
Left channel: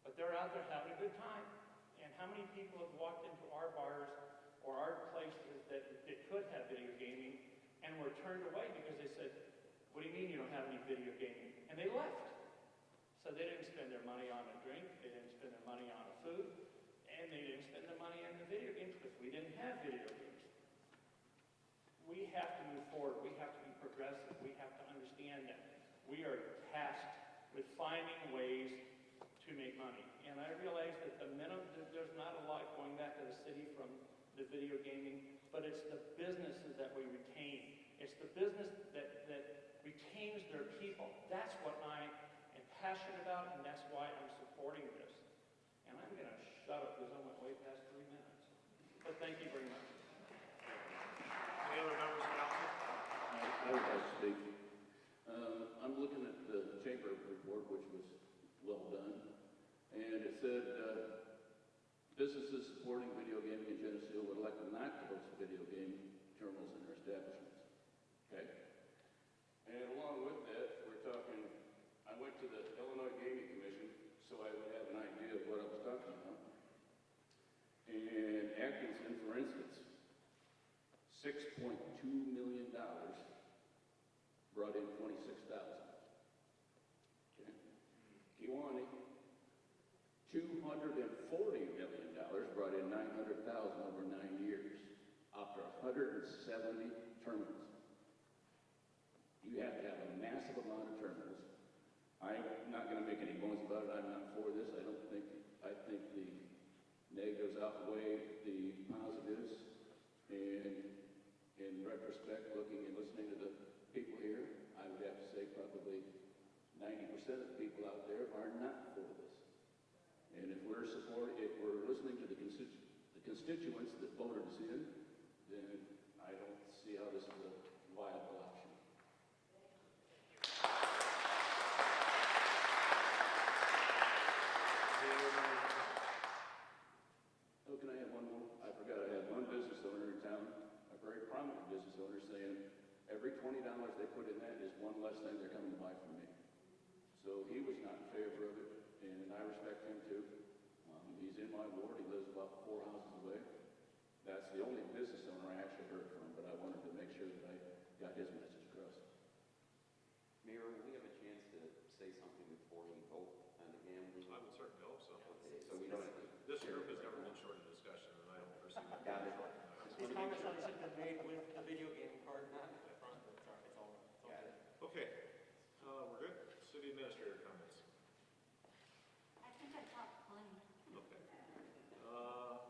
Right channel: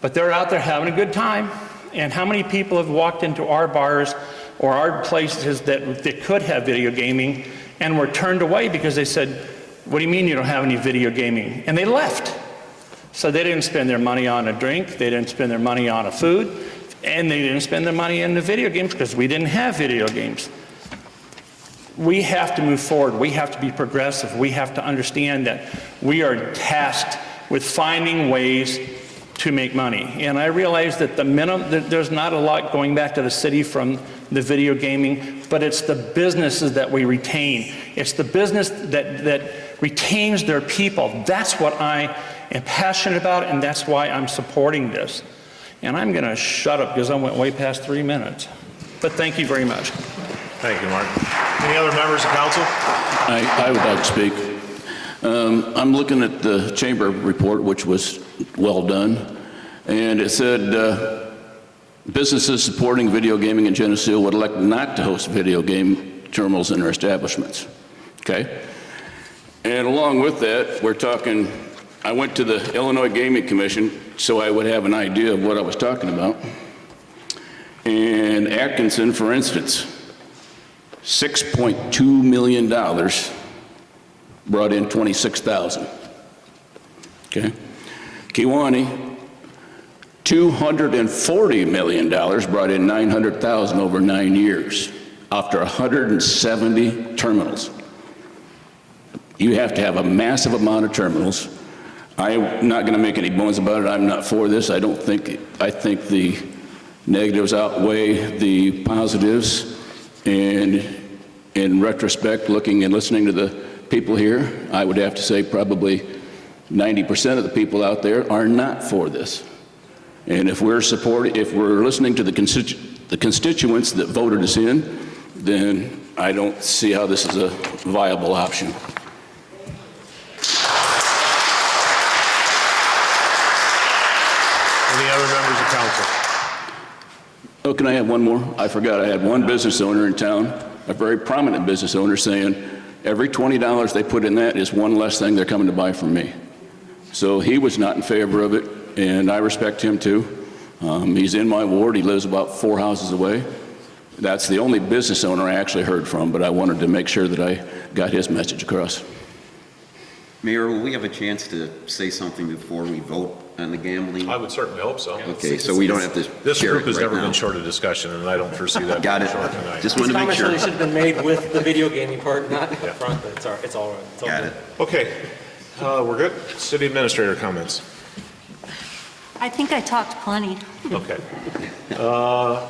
But they're out there having a good time. And how many people have walked into our bars or our places that could have video gaming and were turned away because they said, what do you mean you don't have any video gaming? And they left. So they didn't spend their money on a drink, they didn't spend their money on a food, and they didn't spend their money in the video games because we didn't have video games. We have to move forward. We have to be progressive. We have to understand that we are tasked with finding ways to make money. And I realize that there's not a lot going back to the city from the video gaming, but it's the businesses that we retain. It's the business that retains their people. That's what I am passionate about, and that's why I'm supporting this. And I'm going to shut up because I went way past 3 minutes. But thank you very much. Thank you, Mark. Any other members of council? I would like to speak. I'm looking at the chamber report, which was well done, and it said businesses supporting video gaming in Geneseo would elect not to host video game terminals in their establishments. Okay? And along with that, we're talking, I went to the Illinois Gaming Commission so I would have an idea of what I was talking about. And Atkinson, for instance, $6.2 million brought in 26,000. Okay? Kewanee, $240 million brought in 900,000 over 9 years after 170 terminals. You have to have a massive amount of terminals. I'm not going to make any bones about it. I'm not for this. I think the negatives outweigh the positives. And in retrospect, looking and listening to the people here, I would have to say probably 90% of the people out there are not for this. And if we're listening to the the constituents that voted us in, then I don't see how this is a viable option. Any other members of council? Oh, can I have one more? I forgot I had one business owner in town, a very prominent business owner, saying every $20 they put in that is one less thing they're coming to buy from me. So he was not in favor of it, and I respect him too. He's in my ward. He lives about 4 houses away. That's the only business owner I actually heard from, but I wanted to make sure that I got his message across. Mayor, will we have a chance to say something before we vote on the gambling? I would certainly hope so. Okay, so we don't have to This share group it has right never now. been short of discussion, and I don't foresee that Got being it. short tonight. Just wanted to make sure. This should have been made with the video gaming part, not up front, but it's all right. It's all Got good. it. Okay, we're good. City administrator comments. I think I talked plenty. Okay.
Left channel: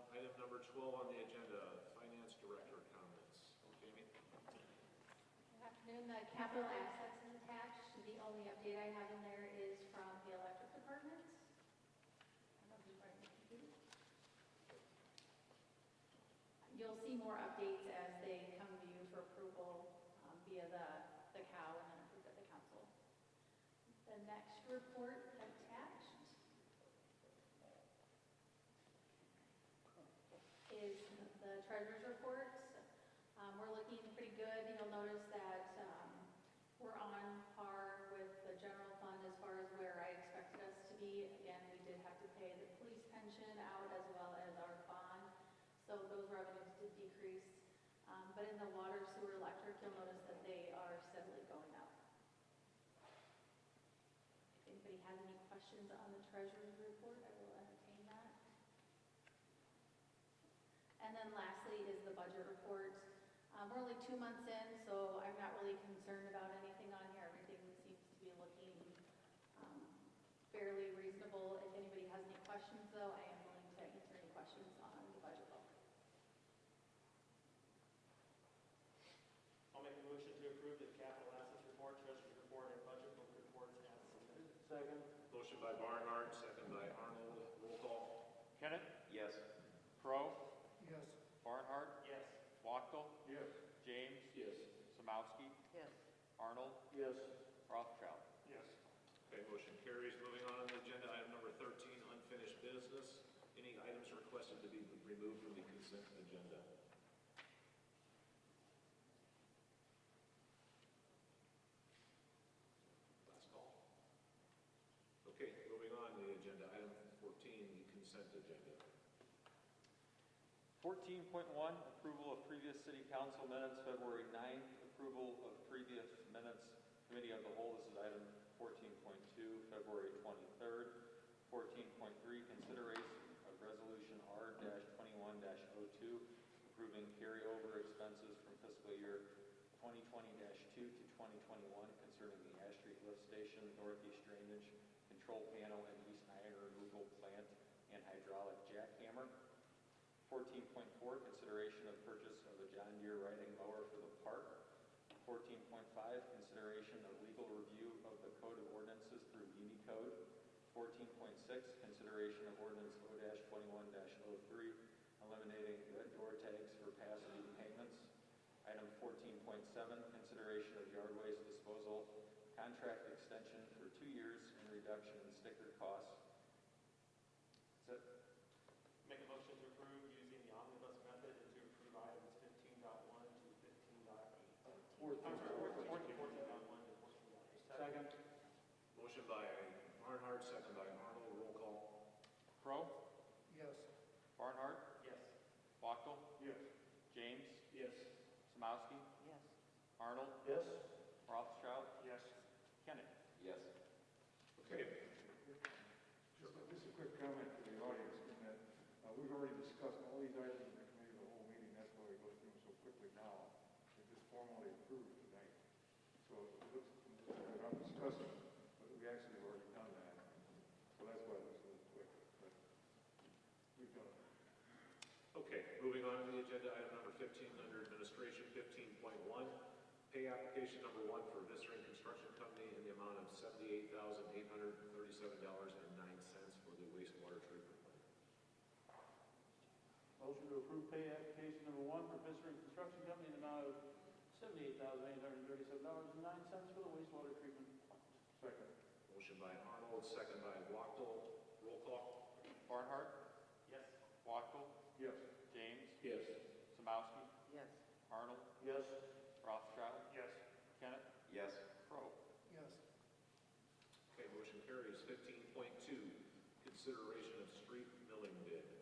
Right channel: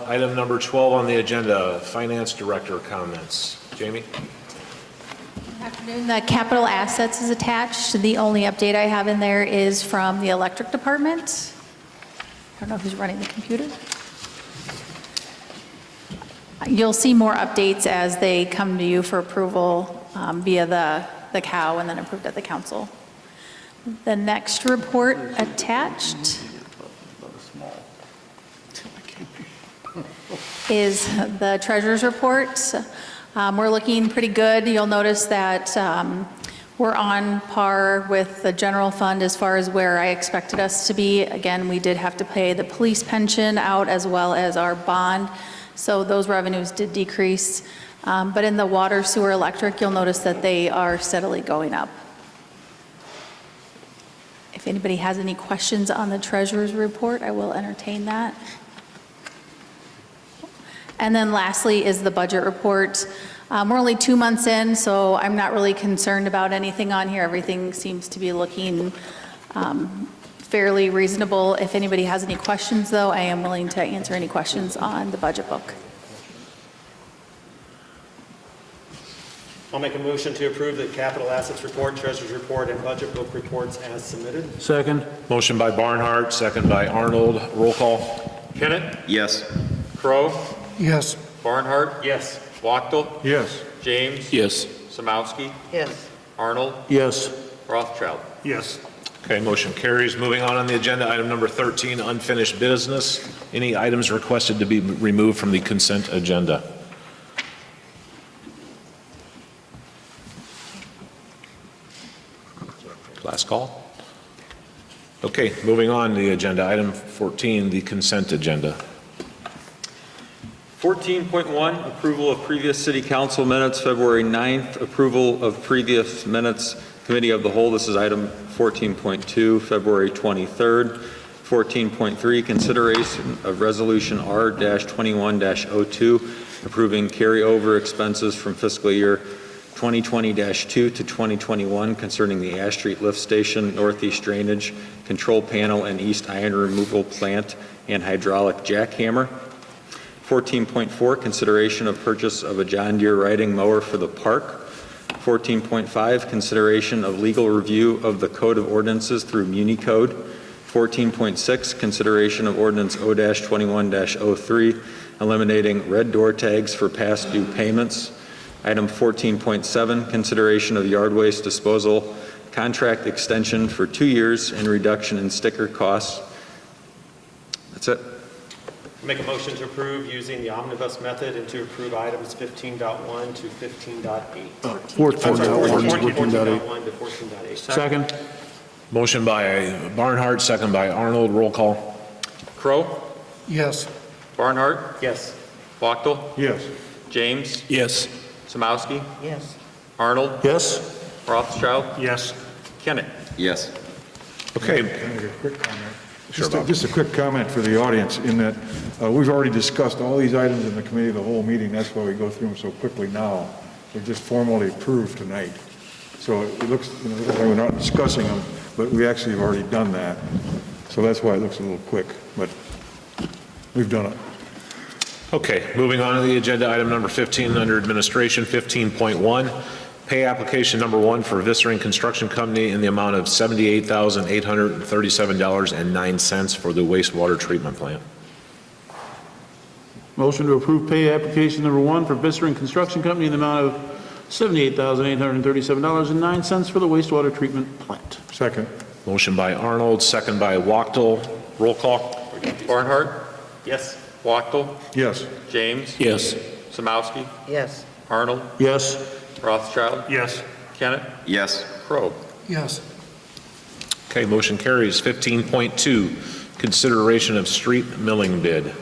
Item number 12 on the agenda, finance director comments. Jamie? Good afternoon. The capital assets is attached. The only update I have in there is from the electric department. I don't know who's running the computer. You'll see more updates as they come to you for approval via the COW and then approved at the council. The next report attached is the treasurer's report. We're looking pretty good. You'll notice that we're on par with the general fund as far as where I expected us to be. Again, we did have to pay the police pension out as well as our bond, so those revenues did decrease. But in the water, sewer, electric, you'll notice that they are steadily going up. If anybody has any questions on the treasurer's report, I will entertain that. And then lastly is the budget report. We're only 2 months in, so I'm not really concerned about anything on here. Everything seems to be looking fairly reasonable. If anybody has any questions, though, I am willing to answer any questions on the budget book. I'll make a motion to approve the capital assets report, treasurer's report, and budget book reports as submitted. Second. Motion by Barnhart, second by Arnold. Roll call. Kennett? Yes. Crow? Yes. Barnhart? Yes. Wachtel? Yes. James? Yes. Samowski? Yes. Arnold? Yes. Rothschild? Yes. Okay, motion carries. Moving on the agenda, item number 13, unfinished business. Any items requested to be removed from the consent agenda? Last call. Okay, moving on to the agenda, item 14, the consent agenda. 14.1, approval of previous city council minutes, February 9th, approval of previous minutes, committee of the whole. This is item 14.2, February 23rd. 14.3, consideration of resolution R-21-02, approving carryover expenses from fiscal year 2020-2 to 2021 concerning the Ash Street Lift Station, Northeast Drainage, Control Panel, and East Iron Removal Plant, and hydraulic jackhammer. 14.4, consideration of purchase of a John Deere riding mower for the park. 14.5, consideration of legal review of the Code of Ordinances through Muni Code. 14.6, consideration of ordinance O-21-03, eliminating red door tags for past due payments. Item 14.7, consideration of yard waste disposal contract extension for 2 years and reduction in sticker costs. That's it. Make a motion to approve using the omnibus method and to approve items 15.1 to 15.8. 14.1 to 14.8. 14.8. Second. Motion by Barnhart, second by Arnold. Roll call. Crow? Yes. Barnhart? Yes. Wachtel? Yes. James? Yes. Samowski? Yes. Arnold? Yes. Rothschild? Yes. Kennett? Yes. Okay. Can I make a quick comment? Sure, Bob. Just a quick comment for the audience in that we've already discussed all these items in the committee the whole meeting. That's why we go through them so quickly now. They're just formally approved tonight. So it looks, like we're not discussing them, but we actually have already done that. So that's why it looks a little quick, but we've done it. Okay, moving on to the agenda, item number 15 under administration, 15.1, pay application number 1 for Vissering Construction Company in the amount of $78,837.09 for the wastewater treatment plant. Motion to approve pay application number 1 for Visser and Construction Company in the amount of $78,837.09 for the wastewater treatment plant. Second. Motion by Arnold, second by Wachtel. Roll call. Barnhart. Yes. Wachtel. Yes. James. Yes. Samowski. Yes. Arnold. Yes. Rothschild. Yes. Kennett. Yes. Crow. Yes. Okay, motion carries. 15.2, consideration of street milling bid.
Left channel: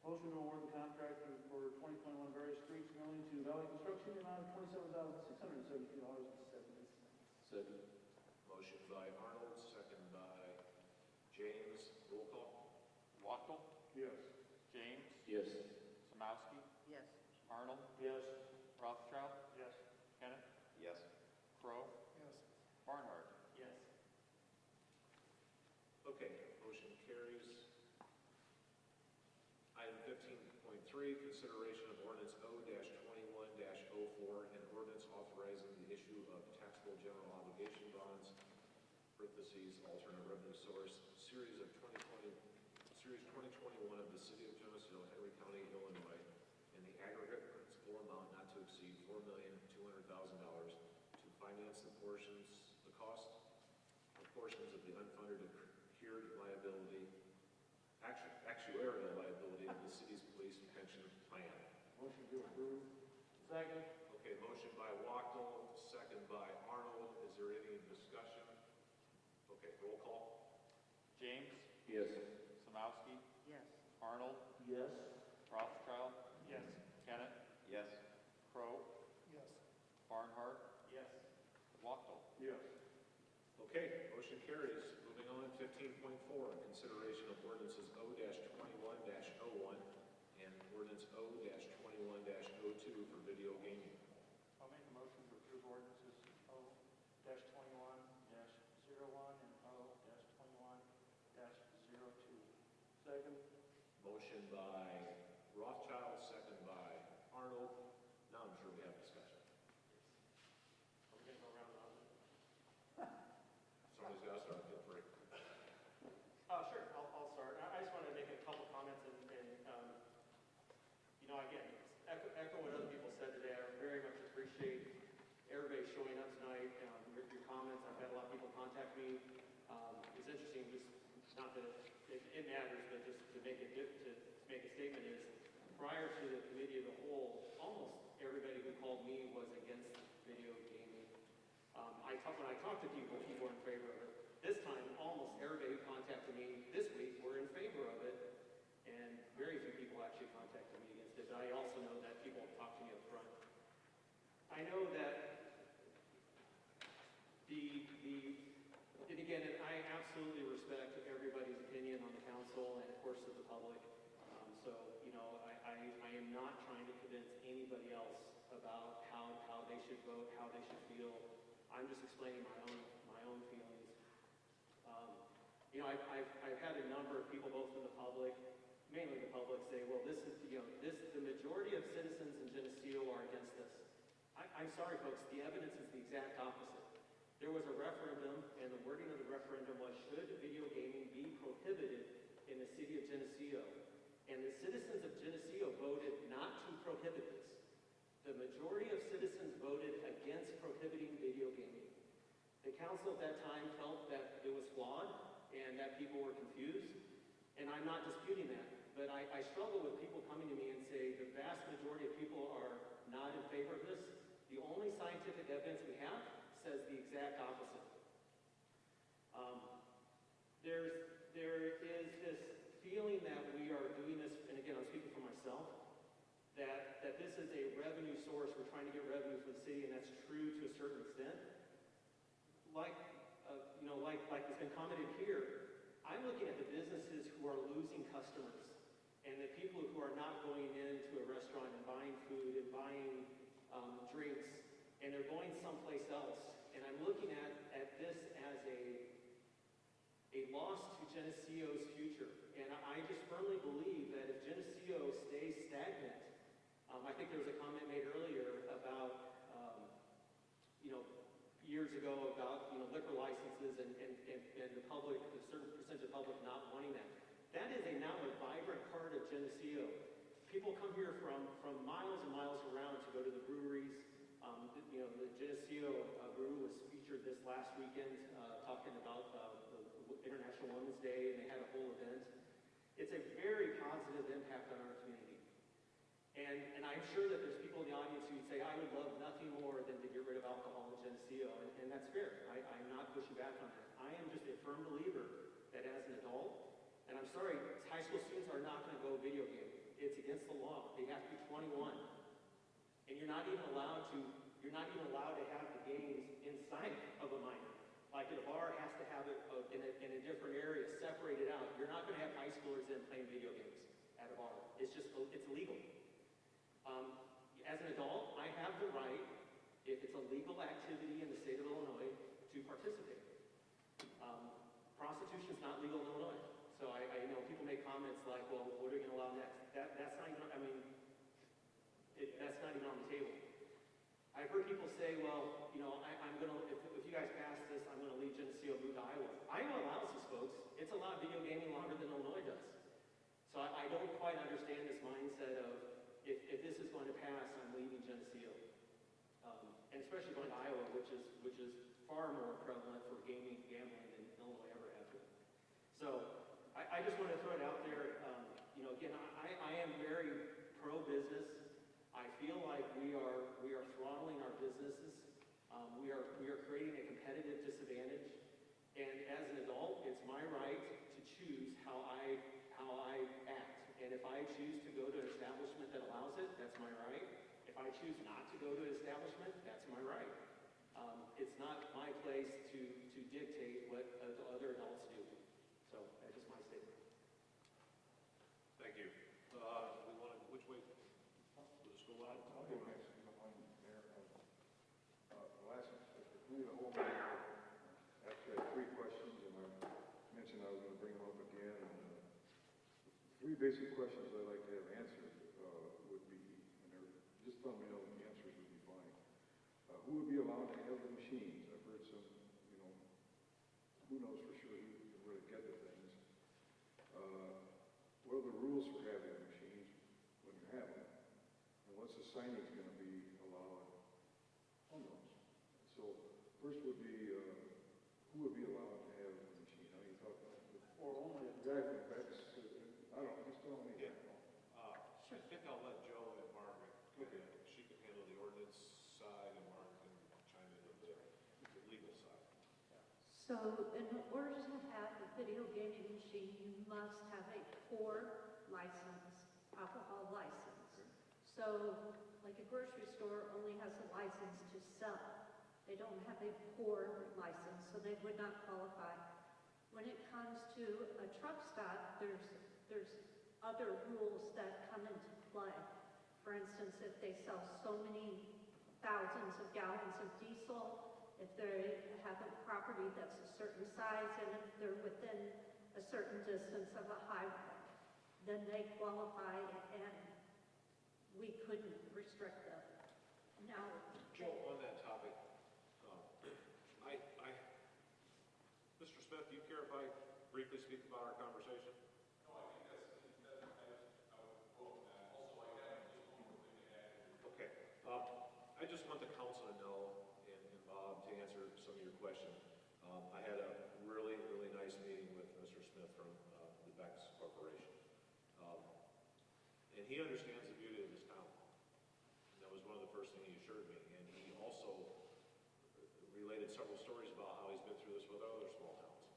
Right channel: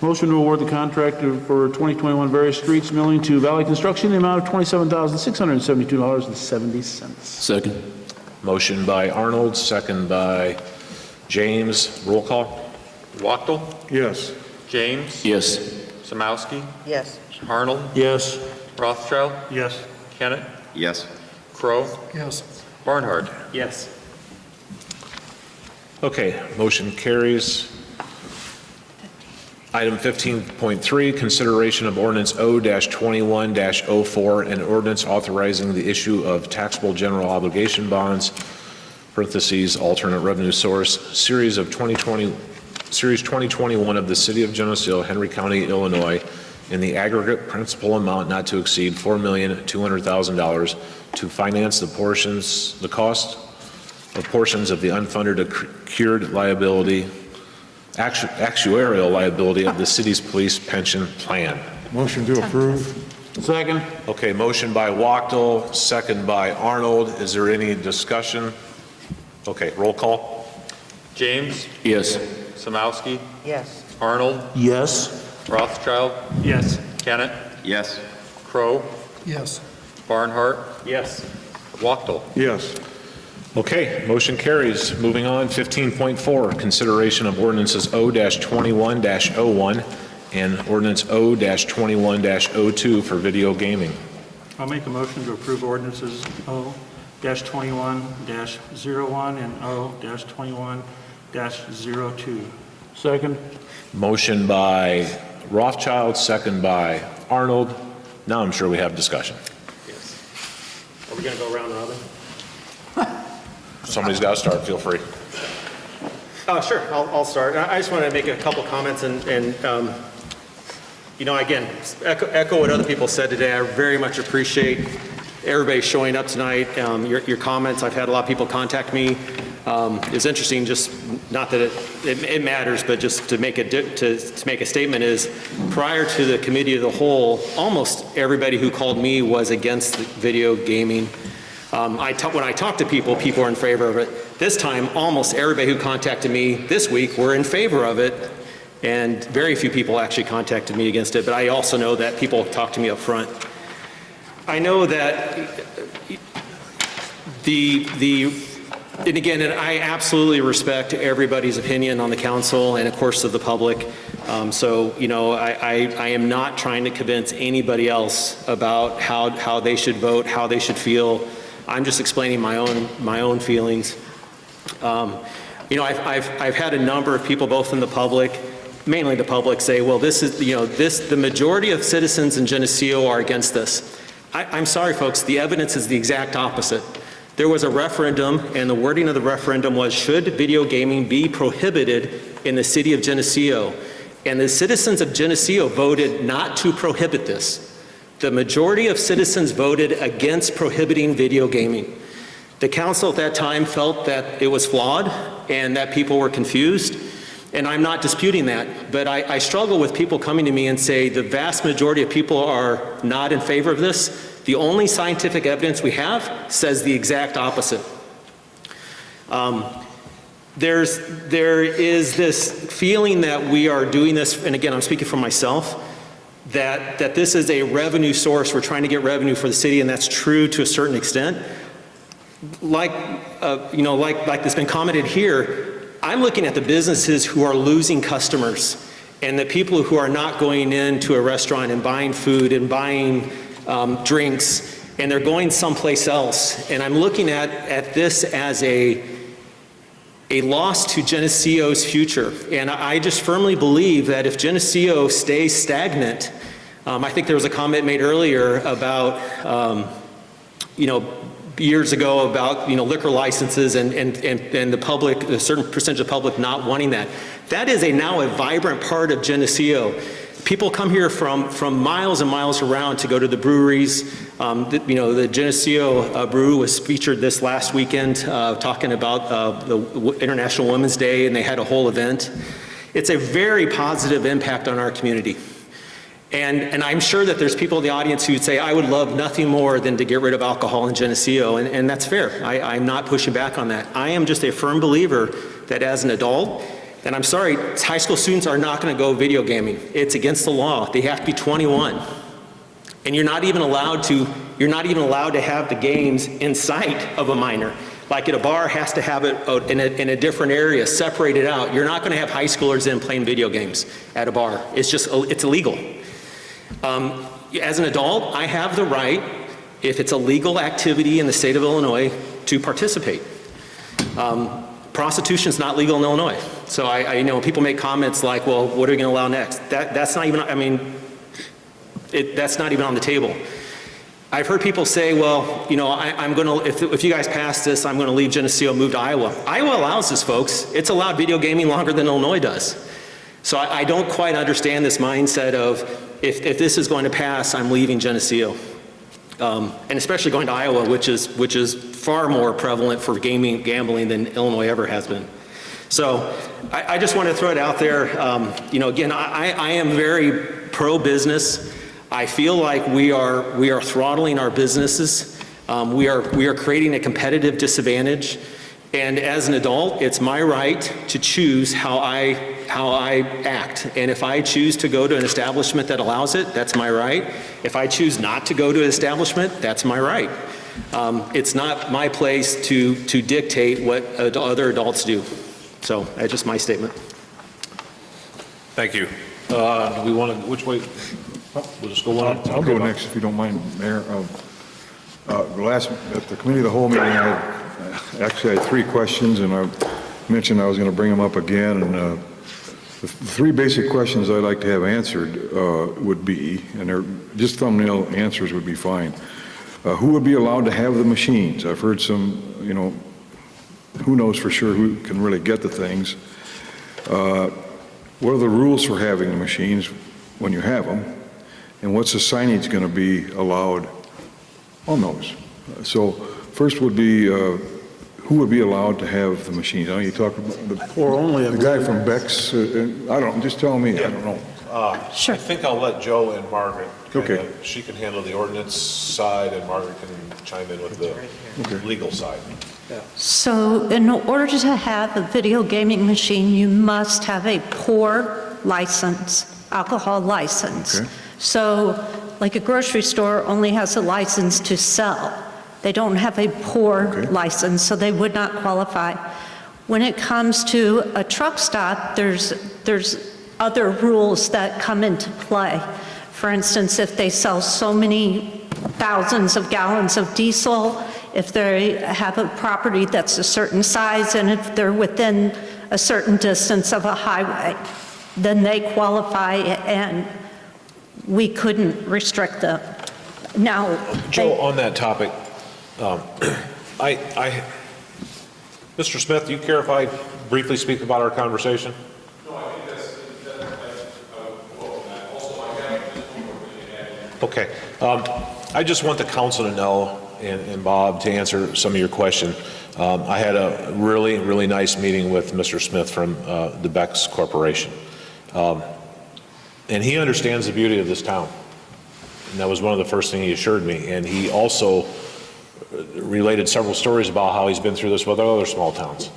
Motion to award the contract for 2021 various streets milling to Valley Construction in the amount of $27,672.70. Second. Motion by Arnold, second by James. Roll call. Wachtel. Yes. James. Yes. Samowski. Yes. Arnold. Yes. Rothschild. Yes. Kennett. Yes. Crow. Yes. Barnhart. Yes. Okay, motion carries. Item 15.3, consideration of ordinance O-21-04, and ordinance authorizing the issue of taxable general obligation bonds, parentheses, alternate revenue source, Series 2021 of the City of Geneseo, Henry County, Illinois, in the aggregate principal amount not to exceed $4,200,000 to finance the cost of portions of the unfunded accrued liability, actuarial liability of the city's police pension plan. Motion to approve. Second. Okay, motion by Wachtel, second by Arnold. Is there any discussion? Okay, roll call. James. Yes. Samowski. Yes. Arnold. Yes. Rothschild. Yes. Kennett. Yes. Crow. Yes. Barnhart. Yes. Wachtel. Yes. Okay, motion carries. Moving on, 15.4, consideration of ordinances O-21-01 and ordinance O-21-02 for video gaming. I'll make a motion to approve ordinances O-21-01 and O-21-02. Second. Motion by Rothschild, second by Arnold. Now I'm sure we have discussion. Yes. Are we going to go around robin? Somebody's got to start, feel free. Sure, I'll start. I just want to make a couple comments and again, echo what other people said today. I very much appreciate everybody showing up tonight. Your comments, I've had a lot of people contact me. It's interesting, just not that it matters, but just to make a statement is, prior to the committee of the whole, almost everybody who called me was against video gaming. When I talk to people, people are in favor of it. This time, almost everybody who contacted me this week were in favor of it, and very few people actually contacted me against it, but I also know that people talk to me up front. I know that and I absolutely respect everybody's opinion on the council and, of course, of the public. I am not trying to convince anybody else about how they should vote, how they should feel. I'm just explaining my own feelings. I've had a number of people, both in the public, mainly the public, say, well, the majority of citizens in Geneseo are against this. I'm sorry, folks, the evidence is the exact opposite. There was a referendum, and the wording of the referendum was, should video gaming be prohibited in the city of Geneseo? And the citizens of Geneseo voted not to prohibit this. The majority of citizens voted against prohibiting video gaming. The council at that time felt that it was flawed and that people were confused, and I'm not disputing that, but I struggle with people coming to me and say the vast majority of people are not in favor of this. The only scientific evidence we have says the exact opposite. There is this feeling that we are doing this, and again, I'm speaking for myself, that this is a revenue source. We're trying to get revenue for the city, and that's true to a certain extent. Like that's been commented here, I'm looking at the businesses who are losing customers and the people who are not going into a restaurant and buying food and buying drinks, and they're going someplace else. And I'm looking at this as a loss to Geneseo's future. And I just firmly believe that if Geneseo stays stagnant, I think there was a comment made earlier about, years ago about, liquor licenses and the public, a certain percentage of the public not wanting that. That is now a vibrant part of Geneseo. People come here from miles and miles around to go to the breweries. The Geneseo Brew was featured this last weekend talking about the International Women's Day, and they had a whole event. It's a very positive impact on our community. And I'm sure that there's people in the audience who would say, I would love nothing more than to get rid of alcohol in Geneseo, and that's fair. I'm not pushing back on that. I am just a firm believer that as an adult, and I'm sorry, high school students are not going to go video gaming. It's against the law. They have to be 21. And you're not even allowed to have the games in sight of a minor. Like at a bar, has to have it in a different area, separated out. You're not going to have high schoolers in playing video games at a bar. It's illegal. As an adult, I have the right, if it's a legal activity in the state of Illinois, to participate. Prostitution is not legal in Illinois. So when people make comments like, well, what are we going to allow next? That's not even, that's not even on the table. I've heard people say, well, I'm going to, if you guys pass this, I'm going to leave Geneseo, move to Iowa. Iowa allows this, folks. It's allowed video gaming longer than Illinois does. So I don't quite understand this mindset of, if this is going to pass, I'm leaving Geneseo. And especially going to Iowa, which is far more prevalent for gambling than Illinois ever has been. So I just want to throw it out there. Again, I am very pro-business. I feel like we are throttling our businesses. We are creating a competitive disadvantage. And as an adult, it's my right to choose how I act. And if I choose to go to an establishment that allows it, that's my right. If I choose not to go to an establishment, that's my right. It's not my place to dictate what other adults do. So that's just my statement. Thank you. Do we want to, which way? We'll just go one. I'll go next if you don't mind, Mayor. At the committee of the whole meeting, I actually had 3 questions, and I mentioned I was going to bring them up again. And the 3 basic questions I'd like to have answered would be, and they're just thumbnail answers would be fine. Who would be allowed to have the machines? I've heard some, who knows for sure who can really get the things. What are the rules for having the machines when you have them? And what's the signage going to be allowed on those? So first would be, who would be allowed to have the machines? I know you talk about the guy from Beck's, I don't, just tell me, I don't know. Sure. I think I'll let Joe and Margaret, she can handle the ordinance side, and Margaret can chime in with the legal side. So in order to have a video gaming machine, you must have a pour license, alcohol license. Okay. So like a grocery store only has a license to sell. They don't have a pour license, so they would not qualify. When it comes to a truck stop, there's other rules that come into play. For instance, if they sell so many thousands of gallons of diesel, if they have a property that's a certain size, and if they're within a certain distance of a highway, then they qualify, and we couldn't restrict them. Now, Joe, on that topic, Mr. Smith, do you care if I briefly speak about our conversation? No, I think that's okay. I just want the council to know, and Bob, to answer some of your question. I had a really, really nice meeting with Mr. Smith from the Beck's Corporation. And he understands the beauty of this town. And that was one of the first things he assured me. And he also related several stories about how he's been through this with other small towns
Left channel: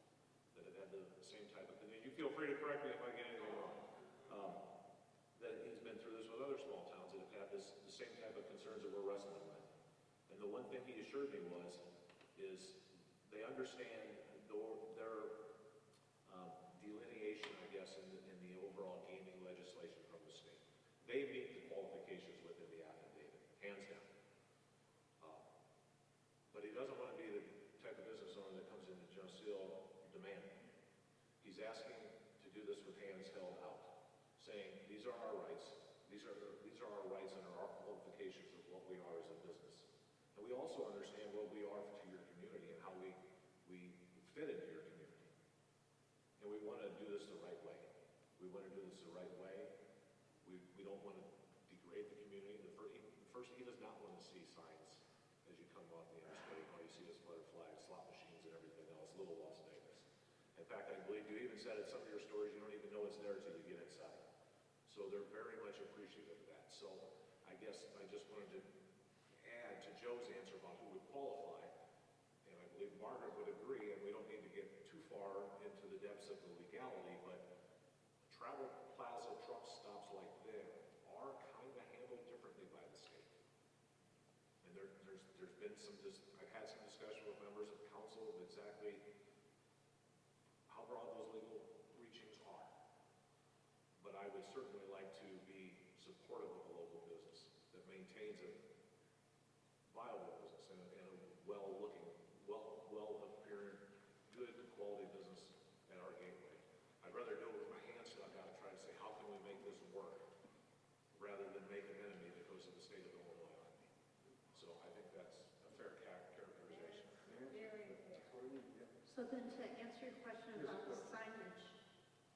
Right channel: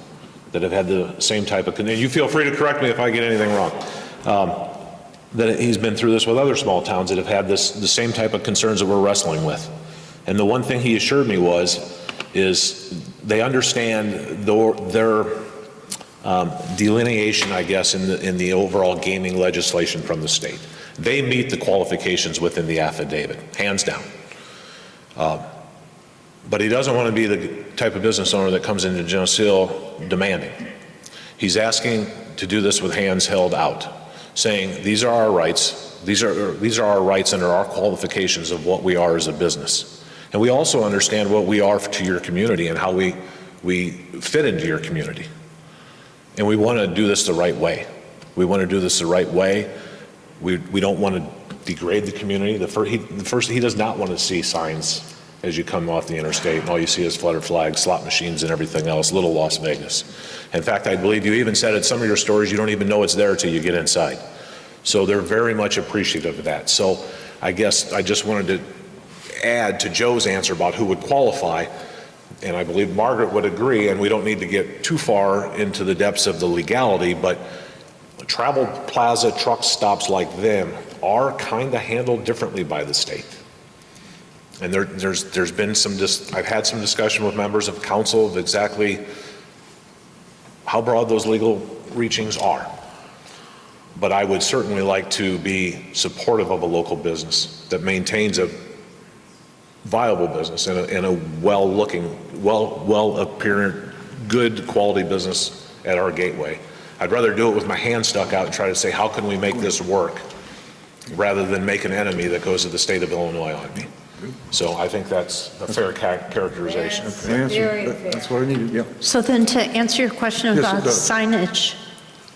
that have had the same type of, and you feel free to correct me if I get anything wrong, that he's been through this with other small towns that have had the same type of concerns that we're wrestling with. And the one thing he assured me is they understand their delineation, I guess, in the overall gaming legislation from the state. They meet the qualifications within the affidavit, hands down. But he doesn't want to be the type of business owner that comes into Geneseo demanding. He's asking to do this with hands held out, saying these are our rights. These are our rights under our qualifications of what we are as a business. And we also understand what we are to your community and how we fit into your community. And we want to do this the right way. We want to do this the right way. We don't want to degrade the community. He does not want to see signs as you come off the interstate, and all you see is flutter flags, slot machines, and everything else, little Las Vegas. In fact, I believe you even said at some of your stores, you don't even know it's there until you get inside. So they're very much appreciative of that. So I guess I just wanted to add to Joe's answer about who would qualify, and I believe Margaret would agree, and we don't need to get too far into the depths of the legality, but travel plaza truck stops like them are kind of handled differently by the state. And there's been I've had some discussion with members of council of exactly how broad those legal reachings are. But I would certainly like to be supportive of a local business that maintains a viable business and a well-looking, well-appearing, good quality business at our gateway. I'd rather do it with my hand stuck out and try to say, how can we make this work, rather than make an enemy that goes to the state of Illinois on me. So I think that's a fair characterization. That's what I needed, yeah. So then to answer your question Yes, it about does. signage.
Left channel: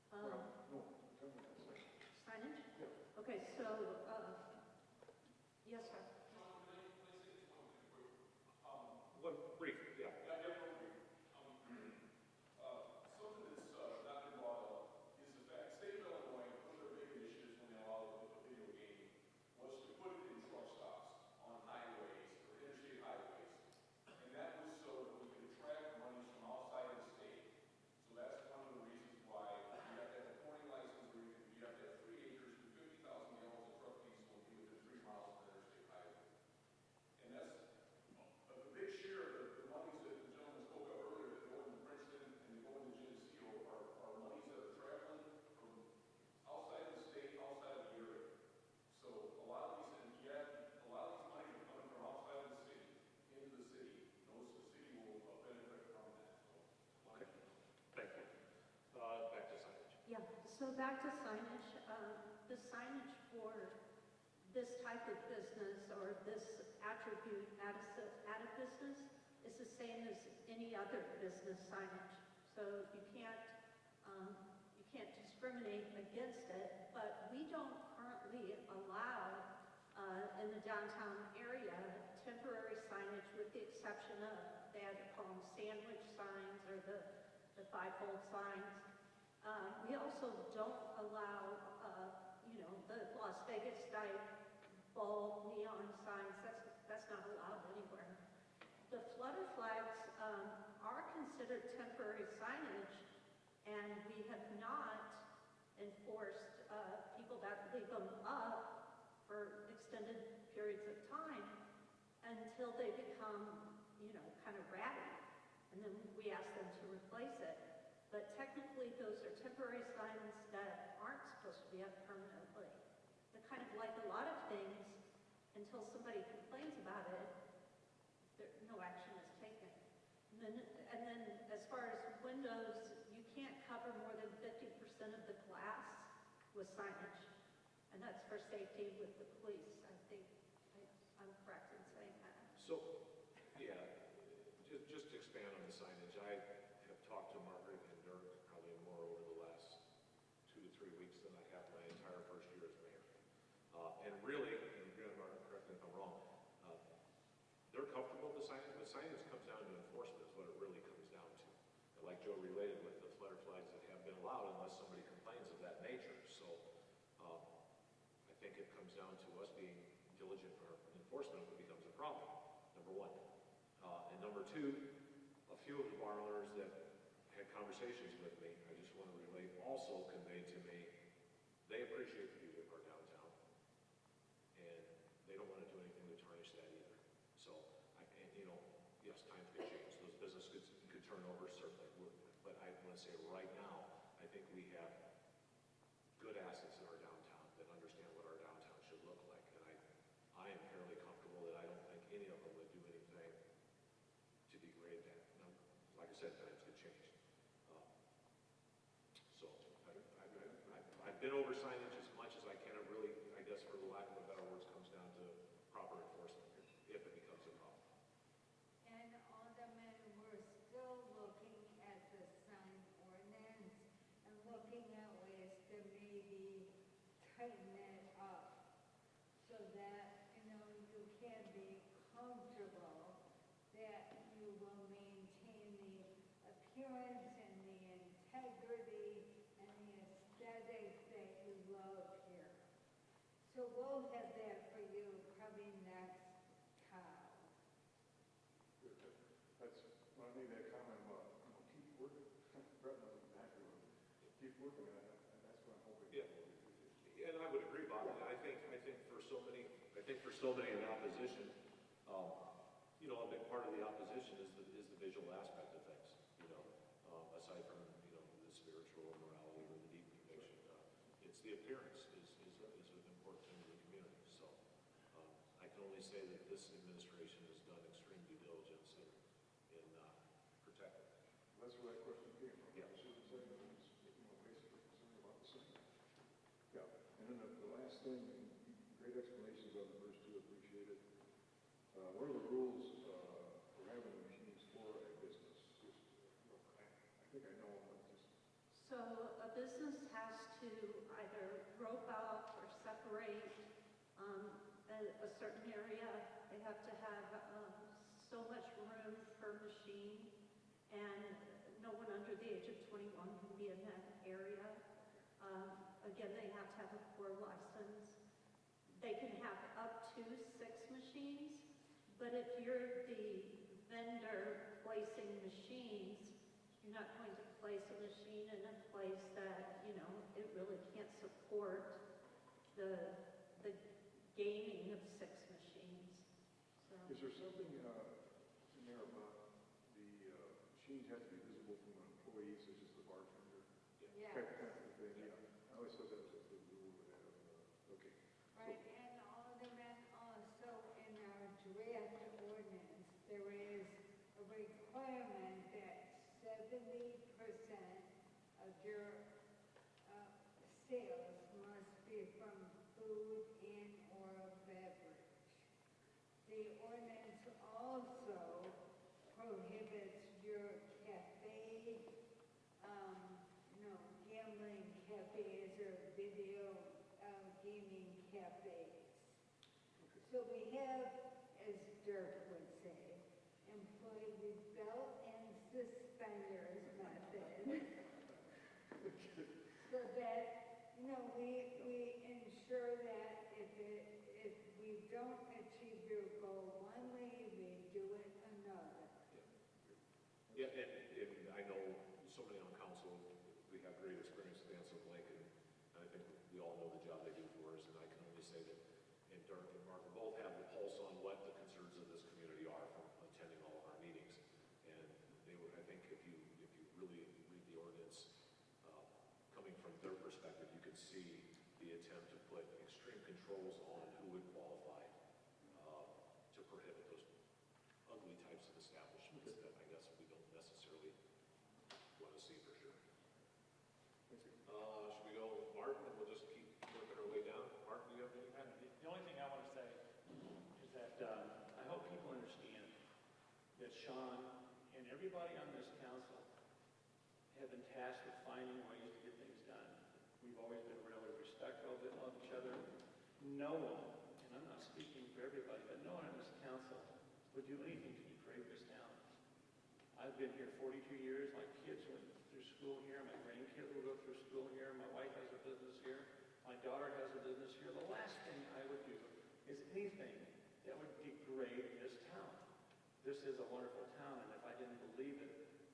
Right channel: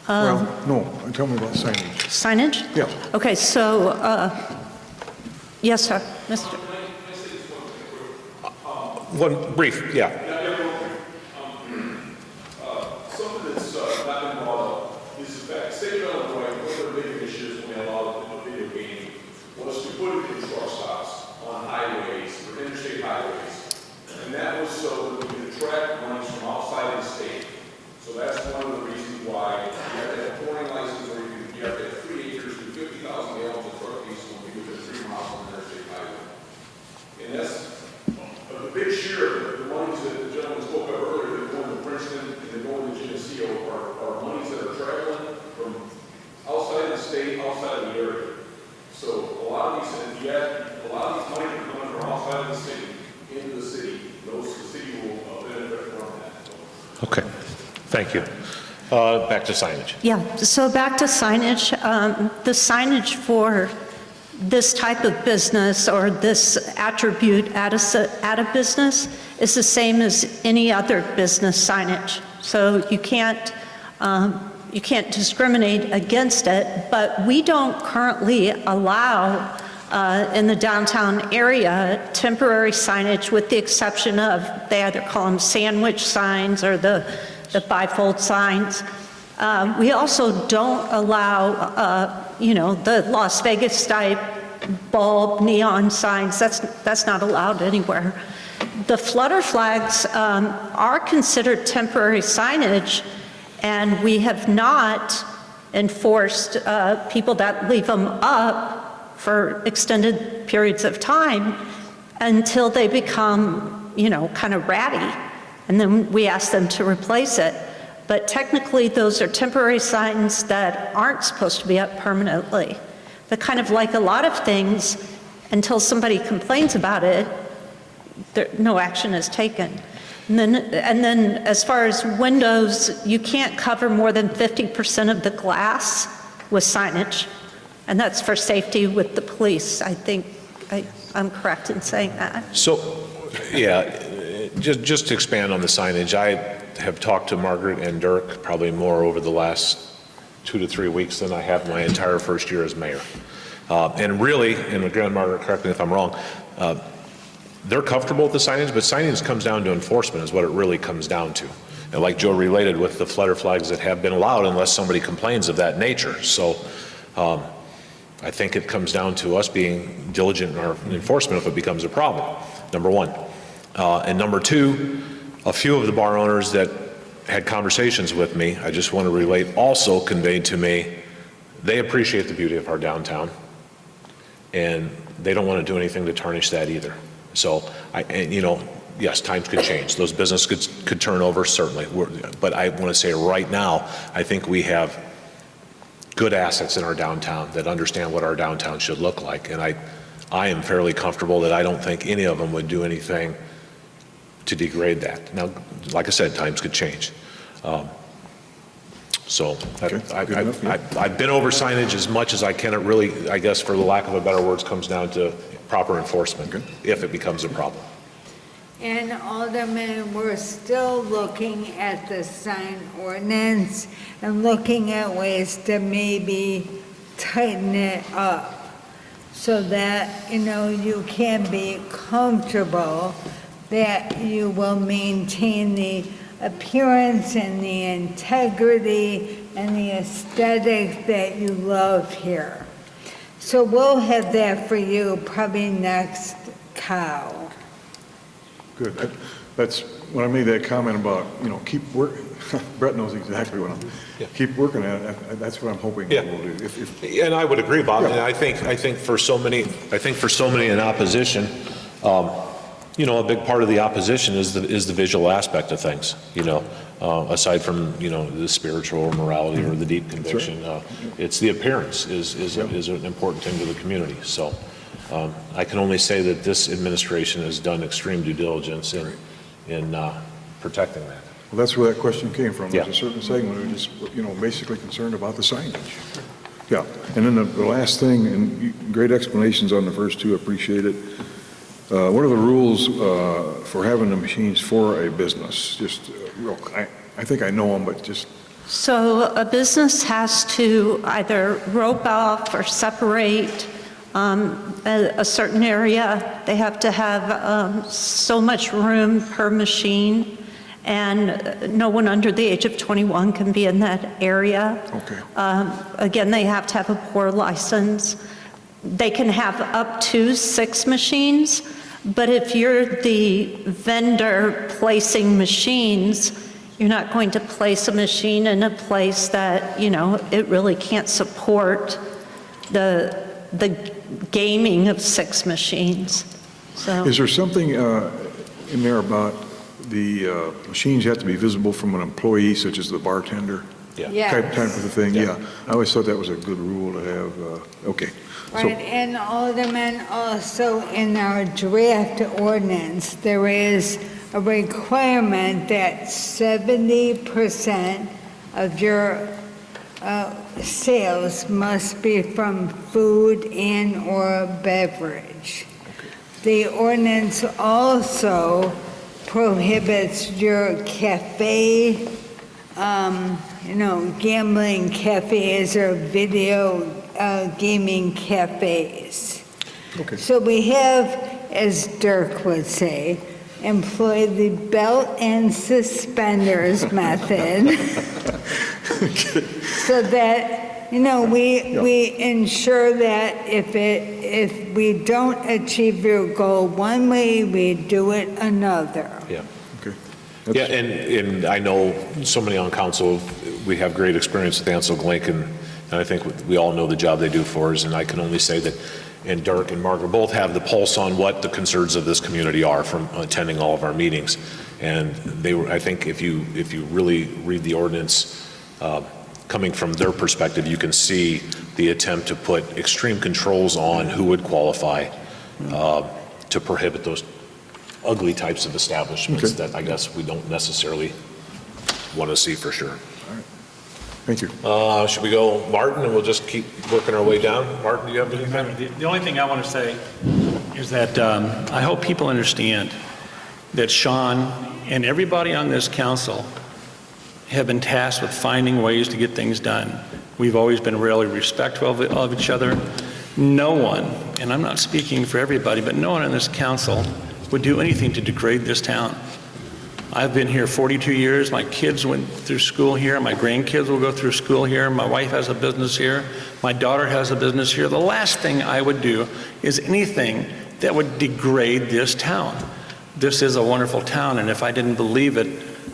Well, no, tell me about signage. Signage? Yeah. Okay, so, yes, sir. Mr. One brief, yeah. Something that's not been brought up is the fact, state of Illinois, one of the big issues when they allowed video gaming was to put it in truck stops on highways, or interstate highways. And that was so that we could attract money from outside of the state. So that's one of the reasons why you have to have a pouring license, or you have to have 3 acres and 50,000 gallons of truck diesel when you within 3 miles on the interstate highway. And that's a big share of the monies that the gentleman spoke of earlier, that go into Princeton and that go into Geneseo, are monies that are traveling from outside the state, outside of the area. So a lot of these, if you add a lot of these money that come from outside of the city into the city, the city will benefit from that. Okay, thank you. Back to signage. Yeah, so back to signage. The signage for this type of business or this attribute at a business is the same as any other business signage. So you can't discriminate against it, but we don't currently allow in the downtown area temporary signage, with the exception of, they either call them sandwich signs or the bifold signs. We also don't allow, the Las Vegas type bulb neon signs. That's not allowed anywhere. The flutter flags are considered temporary signage, and we have not enforced people that leave them up for extended periods of time until they become, kind of ratty, and then we ask them to replace it. But technically, those are temporary signs that aren't supposed to be up permanently. But kind of like a lot of things, until somebody complains about it, no action is taken. And then as far as windows, you can't cover more than 50% of the glass with signage. And that's for safety with the police. I think I'm correct in saying that. So, yeah, just to expand on the signage, I have talked to Margaret and Dirk probably more over the last 2 to 3 weeks than I have my entire first year as mayor. And really, and again, Margaret, correct me if I'm wrong, they're comfortable with the signage, but signage comes down to enforcement is what it really comes down to. And like Joe related with the flutter flags that have been allowed unless somebody complains of that nature. So I think it comes down to us being diligent in our enforcement if it becomes a problem, number one. And number two, a few of the bar owners that had conversations with me, I just want to relate, also conveyed to me they appreciate the beauty of our downtown, and they don't want to do anything to tarnish that either. So, yes, times could change. Those businesses could turn over, certainly. But I want to say right now, I think we have good assets in our downtown that understand what our downtown should look like. And I am fairly comfortable that I don't think any of them would do anything to degrade that. Now, like I said, times could change. So I've been over signage as much as I can. It really, I guess, for the lack of a better words, comes down to proper enforcement if it becomes a problem. And Alderman, we're still looking at the sign ordinance and looking at ways to maybe tighten it up so that, you can be comfortable that you will maintain the appearance and the integrity and the aesthetic that you love here. So we'll have that for you probably next cow. Good. That's, when I made that comment about, keep working, Brett knows exactly what keep working at it. That's what I'm hoping we'll do. And I would agree, Bob. And I think for so many in opposition, a big part of the opposition is the visual aspect of things, aside from, the spiritual or morality or the deep conviction. It's the appearance is an important thing to the community. So I can only say that this administration has done extreme due diligence in protecting that. Well, that's where that question came from. There's a certain segment who just, basically concerned about the signage. Yeah, and then the last thing, and great explanations on the first two, appreciate it. What are the rules for having the machines for a business? Just I think I know them, but just. So a business has to either rope off or separate a certain area. They have to have so much room per machine, and no one under the age of 21 can be in that area. Okay. Again, they have to have a pour license. They can have up to 6 machines, but if you're the vendor placing machines, you're not going to place a machine in a place that, it really can't support the gaming of 6 machines. So. Is there something in there about the machines have to be visible from an employee, such as the bartender? Yes. Type of a thing, yeah. I always thought that was a good rule to have. Okay. Right, and Alderman, also in our draft ordinance, there is a requirement that 70% of your sales must be from food and or beverage. The ordinance also prohibits your cafe, gambling cafes or video gaming cafes. Okay. So we have, as Dirk would say, employed the belt and suspenders method so that, we ensure that if we don't achieve your goal one way, we do it another. Yeah. Okay. Yeah, and I know so many on council, we have great experience with Ansel Glink, and I think we all know the job they do for us, and I can only say that, and Dirk and Margaret both have the pulse on what the concerns of this community are from attending all of our meetings. And I think if you really read the ordinance, coming from their perspective, you can see the attempt to put extreme controls on who would qualify to prohibit those ugly types of establishments that I guess we don't necessarily want to see for sure. Thank you. Should we go Martin, and we'll just keep working our way down? Martin, do you have anything? The only thing I want to say is that I hope people understand that Sean and everybody on this council have been tasked with finding ways to get things done. We've always been really respectful of each other. No one, and I'm not speaking for everybody, but no one on this council would do anything to degrade this town. I've been here 42 years. My kids went through school here. My grandkids will go through school here. My wife has a business here. My daughter has a business here. The last thing I would do is anything that would degrade this town. This is a wonderful town, and if I didn't believe it,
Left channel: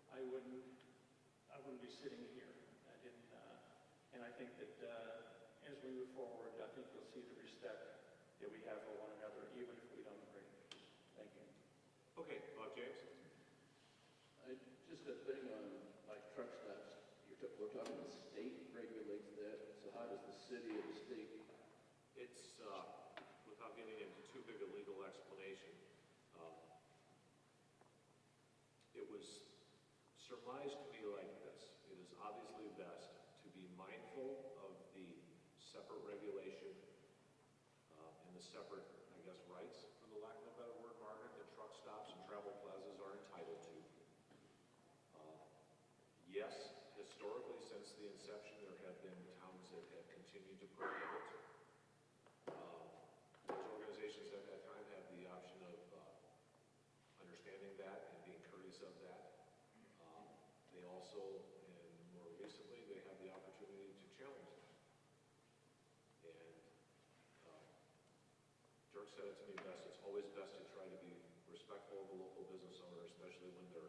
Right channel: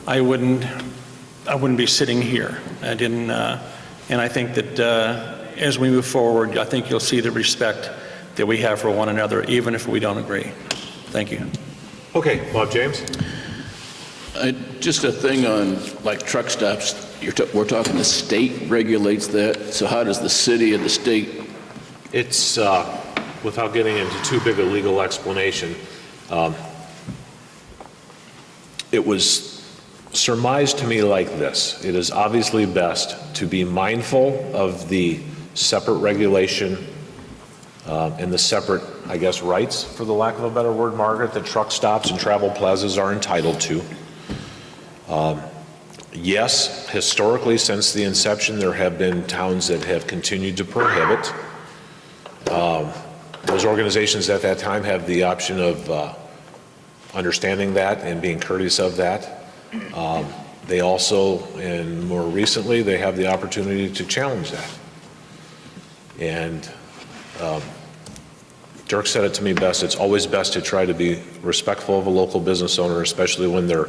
I wouldn't be sitting here. And I think that as we move forward, I think you'll see the respect that we have for one another, even if we don't agree. Thank you. Okay, Bob James. Just a thing on like truck stops, we're talking the state regulates that, so how does the city and the state? It's, without getting into too big a legal explanation, it was surmised to me like this. It is obviously best to be mindful of the separate regulation and the separate, I guess, rights, for the lack of a better word, Margaret, that truck stops and travel plazas are entitled to. Yes, historically, since the inception, there have been towns that have continued to prohibit. Those organizations at that time have the option of understanding that and being courteous of that. They also, and more recently, they have the opportunity to challenge that. And Dirk said it to me best, it's always best to try to be respectful of a local business owner, especially when they're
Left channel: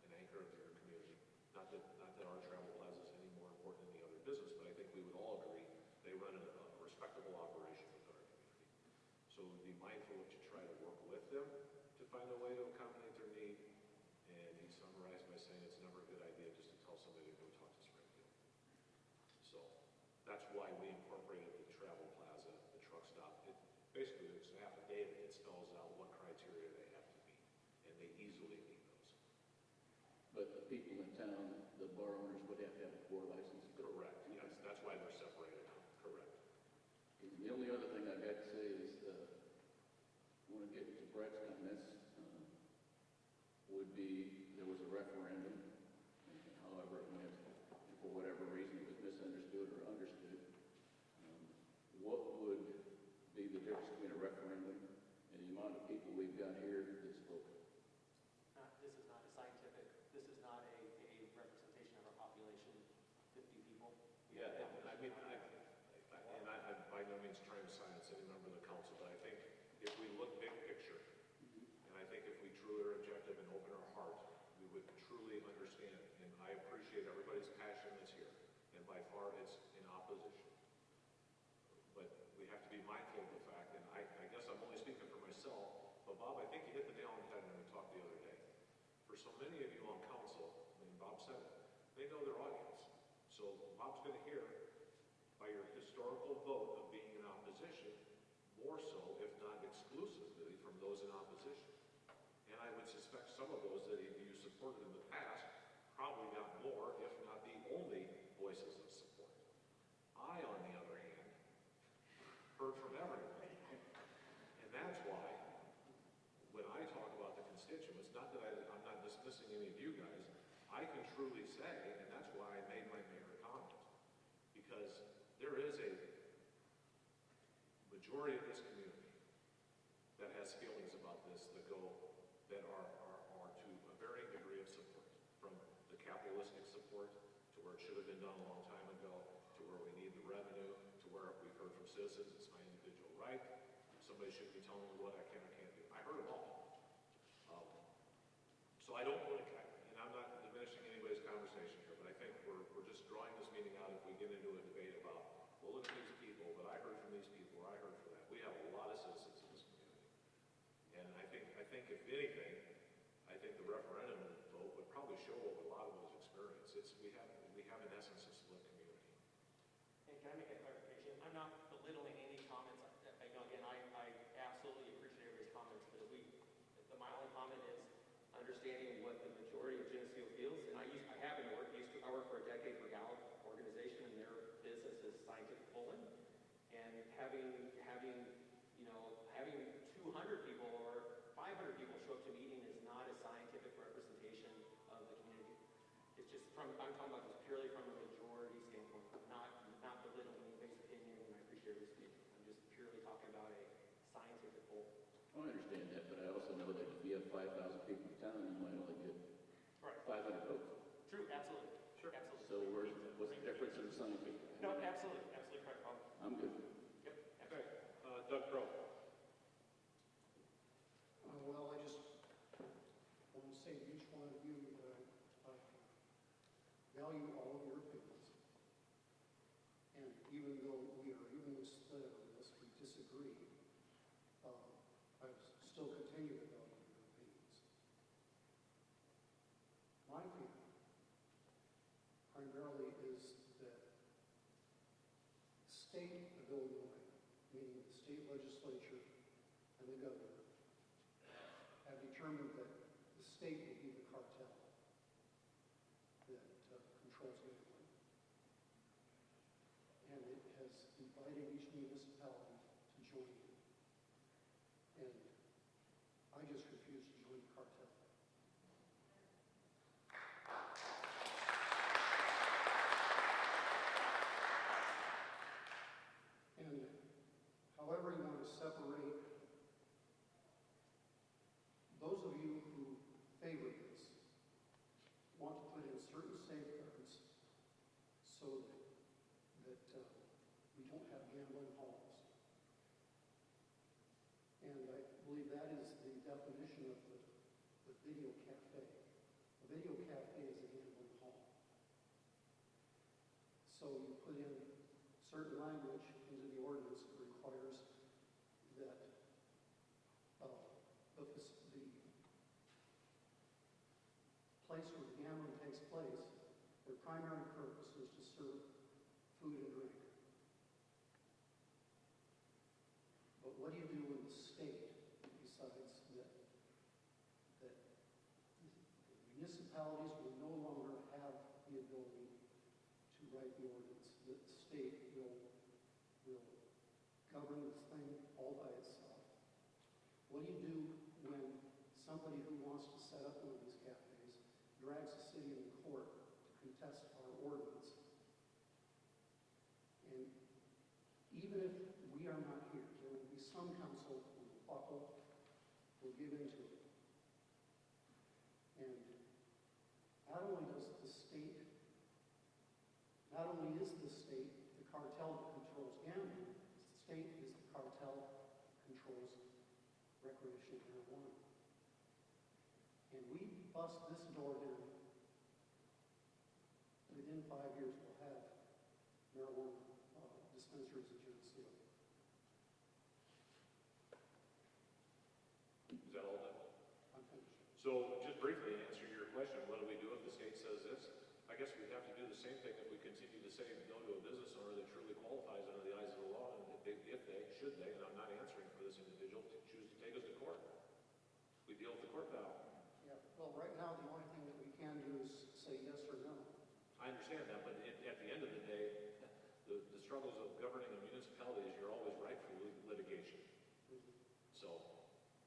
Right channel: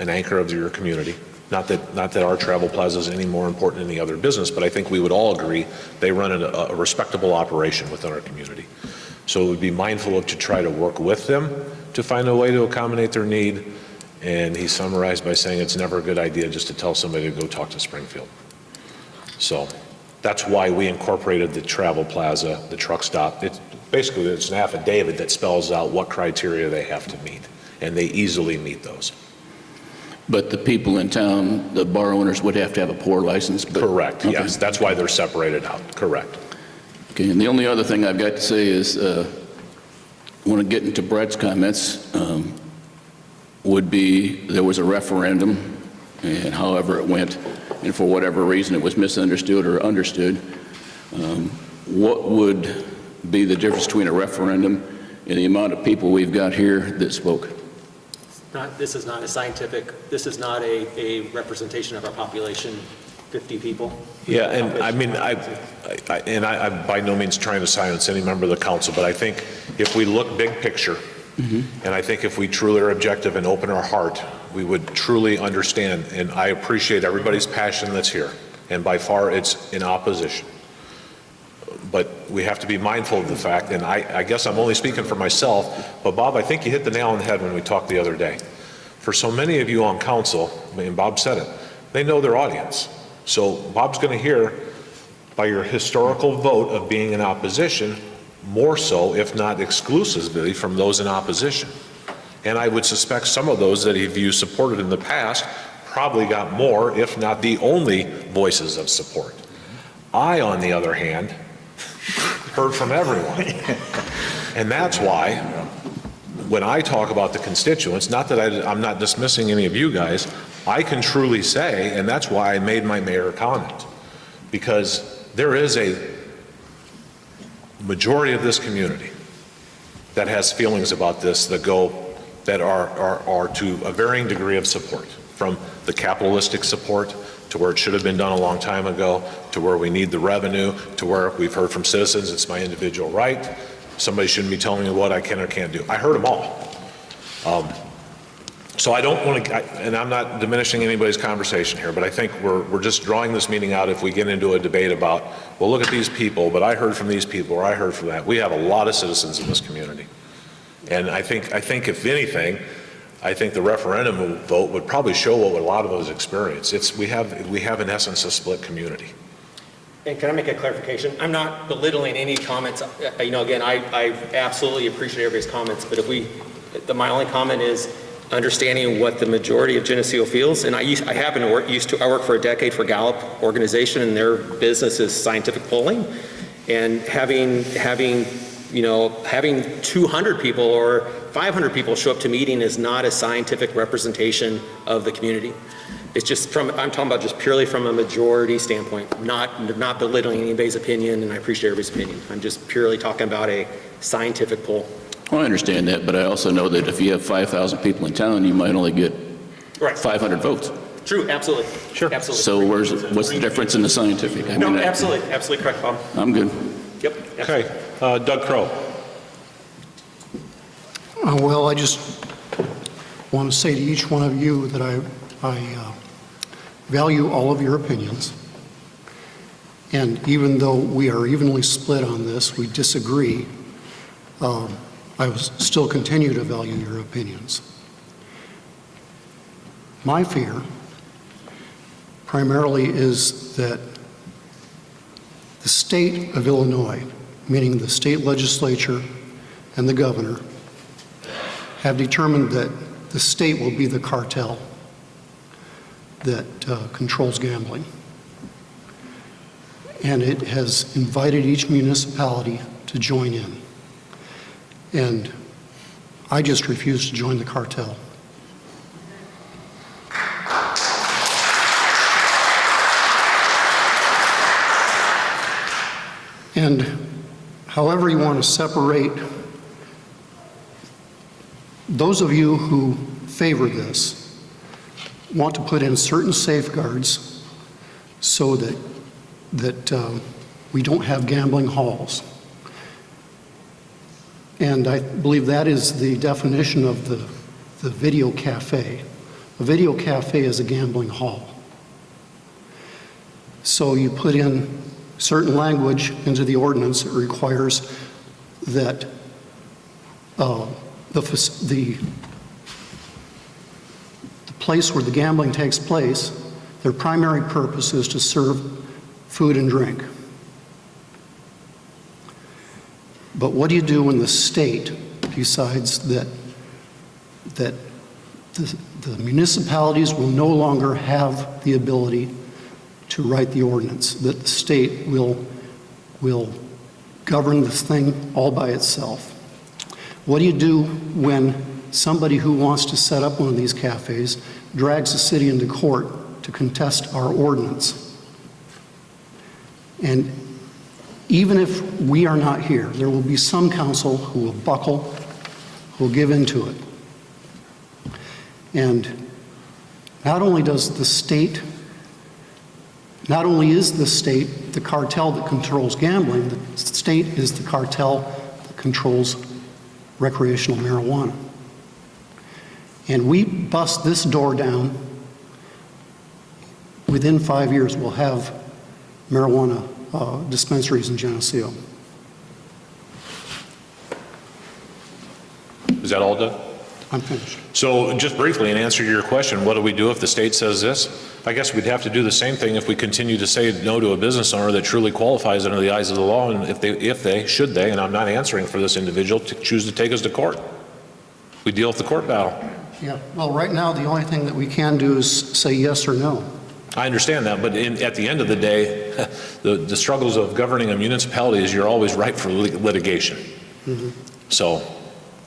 an anchor of your community. Not that our travel plaza is any more important than any other business, but I think we would all agree they run a respectable operation within our community. So we'd be mindful of to try to work with them to find a way to accommodate their need. And he summarized by saying it's never a good idea just to tell somebody to go talk to Springfield. So that's why we incorporated the travel plaza, the truck stop. It's an affidavit that spells out what criteria they have to meet, and they easily meet those. But the people in town, the bar owners would have to have a pour license? Correct, okay. Yes. That's why they're separated out, correct. Okay, and the only other thing I've got to say is, I want to get into Brett's comments, would be there was a referendum, and however it went, and for whatever reason it was misunderstood or understood, what would be the difference between a referendum and the amount of people we've got here that spoke? This is not a scientific, this is not a representation of our population, 50 people. Yeah, and I mean, I'm by no means trying to silence any member of the council, but I think if we look big picture, and I think if we truly are objective and open our heart, we would truly understand, and I appreciate everybody's passion that's here, and by far it's in opposition. But we have to be mindful of the fact, and I guess I'm only speaking for myself, but Bob, I think you hit the nail on the head when we talked the other day. For so many of you on council, and Bob said it, they know their audience. So Bob's going to hear by your historical vote of being in opposition, more so, if not exclusively, from those in opposition. And I would suspect some of those that you supported in the past probably got more, if not the only voices of support. I, on the other hand, heard from everyone. And that's why, when I talk about the constituents, not that I'm not dismissing any of you guys, I can truly say, and that's why I made my mayor comment, because there is a majority of this community that has feelings about this that are to a varying degree of support, from the capitalistic support to where it should have been done a long time ago, to where we need the revenue, to where we've heard from citizens it's my individual right, somebody shouldn't be telling me what I can or can't do. I heard them all. So I don't want to, and I'm not diminishing anybody's conversation here, but I think we're just drawing this meeting out if we get into a debate about, well, look at these people, but I heard from these people, or I heard from that. We have a lot of citizens in this community. And I think if anything, I think the referendum vote would probably show what a lot of us experience. We have in essence a split community. And can I make a clarification? I'm not belittling any comments. Again, I absolutely appreciate everybody's comments, but my only comment is understanding what the majority of Geneseo feels. And I worked for a decade for Gallup organization, and their business is scientific polling. And having 200 people or 500 people show up to meeting is not a scientific representation of the community. It's just I'm talking about just purely from a majority standpoint, not belittling anybody's opinion, and I appreciate everybody's opinion. I'm just purely talking about a scientific poll. Well, I understand that, but I also know that if you have 5,000 people in town, you might only get 500 votes. True, absolutely. Sure. Absolutely. So what's the difference in the scientific? Absolutely. Absolutely correct, Bob. I'm good. Yep. Okay, Doug Crow. Well, I just want to say to each one of you that I value all of your opinions. And even though we are evenly split on this, we disagree, I will still continue to value your opinions. My fear primarily is that the state of Illinois, meaning the state legislature and the governor, have determined that the state will be the cartel that controls gambling. And it has invited each municipality to join in. And I just refuse to join the cartel. And however you want to separate, those of you who favor this want to put in certain safeguards so that we don't have gambling halls. And I believe that is the definition of the video cafe. A video cafe is a gambling hall. So you put in certain language into the ordinance that requires that the place where the gambling takes place, their primary purpose is to serve food and drink. But what do you do when the state decides that the municipalities will no longer have the ability to write the ordinance, that the state will govern this thing all by itself? What do you do when somebody who wants to set up one of these cafes drags the city into court to contest our ordinance? And even if we are not here, there will be some council who will buckle, who will give into it. And not only is the state the cartel that controls gambling, the state is the cartel that controls recreational marijuana. And we bust this door down, within 5 years we'll have marijuana dispensaries in Geneseo. Is that all, Doug? I'm finished. So just briefly, in answer to your question, what do we do if the state says this? I guess we'd have to do the same thing if we continue to say no to a business owner that truly qualifies under the eyes of the law, and should they, and I'm not answering for this individual, to choose to take us to court. We deal with the court battle. Yeah, well, right now, the only thing that we can do is say yes or no. I understand that, but at the end of the day, the struggles of governing a municipality is you're always ripe for litigation. Mm-hmm. So,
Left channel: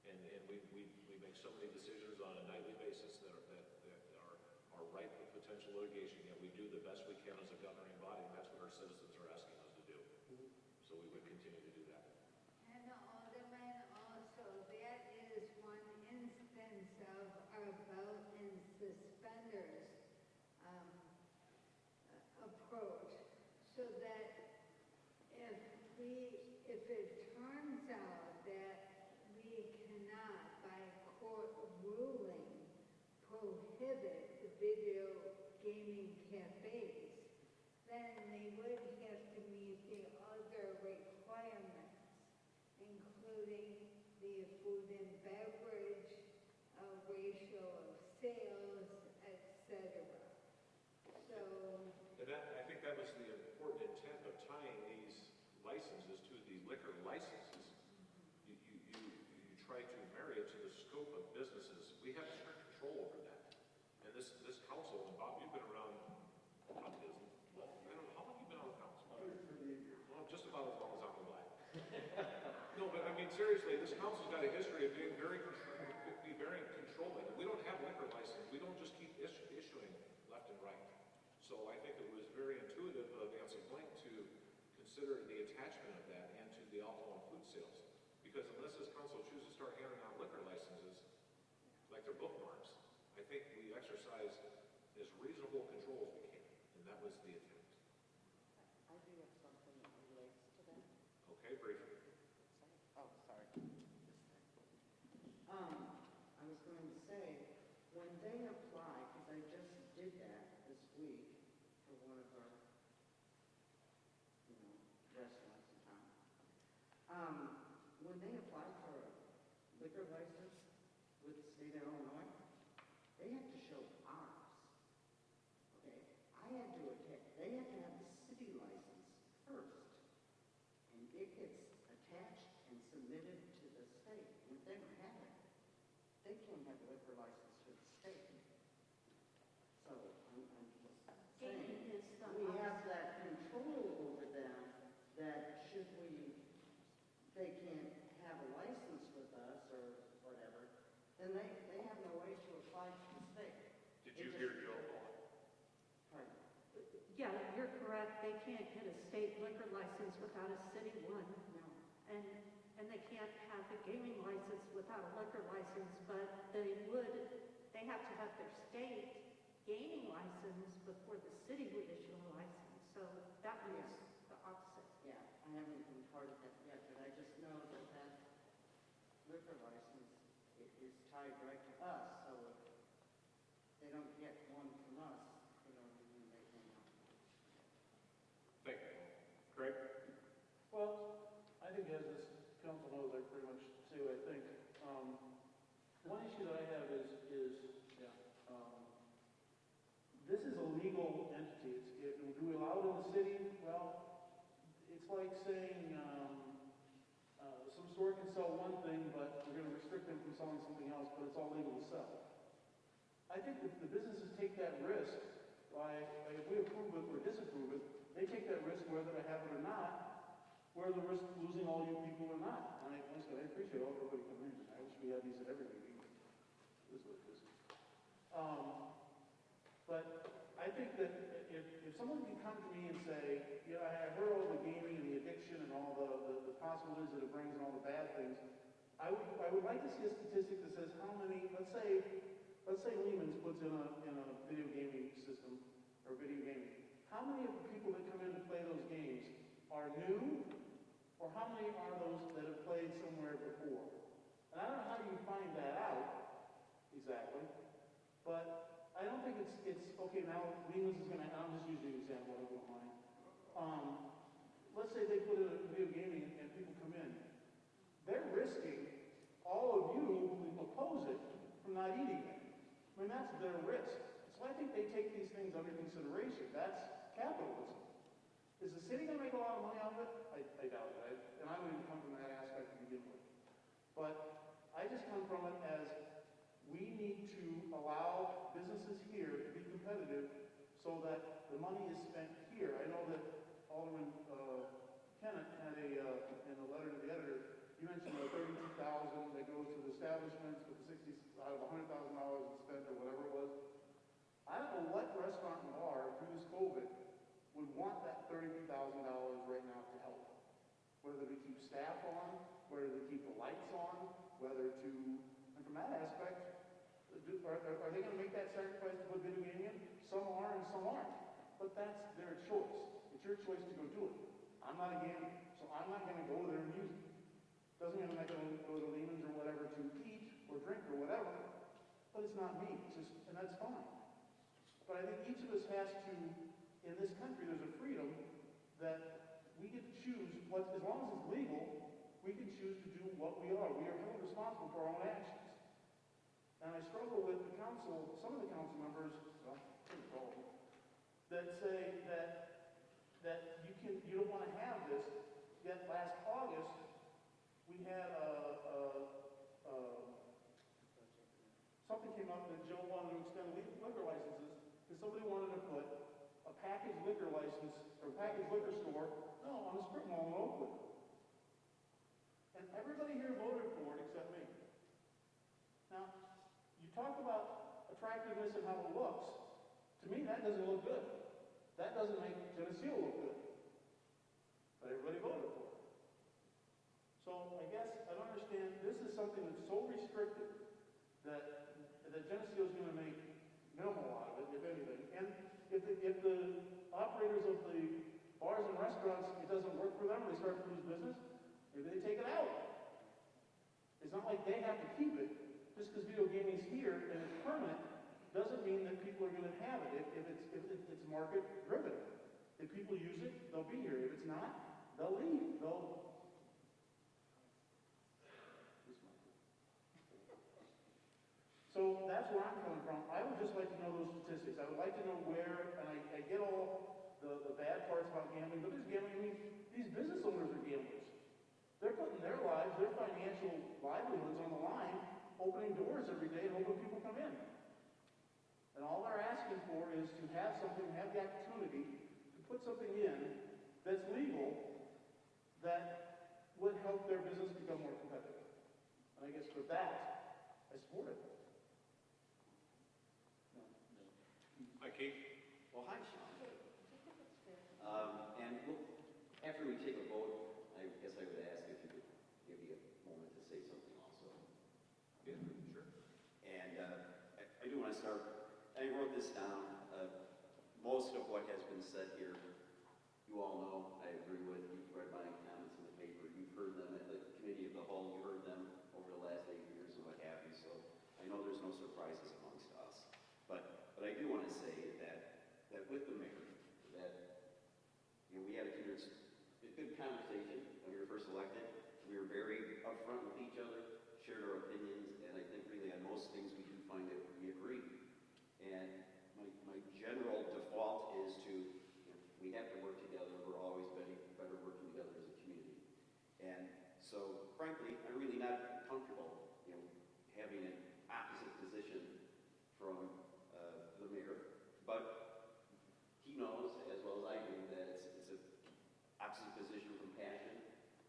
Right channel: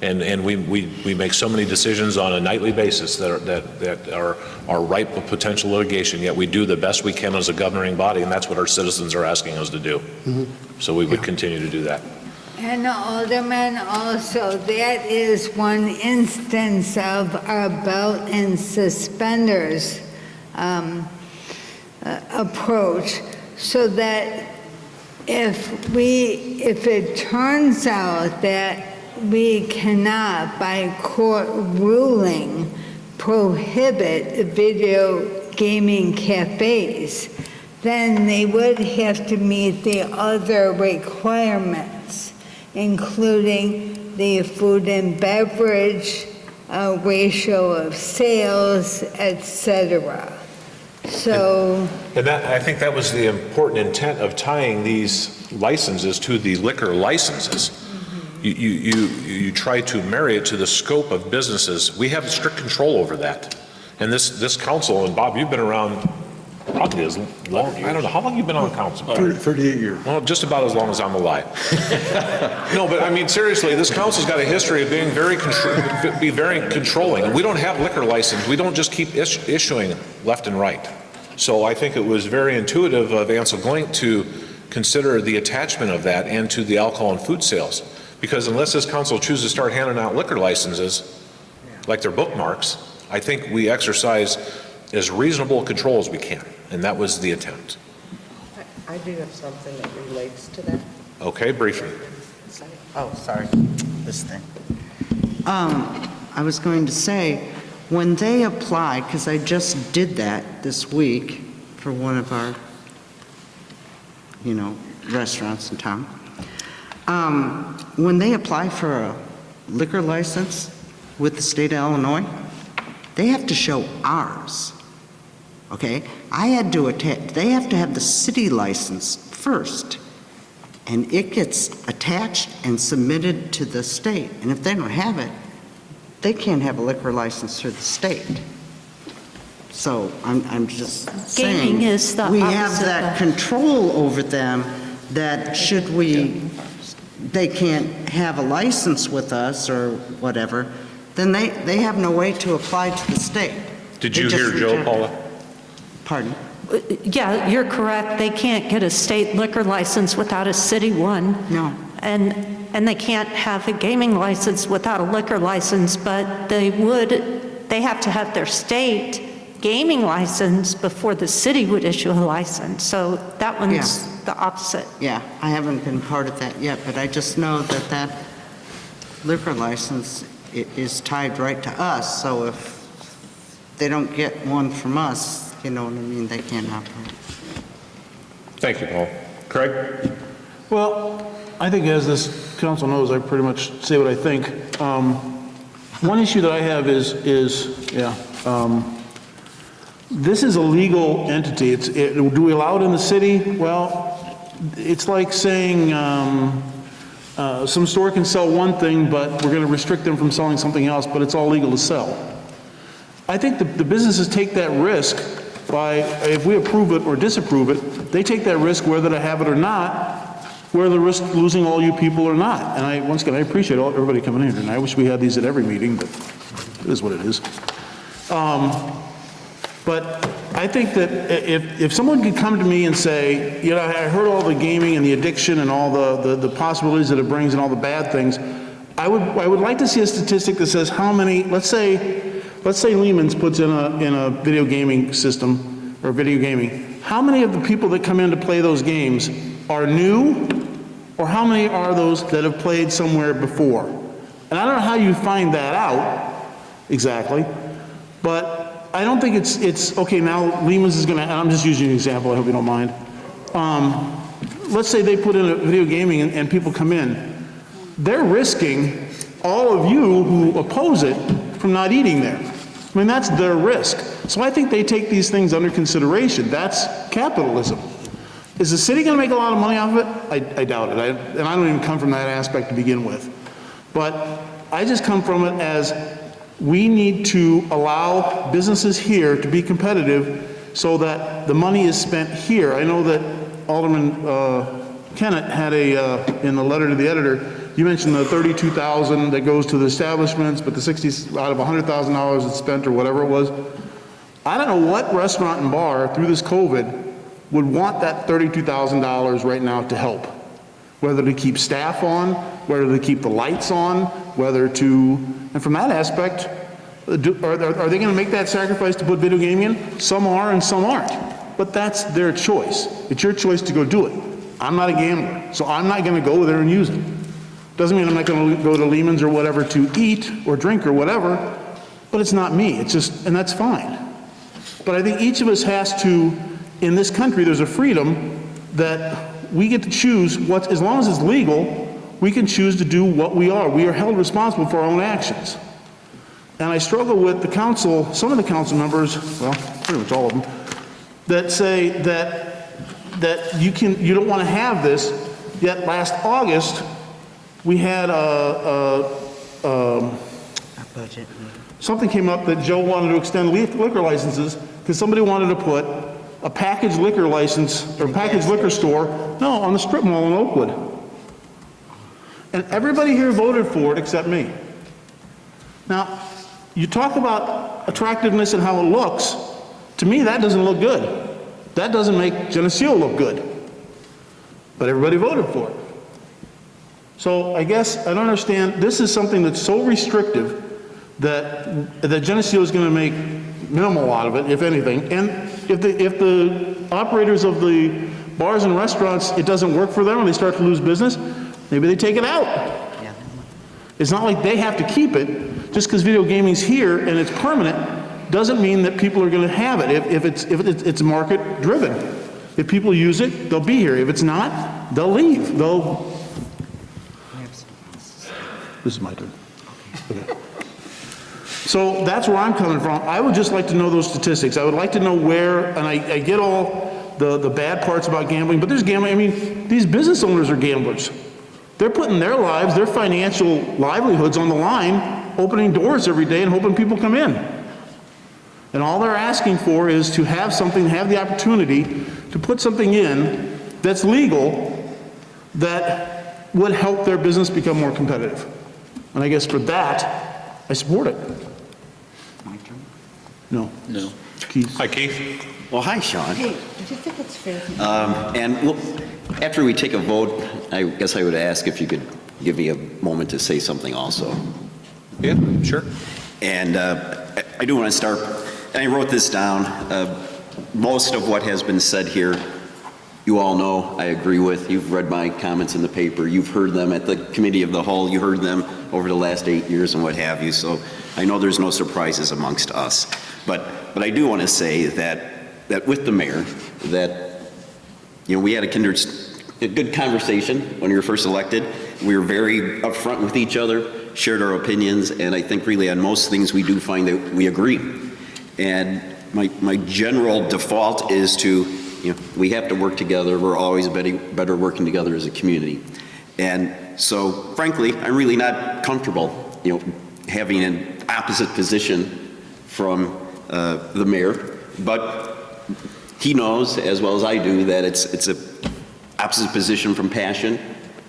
and we make so many decisions on a nightly basis that are ripe with potential litigation, yet we do the best we can as a governing body, and that's what our citizens are asking us to do. Mm-hmm. So we would continue to do that. And Alderman, also, that is one instance of our belt and suspenders approach, so that if it turns out that we cannot, by court ruling, prohibit video gaming cafes, then they would have to meet the other requirements, including the food and beverage ratio of sales, etc. So, and I think that was the important intent of tying these licenses to the liquor licenses. You try to marry it to the scope of businesses. We have strict control over that. And this council, and Bob, you've been around probably as long, I don't know, how long have you been on council? 38 years. Well, just about as long as I'm alive. No, but I mean, seriously, this council's got a history of being very controlling. And we don't have liquor license. We don't just keep issuing left and right. So I think it was very intuitive of Ansel Glink to consider the attachment of that and to the alcohol and food sales. Because unless this council chooses to start handing out liquor licenses, like their bookmarks, I think we exercise as reasonable control as we can, and that was the attempt. I do have something that relates to that. Okay, briefly. Oh, sorry, this thing. I was going to say, when they apply, because I just did that this week for one of our, restaurants in town. When they apply for a liquor license with the state of Illinois, they have to show ours, okay? They have to have the city license first, and it gets attached and submitted to the state. And if they don't have it, they can't have a liquor license through the state. So I'm just saying, Gaming is the we have opposite that of- control over them, that they can't have a license with us or whatever, then they have no way to apply to the state. Did They you just hear Joe, reject it. Paula? Pardon? Yeah, you're correct. They can't get a state liquor license without a city one. No. And they can't have a gaming license without a liquor license, but they have to have their state gaming license before the city would issue a license. So that one's the opposite. Yeah, I haven't been part of that yet, but I just know that that liquor license is tied right to us, so if they don't get one from us, you know what I mean, they can't operate. Thank you, Paul. Craig? Well, I think as this council knows, I pretty much say what I think. One issue that I have is this is a legal entity. Do we allow it in the city? Well, it's like saying some store can sell one thing, but we're going to restrict them from selling something else, but it's all legal to sell. I think the businesses take that risk by, if we approve it or disapprove it, they take that risk whether to have it or not, where the risk of losing all you people or not. And once again, I appreciate everybody coming in, and I wish we had these at every meeting, but it is what it is. But I think that if someone could come to me and say, you know, I heard all the gaming and the addiction and all the possibilities that it brings and all the bad things, I would like to see a statistic that says how many, let's say Lehman's puts in a video gaming system or video gaming, how many of the people that come in to play those games are new, or how many are those that have played somewhere before? And I don't know how you find that out exactly, but I don't think it's okay, now Lehman's is gonna, and I'm just using an example, I hope you don't mind. Let's say they put in a video gaming and people come in. They're risking all of you who oppose it from not eating there. I mean, that's their risk. So I think they take these things under consideration. That's capitalism. Is the city gonna make a lot of money off of it? I doubt it. And I don't even come from that aspect to begin with. But I just come from it as we need to allow businesses here to be competitive so that the money is spent here. I know that Alderman Kennett had in the letter to the editor, you mentioned the $32,000 that goes to the establishments, but the 60 out of $100,000 that's spent or whatever it was. I don't know what restaurant and bar through this COVID would want that $32,000 right now to help. Whether to keep staff on, whether to keep the lights on, whether to, and from that aspect, are they going to make that sacrifice to put video gaming in? Some are and some aren't. But that's their choice. It's your choice to go do it. I'm not a gambler, so I'm not going to go there and use it. Doesn't mean I'm not going to go to Lehman's or whatever to eat or drink or whatever, but it's not me. It's just, and that's fine. But I think each of us has to, in this country, there's a freedom that we get to choose what, as long as it's legal, we can choose to do what we are. We are held responsible for our own actions. And I struggle with the council, some of the council members, well, pretty much all of them, that say that you don't want to have this, yet last August, we had Budget. something came up that Joe wanted to extend liquor licenses because somebody wanted to put a packaged liquor license or packaged liquor store, on the strip mall in Oakwood. And everybody here voted for it except me. Now, you talk about attractiveness and how it looks. To me, that doesn't look good. That doesn't make Geneseo look good. But everybody voted for it. So I guess I don't understand. This is something that's so restrictive that Geneseo is going to make minimal out of it, if anything. And if the operators of the bars and restaurants, it doesn't work for them and they start to lose business, maybe they take it out. It's not like they have to keep it. Just because video gaming's here and it's permanent doesn't mean that people are going to have it. If it's market driven. If people use it, they'll be here. If it's not, they'll leave. This is my turn. Okay. So that's where I'm coming from. I would just like to know those statistics. I would like to know where, and I get all the bad parts about gambling, but there's gambling. I mean, these business owners are gamblers. They're putting their lives, their financial livelihoods on the line, opening doors every day and hoping people come in. And all they're asking for is to have something, have the opportunity to put something in that's legal that would help their business become more competitive. And I guess for that, I support it. My turn? No. No. Keith. Hi, Keith. Well, hi, Sean. Hey, do you think it's fair? And well, after we take a vote, I guess I would ask if you could give me a moment to say something also. Yeah, sure. And I do want to start, and I wrote this down. Most of what has been said here, you all know I agree with. You've read my comments in the paper. You've heard them at the Committee of the Whole. You heard them over the last 8 years and what have you. So I know there's no surprises amongst us. But I do want to say that with the mayor, that, you know, we had a good conversation when you were first elected. We were very upfront with each other, shared our opinions, and I think really on most things we do find that we agree. And my general default is to, you know, we have to work together. We're always better working together as a community. And so, frankly, I'm really not comfortable, you know, having an opposite position from the mayor. But he knows, as well as I do, that it's a opposite position from passion.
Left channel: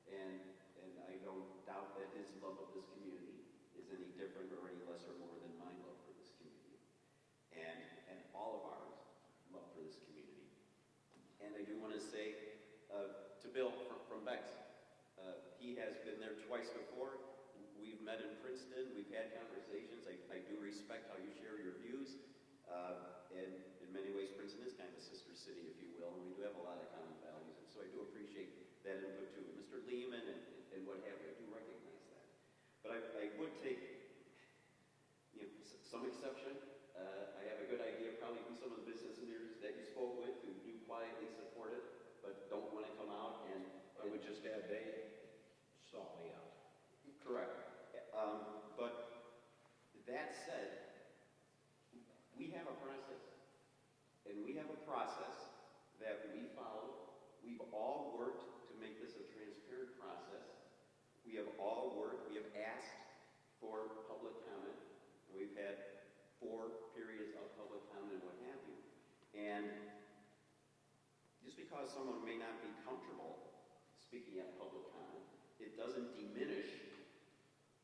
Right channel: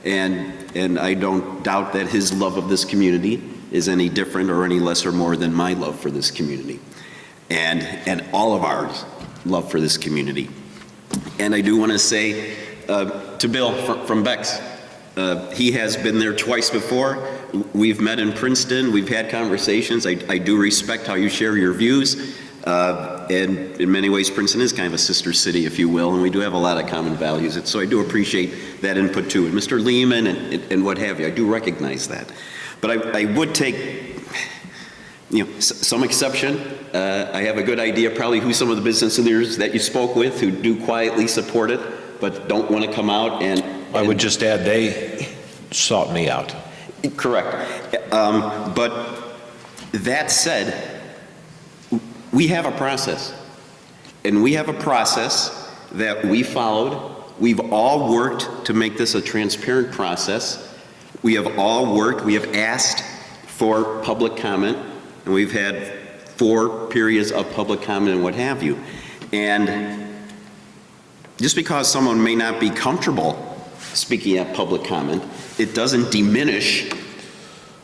And I don't doubt that his love of this community is any different or any less or more than my love for this community. And all of our love for this community. And I do want to say to Bill from Beck's, he has been there twice before. We've met in Princeton. We've had conversations. I do respect how you share your views. And in many ways, Princeton is kind of a sister city, if you will, and we do have a lot of common values. And so I do appreciate that input too. And Mr. Lehman and what have you, I do recognize that. But I would take, you know, some exception. I have a good idea probably who some of the business leaders that you spoke with who do quietly support it, but don't want to come out and I would just add, they sought me out. Correct. But that said, we have a process. And we have a process that we followed. We've all worked to make this a transparent process. We have all worked, we have asked for public comment, and we've had 4 periods of public comment and what have you. And just because someone may not be comfortable speaking at public comment, it doesn't diminish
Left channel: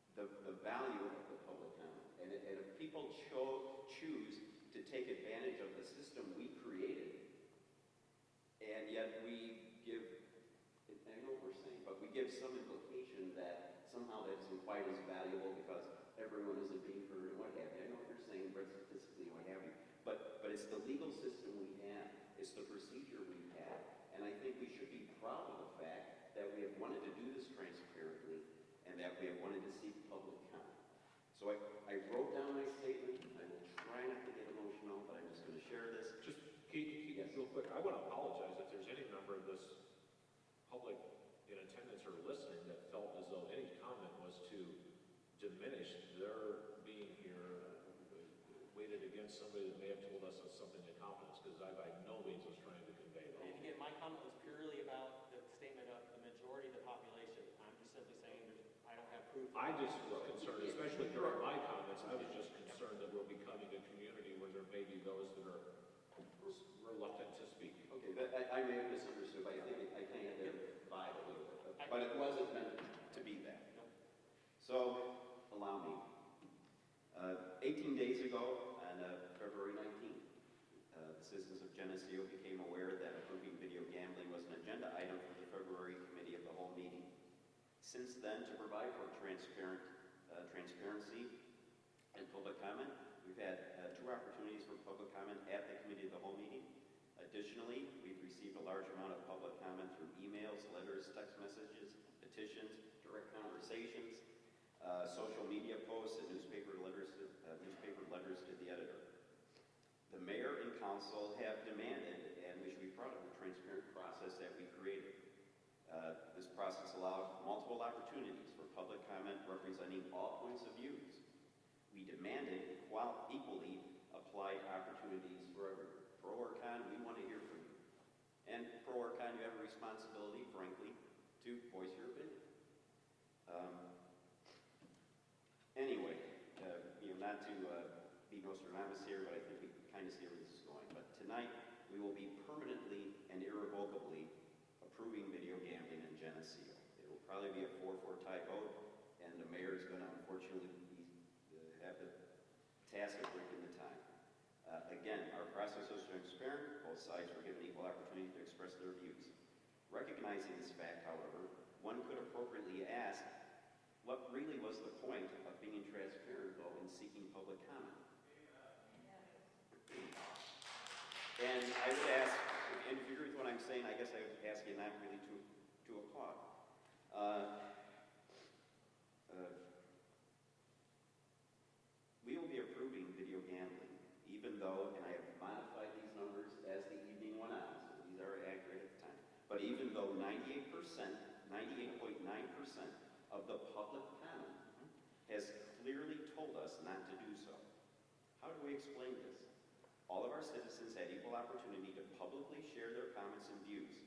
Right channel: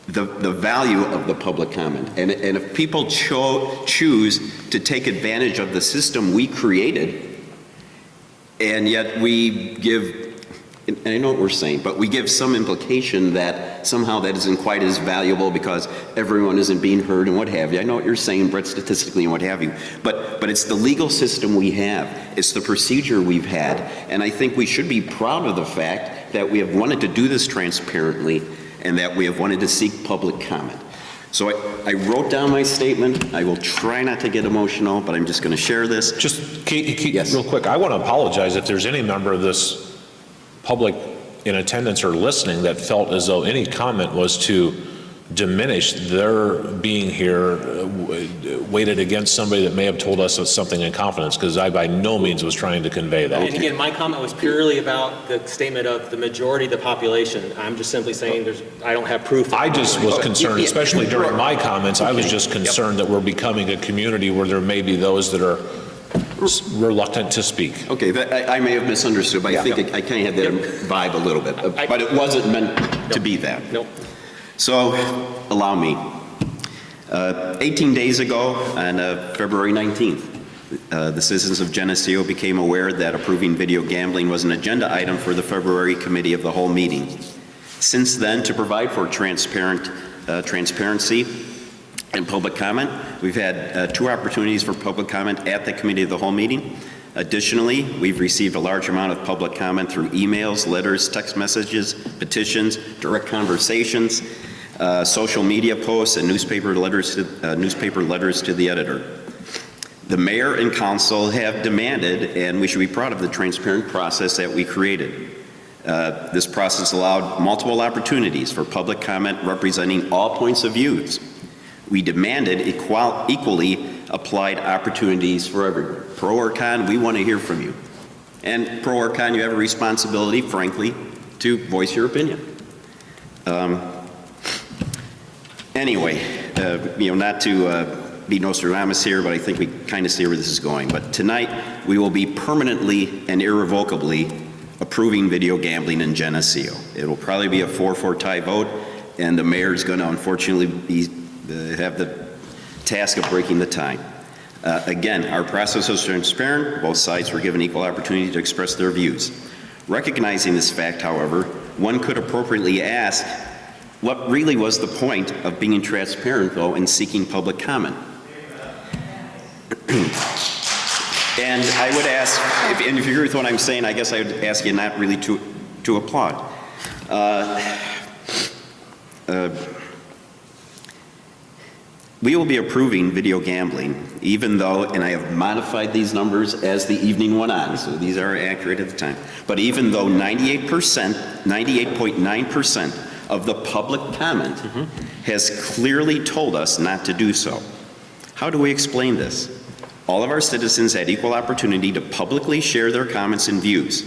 the value of the public comment. And if people choose to take advantage of the system we created, and yet we give, and I know what we're saying, but we give some implication that somehow that isn't quite as valuable because everyone isn't being heard and what have you. I know what you're saying, Brett, statistically and what have you. But it's the legal system we have. It's the procedure we've had. And I think we should be proud of the fact that we have wanted to do this transparently and that we have wanted to seek public comment. So I wrote down my statement. I will try not to get emotional, but I'm just going to share this. Just Yes. real quick, I want to apologize if there's any member of this public in attendance or listening that felt as though any comment was to diminish their being here, weighted against somebody that may have told us something in confidence, because I by no means was trying to convey that. And again, my comment was purely about the statement of the majority of the population. I'm just simply saying I don't have proof. I just was concerned, especially during my comments, I was just concerned that we're becoming a community where there may be those that are reluctant to speak. Okay, I may have misunderstood, but I think I kind of had that vibe a little bit. But it wasn't meant to be that. Nope. So, allow me. 18 days ago, on February 19th, the citizens of Geneseo became aware that approving video gambling was an agenda item for the February Committee of the Whole meeting. Since then, to provide for transparency and public comment, we've had 2 opportunities for public comment at the Committee of the Whole meeting. Additionally, we've received a large amount of public comment through emails, letters, text messages, petitions, direct conversations, social media posts, and newspaper letters to the editor. The mayor and council have demanded, and we should be proud of the transparent process that we created. This process allowed multiple opportunities for public comment representing all points of views. We demanded equally applied opportunities for everyone. Pro or con, we want to hear from you. And pro or con, you have a responsibility, frankly, to voice your opinion. Anyway, not to be Nostradamus here, but I think we kind of see where this is going. But tonight, we will be permanently and irrevocably approving video gambling in Geneseo. It will probably be a 4-4 tie vote, and the mayor is going to unfortunately have the task of breaking the tie. Again, our process was transparent. Both sides were given equal opportunity to express their views. Recognizing this fact, however, one could appropriately ask, what really was the point of being transparent, though, and seeking public comment? And I would ask, if you agree with what I'm saying, I guess I would ask you not really to applaud. We will be approving video gambling, even though, and I have modified these numbers as the evening went on, so these are accurate at the time, but even though 98.9% of the public comment has clearly told us not to do so. How do we explain this? All of our citizens had equal opportunity to publicly share their comments and views.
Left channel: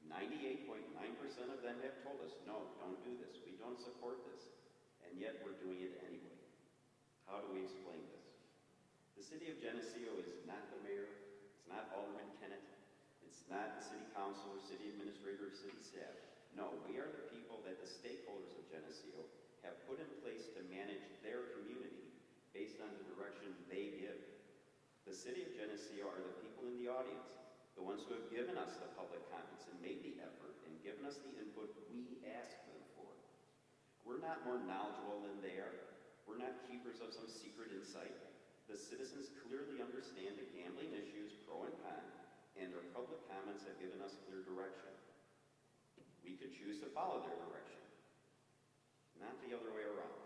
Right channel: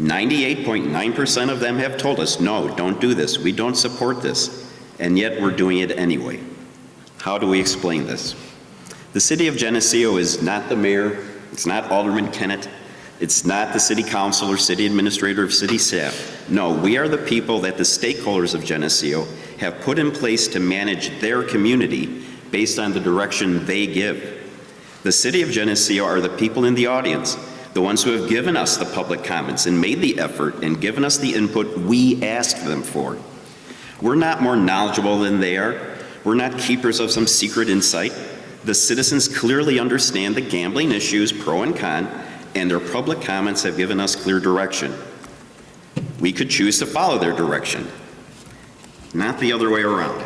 98.9% of them have told us, no, don't do this, we don't support this, and yet we're doing it anyway. How do we explain this? The city of Geneseo is not the mayor, it's not Alderman Kennett, it's not the city council or city administrator or city staff. No, we are the people that the stakeholders of Geneseo have put in place to manage their community based on the direction they give. The city of Geneseo are the people in the audience, the ones who have given us the public comments and made the effort and given us the input we asked them for. We're not more knowledgeable than they are. We're not keepers of some secret insight. The citizens clearly understand the gambling issues, pro and con, and their public comments have given us clear direction. We could choose to follow their direction, not the other way around.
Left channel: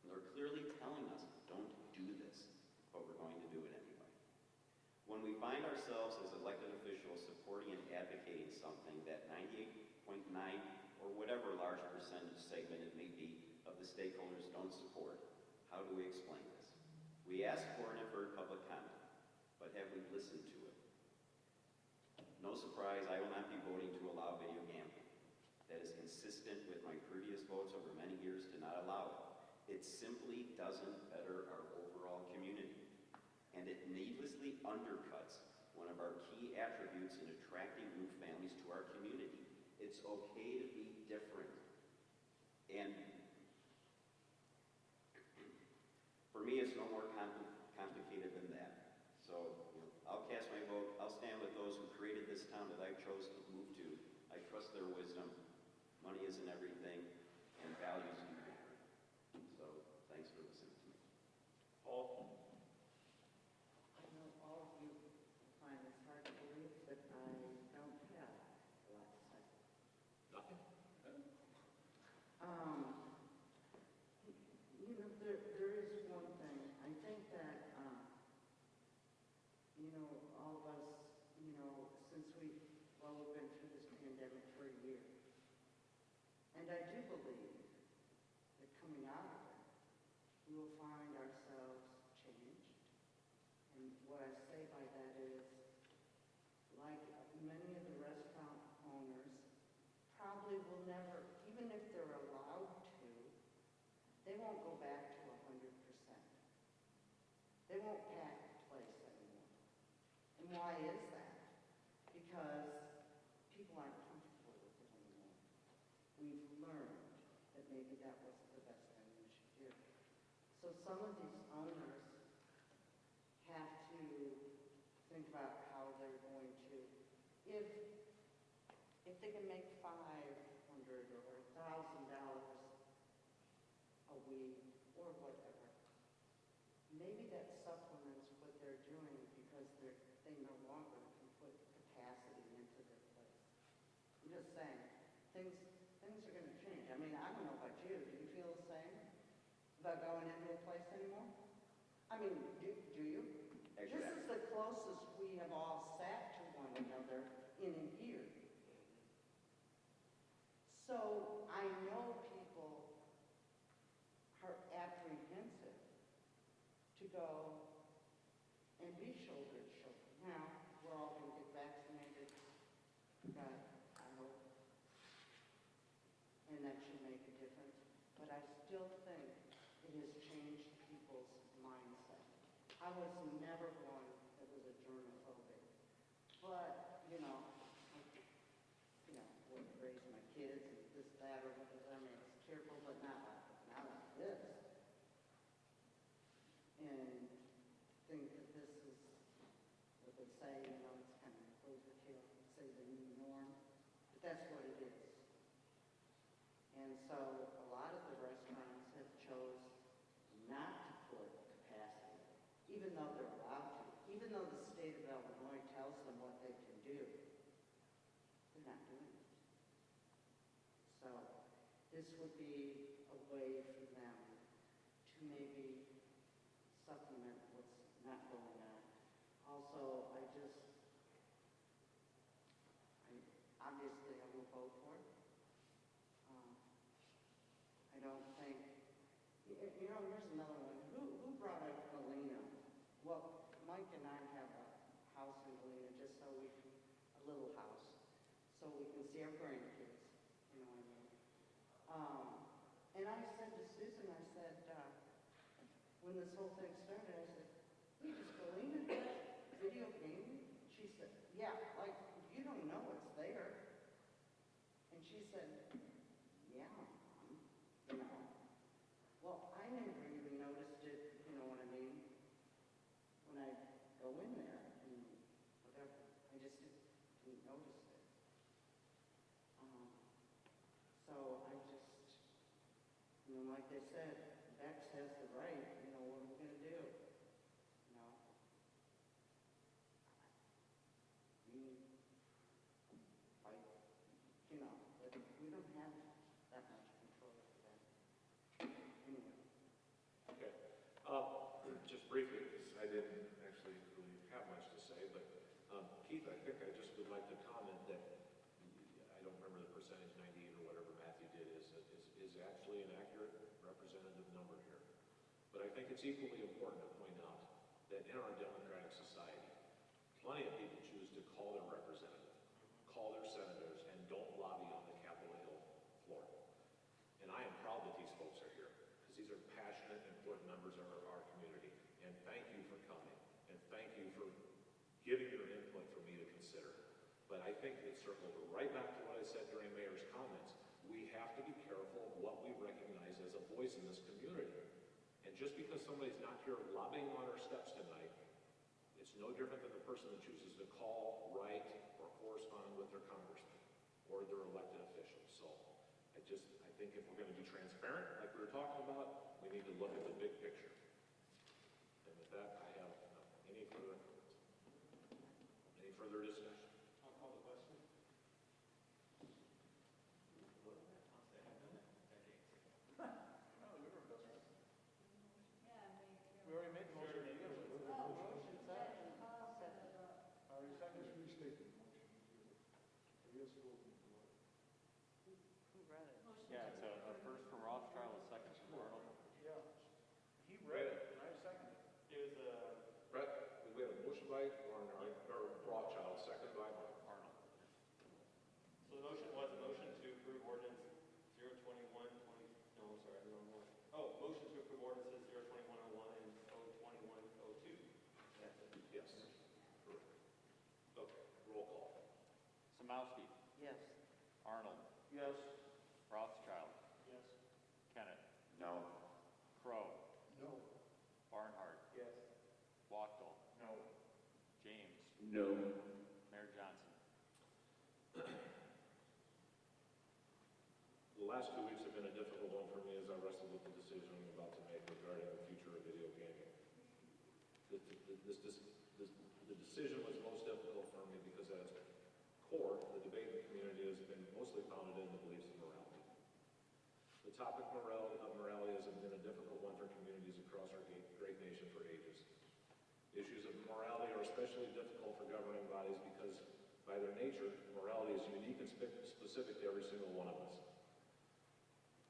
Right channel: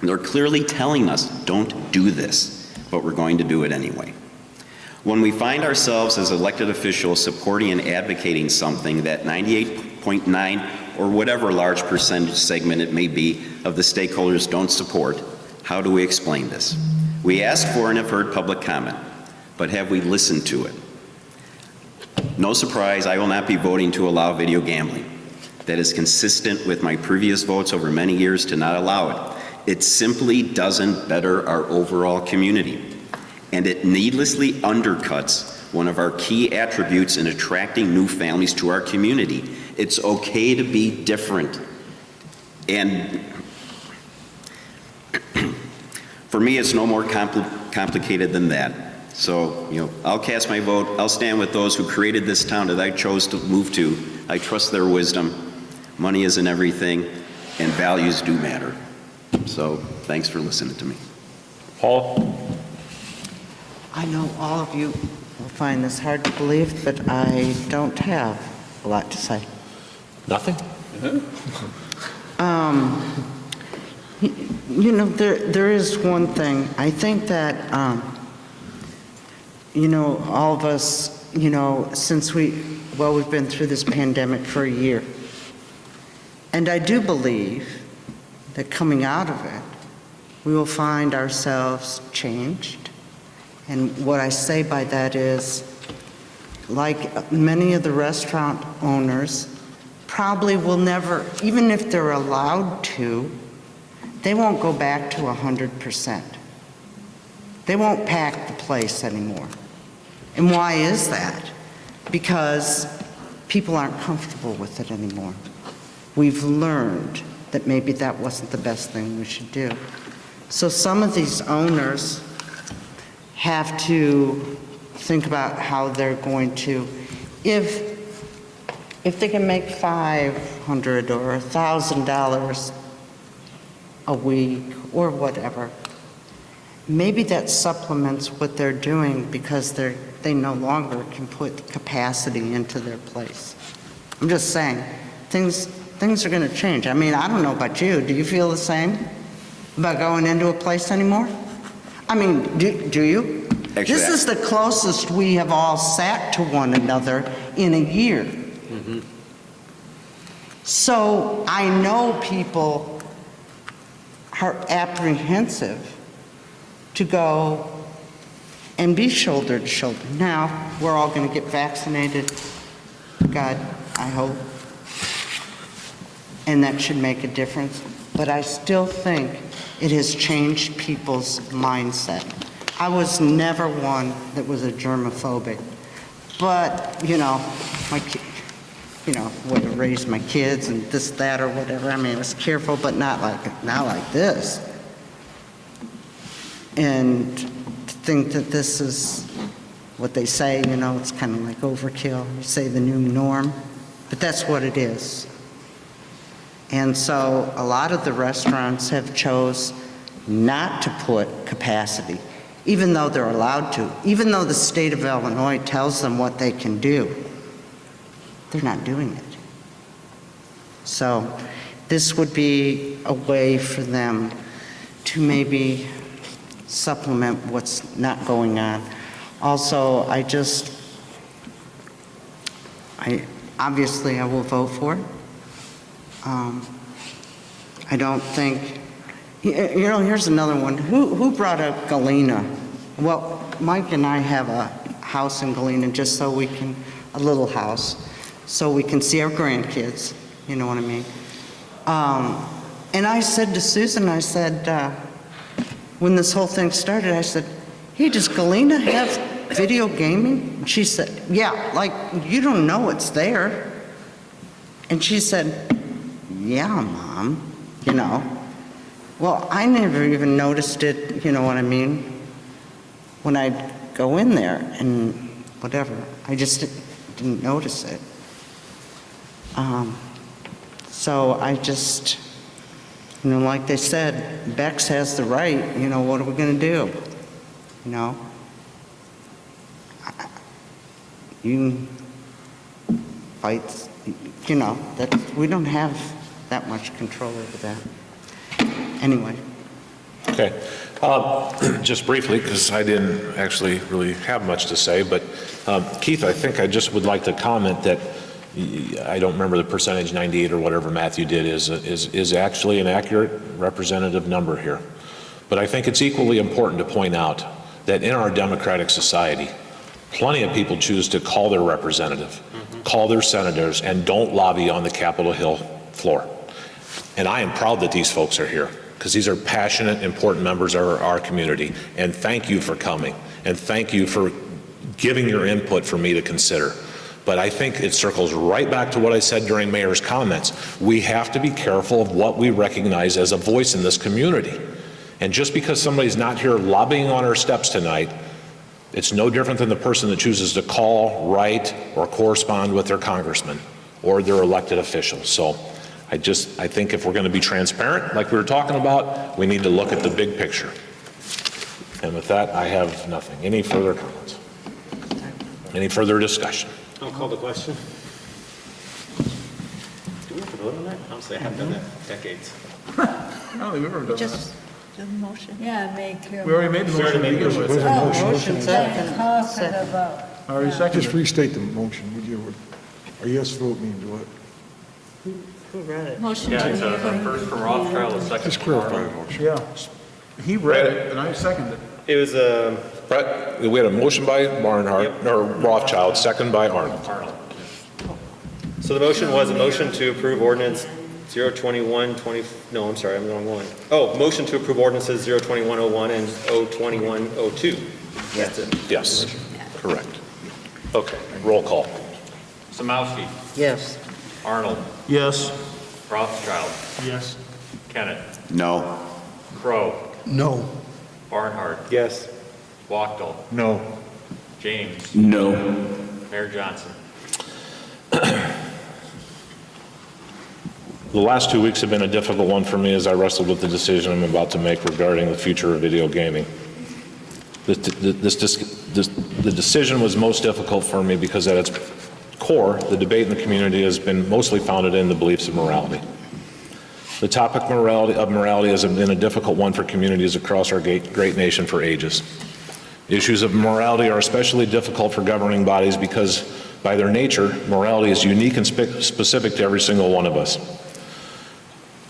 They're clearly telling us, don't do this, but we're going to do it anyway. When we find ourselves as elected officials supporting and advocating something that 98.9 or whatever large percentage segment it may be of the stakeholders don't support, how do we explain this? We ask for and have heard public comment, but have we listened to it? No surprise, I will not be voting to allow video gambling. That is consistent with my previous votes over many years to not allow it. It simply doesn't better our overall community, and it needlessly undercuts one of our key attributes in attracting new families to our community. It's okay to be different. And for me, it's no more complicated than that. So, I'll cast my vote. I'll stand with those who created this town that I chose to move to. I trust their wisdom. Money isn't everything, and values do matter. So, thanks for listening to me. Paul? I know all of you will find this hard to believe, but I don't have a lot to say. Nothing? There is one thing. I think that, all of us, since we've been through this pandemic for a year. And I do believe that coming out of it, we will find ourselves changed. And what I say by that is, like many of the restaurant owners, probably will never, even if they're allowed to, they won't go back to 100%. They won't pack the place anymore. And why is that? Because people aren't comfortable with it anymore. We've learned that maybe that wasn't the best thing we should do. So some of these owners have to think about how they're going to, if they can make $500 or $1,000 a week or whatever, maybe that supplements what they're doing because they no longer can put capacity into their place. I'm just saying, things are going to change. I mean, I don't know about you. Do you feel the same about going into a place anymore? I mean, do you? Actually, this is the closest we have all sat to one another in a year. Mm-hmm. So I know people are apprehensive to go and be shoulder to shoulder. Now, we're all going to get vaccinated, God, I hope, and that should make a difference. But I still think it has changed people's mindset. I was never one that was a germophobic, but, would have raised my kids and this, that, or whatever. I mean, I was careful, but not like this. And think that this is what they say, it's kind of like overkill. You say the new norm, but that's what it is. And so a lot of the restaurants have chose not to put capacity, even though they're allowed to, even though the state of Illinois tells them what they can do. They're not doing it. So this would be a way for them to maybe supplement what's not going on. Also, obviously I will vote for it. I don't think, here's another one. Who brought up Galena? Well, Mike and I have a house in Galena just so we can, a little house, so we can see our grandkids, you know what I mean? And I said to Susan, I said, when this whole thing started, I said, hey, does Galena have video gaming? And she said, yeah, like, you don't know it's there. And she said, yeah, Mom, Well, I never even noticed it, you know what I mean, when I'd go in there and whatever. I just didn't notice it. So I just, like they said, Bex has the right, what are we going to do? You fight, that we don't have that much control over that. Anyway. Okay. Just briefly, because I didn't actually really have much to say, but Keith, I think I just would like to comment that I don't remember the percentage, 98 or whatever Matthew did is actually an accurate representative number here. But I think it's equally important to point out that in our democratic society, plenty of people choose to call their representative, call their senators, and don't lobby on the Capitol Hill floor. And I am proud that these folks are here, because these are passionate, important members of our community. And thank you for coming, and thank you for giving your input for me to consider. But I think it circles right back to what I said during Mayor's comments. We have to be careful of what we recognize as a voice in this community. And just because somebody's not here lobbying on our steps tonight, it's no different than the person that chooses to call, write, or correspond with their congressman or their elected officials. So I think if we're going to be transparent, like we were talking about, we need to look at the big picture. And with that, I have nothing. Any further comments? Any further discussion? I'll call the question. Do we have to vote on that? Honestly, I haven't done that in decades. I don't think we've ever done that. Just do the motion. Yeah, make your. We already made the motion. Motion second. Call for the vote. Already seconded. Just restate the motion, would you? A yes vote means what? Who read it? Motion Yeah, to it's a first from Rothschild, a second Just from clarify Arnold. the motion. Yeah. He read it, and I seconded it. It was a, Brett, we had a motion by Barnhart, or Rothschild, second by Arnold. so the motion was a motion to approve ordinance 021-20, no, I'm sorry, I'm the wrong one. Oh, motion to approve ordinances 02101 and 02102. That's it. Yes, correct. Okay, roll call. Samowski, Yes. Arnold, Yes. Rothschild, Yes. Kennett, No. Crow, No. Barnhart, Yes. Wachtel, No. James, No. Mayor Johnson. The last 2 weeks have been a difficult one for me as I wrestled with the decision I'm about to make regarding the future of video gaming. The decision was most difficult for me because at its core, the debate in the community has been mostly founded in the beliefs of morality. The topic of morality has been a difficult one for communities across our great nation for ages. Issues of morality are especially difficult for governing bodies because, by their nature, morality is unique and specific to every single one of us.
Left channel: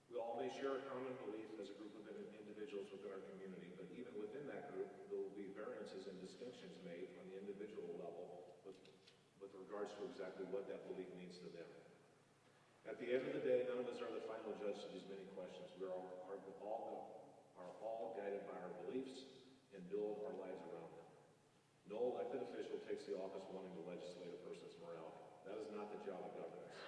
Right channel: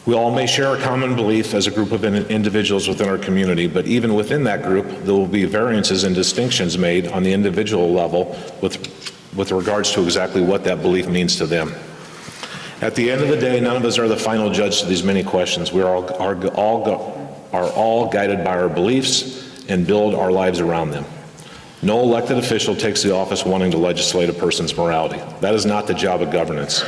We all may share a common belief as a group of individuals within our community, but even within that group, there will be variances and distinctions made on the individual level with regards to exactly what that belief means to them. At the end of the day, none of us are the final judge to these many questions. We are all guided by our beliefs and build our lives around them. No elected official takes the office wanting to legislate a person's morality. That is not the job of governance.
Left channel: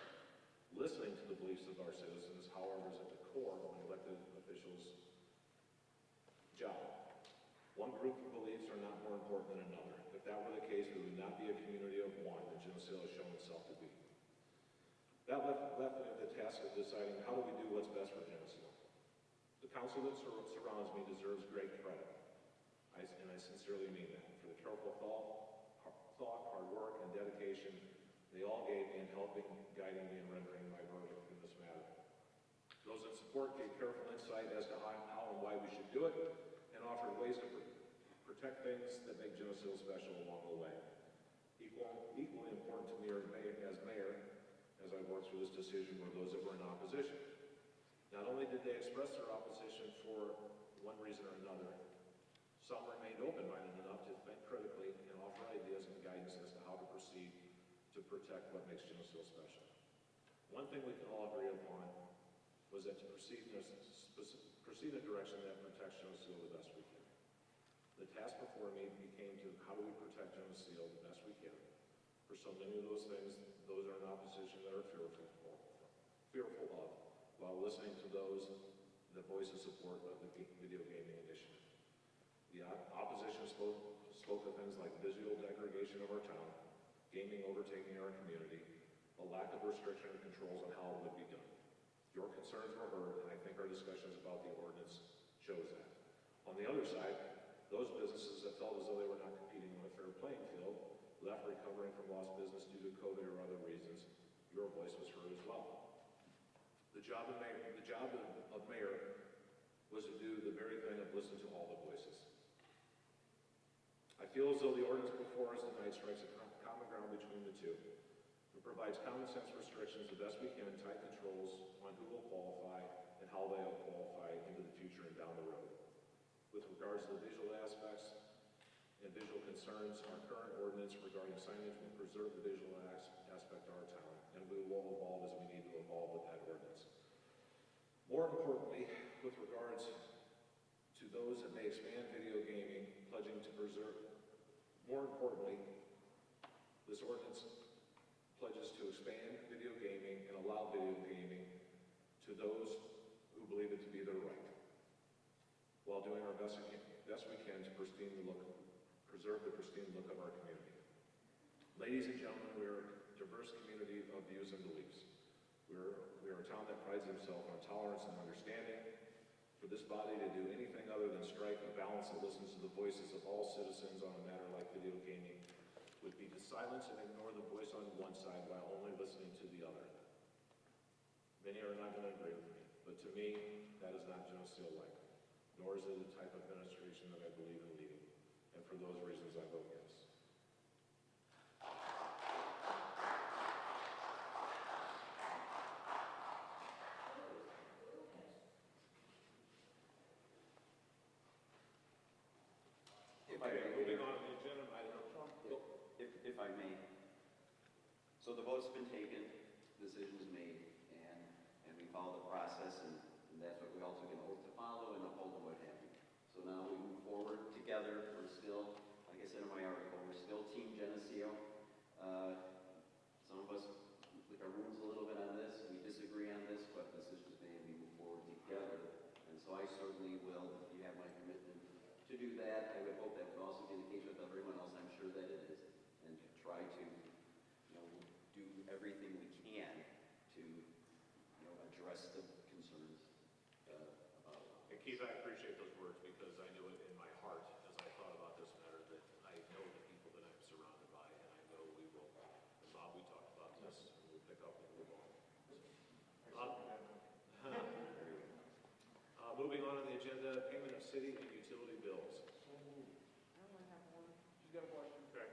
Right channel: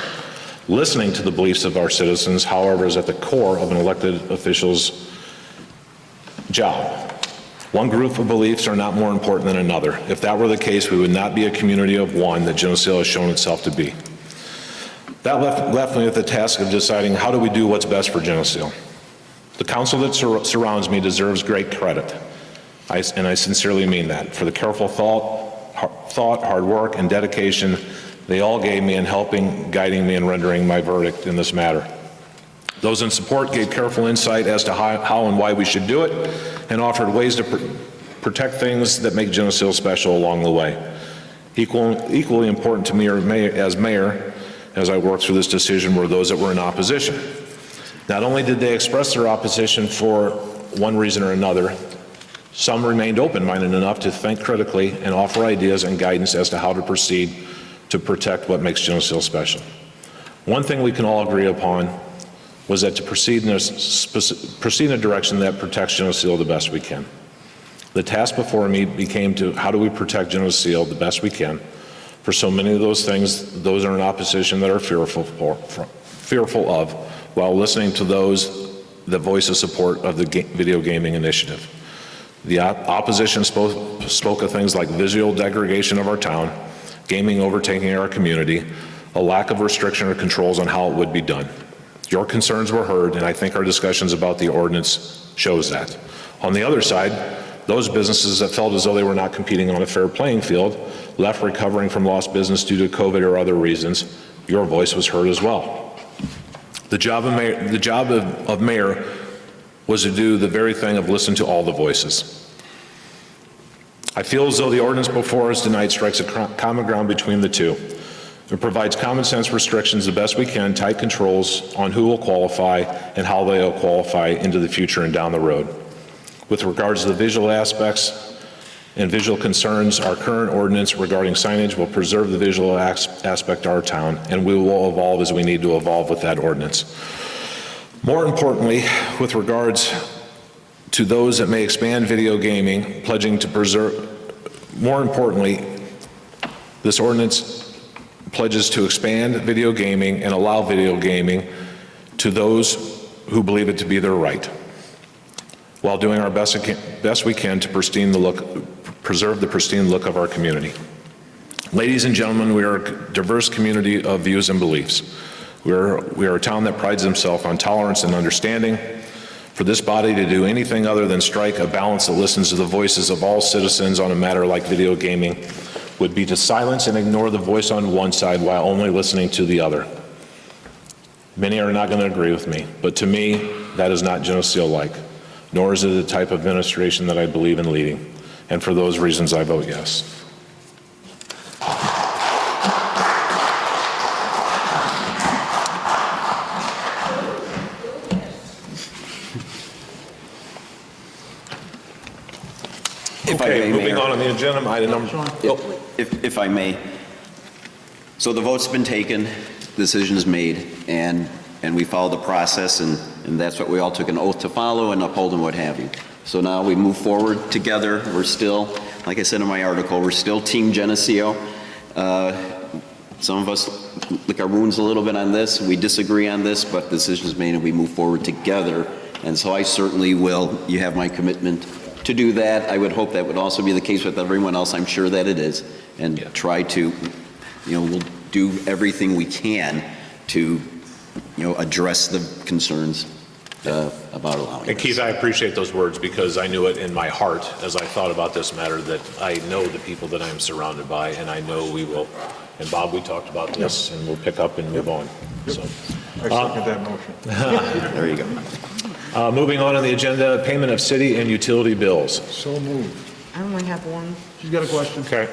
Listening to the beliefs of our citizens, however, is at the core of an elected official's job. One group of beliefs are not more important than another. If that were the case, we would not be a community of one that Geneseo has shown itself to be. That left me with the task of deciding how do we do what's best for Geneseo. The council that surrounds me deserves great credit, and I sincerely mean that, for the careful thought, hard work, and dedication they all gave me in helping, guiding me, and rendering my verdict in this matter. Those in support gave careful insight as to how and why we should do it, and offered ways to protect things that make Geneseo special along the way. Equally important to me as mayor, as I worked through this decision, were those that were in opposition. Not only did they express their opposition for one reason or another, some remained open-minded enough to think critically and offer ideas and guidance as to how to proceed to protect what makes Geneseo special. One thing we can all agree upon was that to proceed in a direction that protects Geneseo the best we can. The task before me became to how do we protect Geneseo the best we can for so many of those things those are in opposition that are fearful of, while listening to those that voice the support of the video gaming initiative. The opposition spoke of things like visual degradation of our town, gaming overtaking our community, a lack of restriction or controls on how it would be done. Your concerns were heard, and I think our discussions about the ordinance shows that. On the other side, those businesses that felt as though they were not competing on a fair playing field, left recovering from lost business due to COVID or other reasons, your voice was heard as well. The job of mayor was to do the very thing of listen to all the voices. I feel as though the ordinance before us tonight strikes a common ground between the two. It provides common sense restrictions the best we can, tight controls on who will qualify and how they will qualify into the future and down the road. With regards to the visual aspects and visual concerns, our current ordinance regarding signage will preserve the visual aspect of our town, and we will evolve as we need to evolve with that ordinance. More importantly, with regards to those that may expand video gaming, pledging to preserve, more importantly, this ordinance pledges to expand video gaming and allow video gaming to those who believe it to be their right, while doing our best we can to preserve the pristine look of our community. Ladies and gentlemen, we are a diverse community of views and beliefs. We are a town that prides itself on tolerance and understanding. For this body to do anything other than strike a balance that listens to the voices of all citizens on a matter like video gaming would be to silence and ignore the voice on one side while only listening to the other. Many are not going to agree with me, but to me, that is not Geneseo-like, nor is it the type of administration that I believe in leading. And for those reasons, I vote yes. Okay, moving on the agenda, item number. If I may. So the vote's been taken, decision's made, and we followed the process, and that's what we all took an oath to follow and uphold and what have you. So now we move forward together. We're still, like I said in my article, we're still Team Geneseo. Some of us lick our wounds a little bit on this. We disagree on this, but the decision's made and we move forward together. And so I certainly will, you have my commitment to do that. I would hope that would also be the case with everyone else. I'm sure that it is. And try to, we'll do everything we can to, address the concerns about allowing And Keith, I appreciate those words because I knew it in my heart as I thought about this matter that I know the people that I am surrounded by, and I know we will. And Bob, we talked about this, and we'll pick up and move on. So, I second that motion. There you go. Moving on the agenda, payment of city and utility bills. So moved. I only have one. She's got a question. Okay.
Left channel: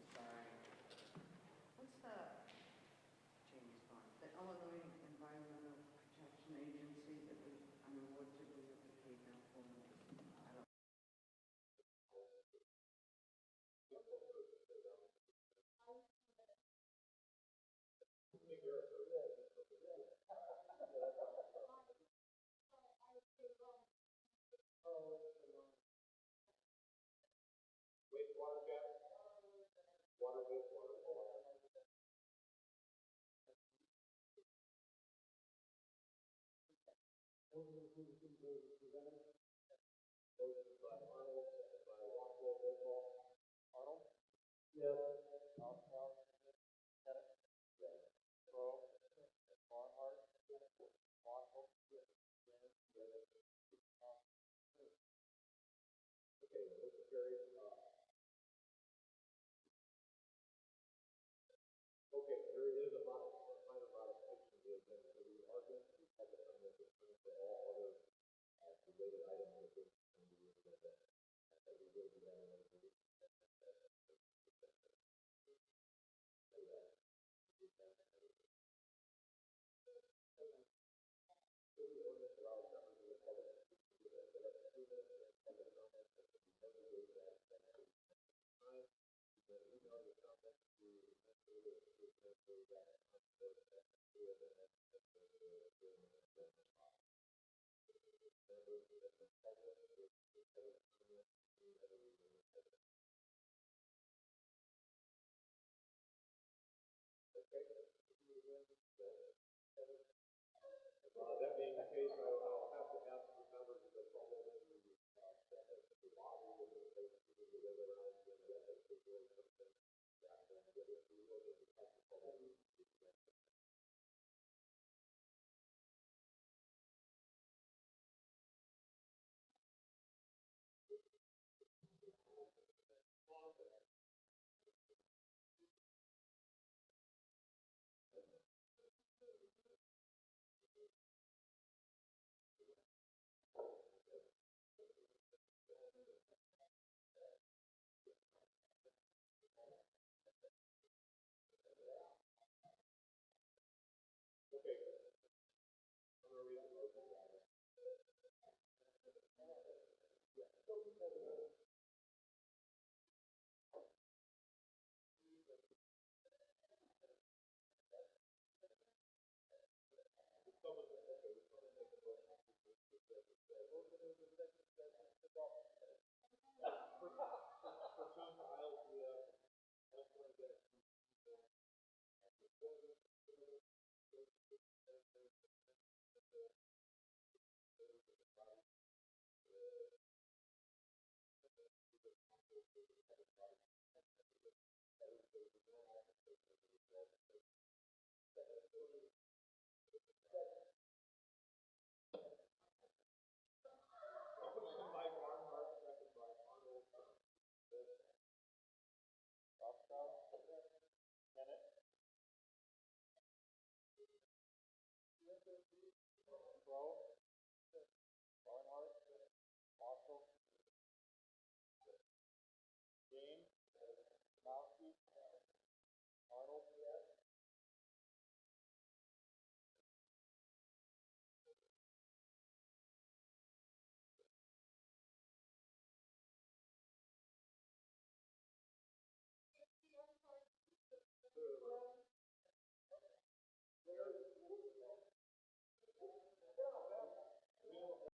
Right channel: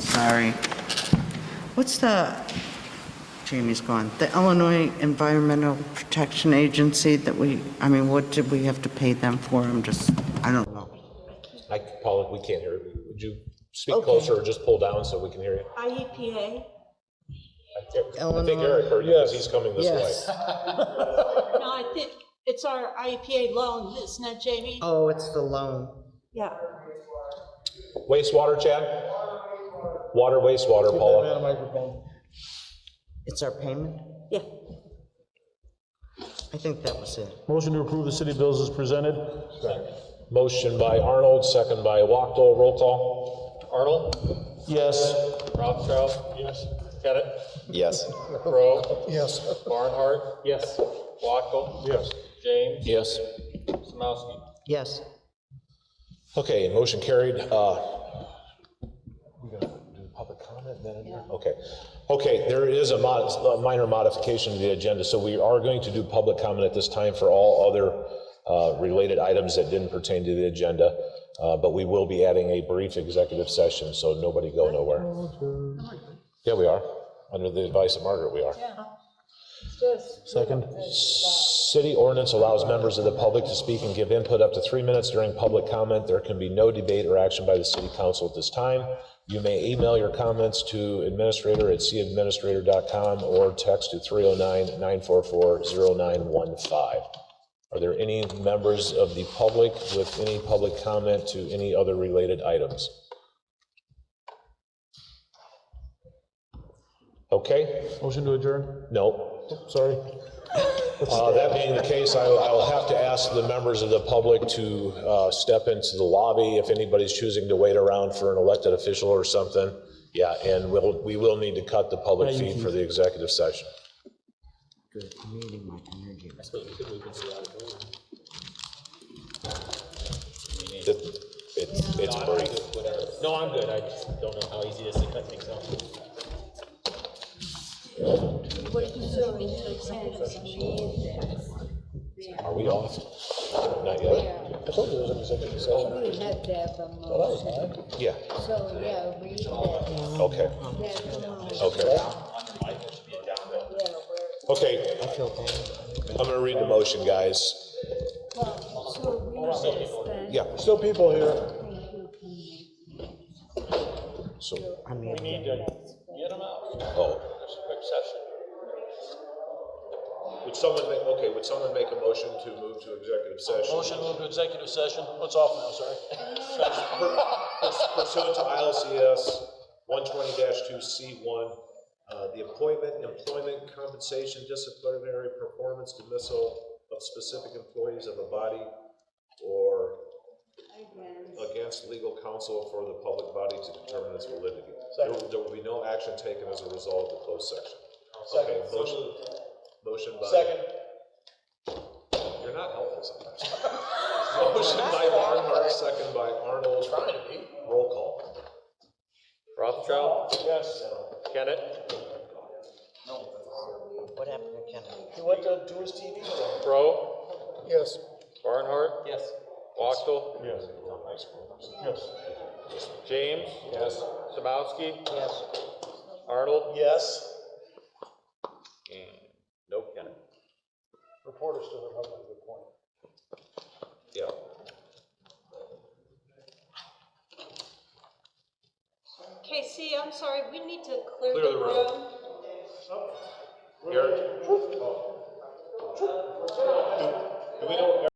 Sorry. What's Jamie's gone, the Illinois Environmental Protection Agency that what did we have to pay them for? I don't know. Paula, we can't hear you. Would you speak closer or just pull down so we can hear you? IEPA. I think Eric heard you because he's coming this way. No, I think it's our IEPA loan, isn't it, Jamie? Oh, it's the loan. Yeah. Wastewater, Chad? Water, wastewater, Paula. It's our payment? Yeah. I think that was it. Motion to approve the city bills is presented. Motion by Arnold, second by Wachtel. Roll call. Arnold? Yes. Rothschild? Yes. Kennett? Yes. Crowe? Yes. Barnhart? Yes. Wachtel? Yes. James? Yes. Samowski? Yes. Okay, motion carried. We're gonna do public comment then? Okay. Okay, there is a minor modification to the agenda, so we are going to do public comment at this time for all other related items that didn't pertain to the agenda, but we will be adding a brief executive session, so nobody go nowhere. Yeah, we are. Under the advice of Margaret, we are. Second. City ordinance allows members of the public to speak and give input up to 3 minutes during public comment. There can be no debate or action by the city council at this time. You may email your comments to administrator@cityadministrator.com or text to 309-944-0915. Are there any members of the public with any public comment to any other related items? Okay. Motion to adjourn. No. Sorry. That being the case, I will have to ask the members of the public to step into the lobby if anybody's choosing to wait around for an elected official or something. Yeah, and we will need to cut the public feed for the executive session. Good meeting, my energy. It's brief. No, I'm good. I just don't know how easy it is to cut things off. Are we off? Not yet. I told you there was an executive session. We have to have a motion. Yeah, So, yeah, read it. okay, That's the motion. okay. Yeah, Okay, I'm gonna read the motion, guys. well, so read this then. Yeah, Still people here. so, We need to get them out. oh. There's a quick session. Would someone make a motion to move to executive session? Motion to move to executive session. What's off now, sorry? Pursuant to ILCS 120-2C1, the appointment, employment, compensation, disciplinary performance, dismissal of specific employees of a body or against legal counsel for the public body to determine its validity. There will be no action taken as a result of the closed section. Okay, motion by. Second. You're not helpful sometimes. Motion by Barnhart, second by Arnold. Trying to be. Roll call. Rothschild? Yes. Kennett? What happened to Kennedy? He went to do his TV today. Crowe? Yes. Barnhart? Yes. Wachtel? Yes. Yes. James? Yes. Samowski? Yes. Arnold? Yes. And nope, Kennett. Reporter still would have a good point. Yeah. Casey, I'm sorry, we need to clear Clear the the room. room. Here. Do we know